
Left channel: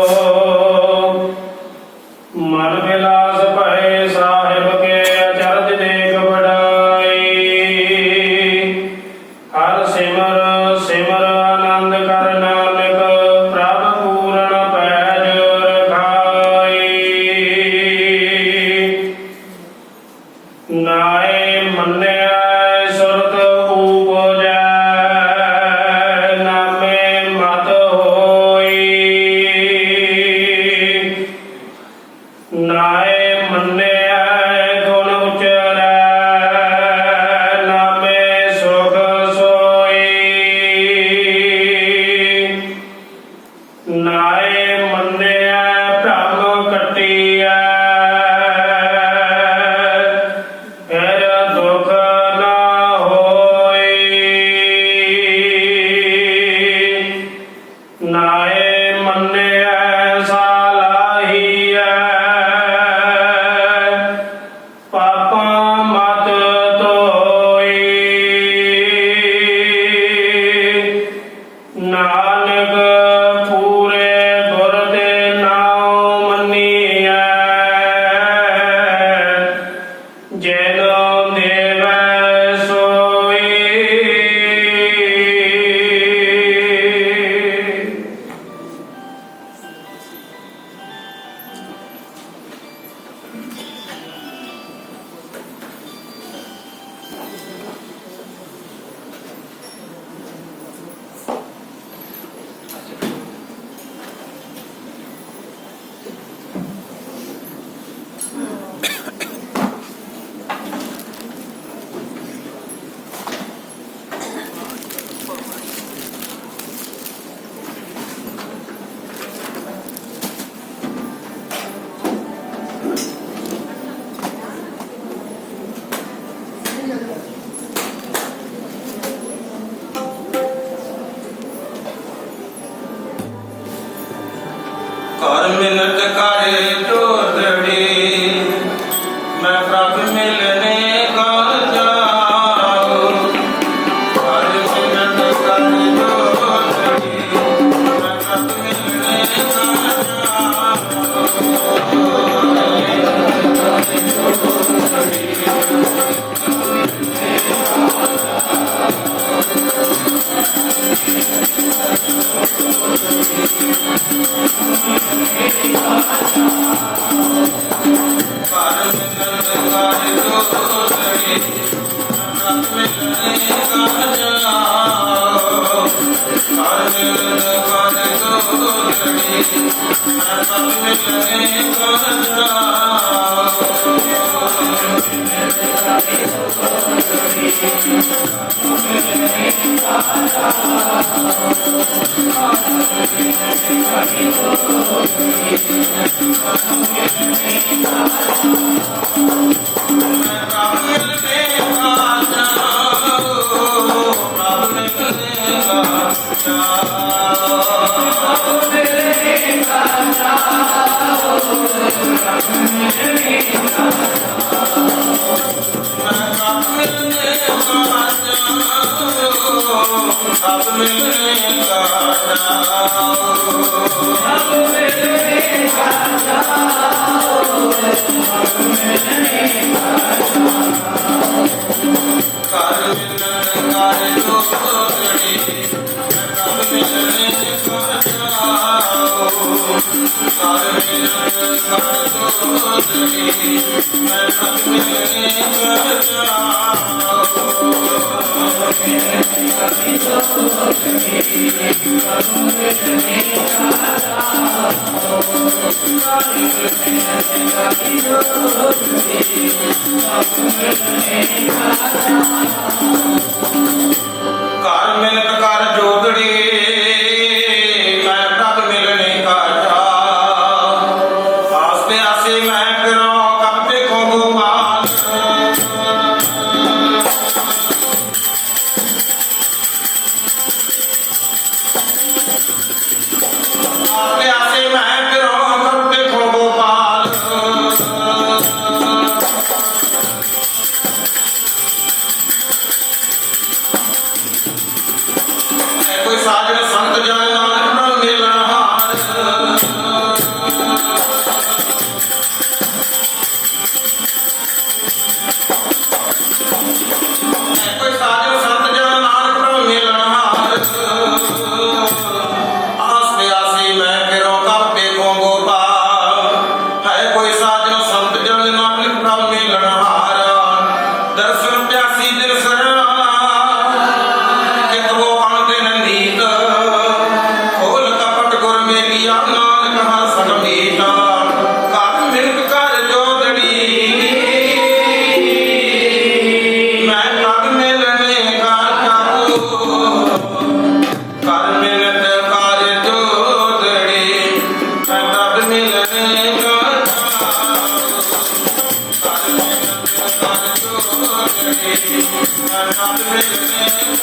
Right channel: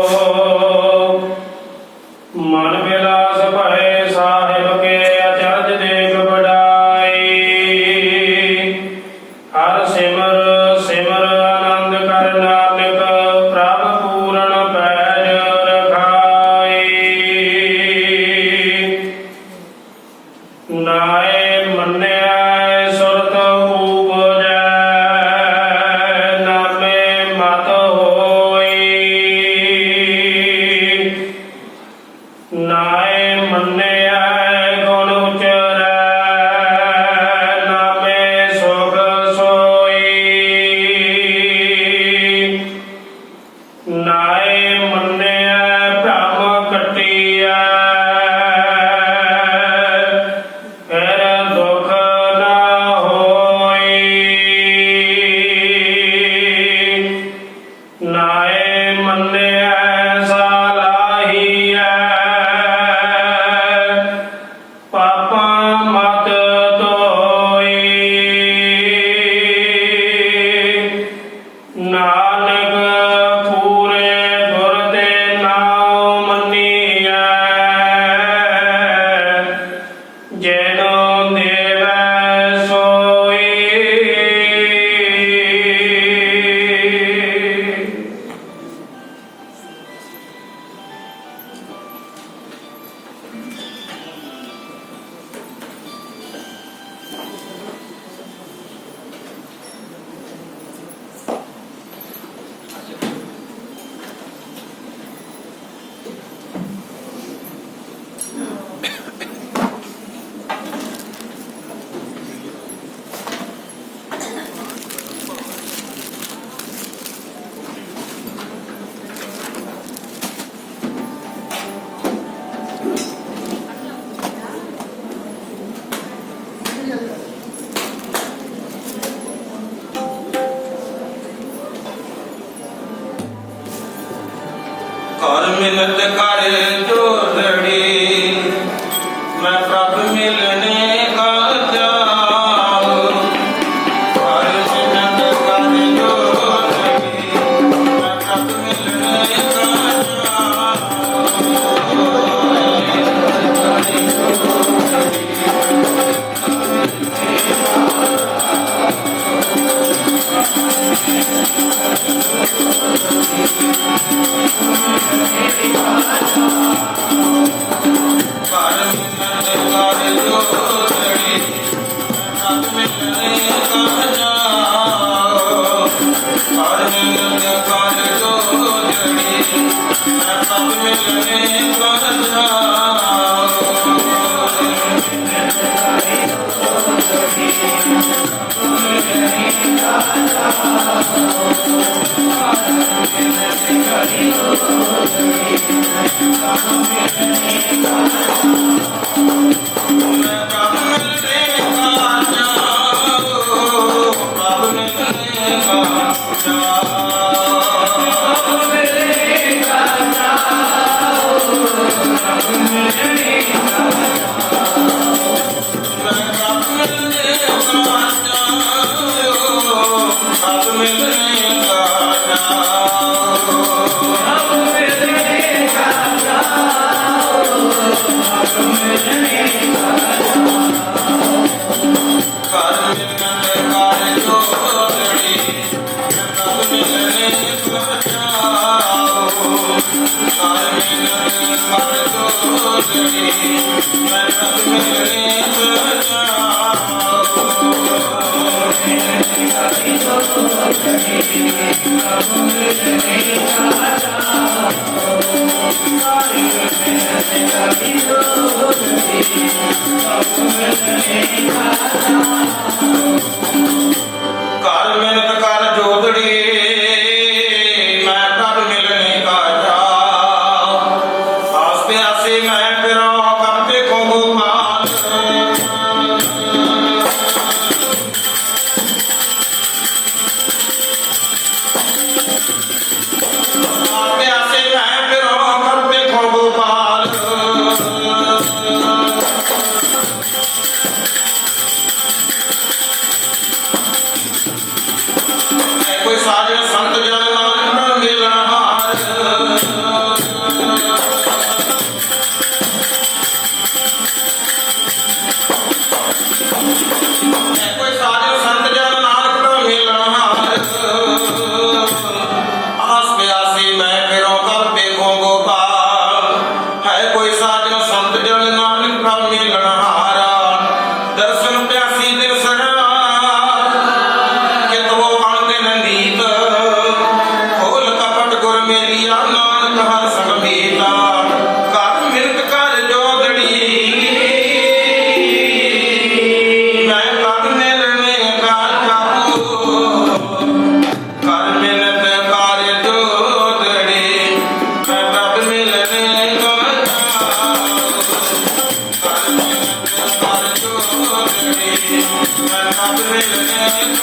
मन विलास भय साहिब के अचरज देख बड़ाई। हर सिमर सिमर आनंद कर नानक प्रभ पूरन पैज रखाई। नाए मन्या सुरत उपजै नामे मत होई। नाए मन्या गुण उचरै नामे सुख सोई। नाए मन्या भ्रम कटिया फिर दुख ना होई। नाए मन्या सालाहिया पापा मत धोई। नानक पूरे गुर ते नाम मन्निया जैनो देवै सोई। कर मिलत कर जोड़ड़ी मैं प्रभ मिलने का जाऊं। कर मिलत कर जोड़ड़ी मैं प्रभ मिलने का Amen. मैं कब मिलने को कर मिलत कर जोगड़ी मैं कब मिलने का जा आस प्यासी मैं फिरो कब देखो गोपाल आस प्यासी मैं फिरो कब देखो गोपाल कोई साजन संत जन नानक मिलनहार कोई साजन संत जन नानक मिलनहार आस प्यासी मैं फिरो कब देखो गोपाल है कोई साजन संत जन नानक मिलनहार दर्शन प्यासी दिल सरा वो अणदिन नीत खोल कपट गुर मेलिया नानक हसन मीता कर मिलत कर जोगड़ी मैं कब मिलने का जाऊं कर मिलत कर जोगड़ी मैं कब मिलने का जाऊं कर मिलत कर जोगड़ी मैं कब मिलने को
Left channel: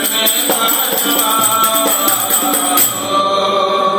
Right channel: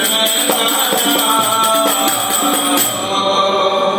Thank you.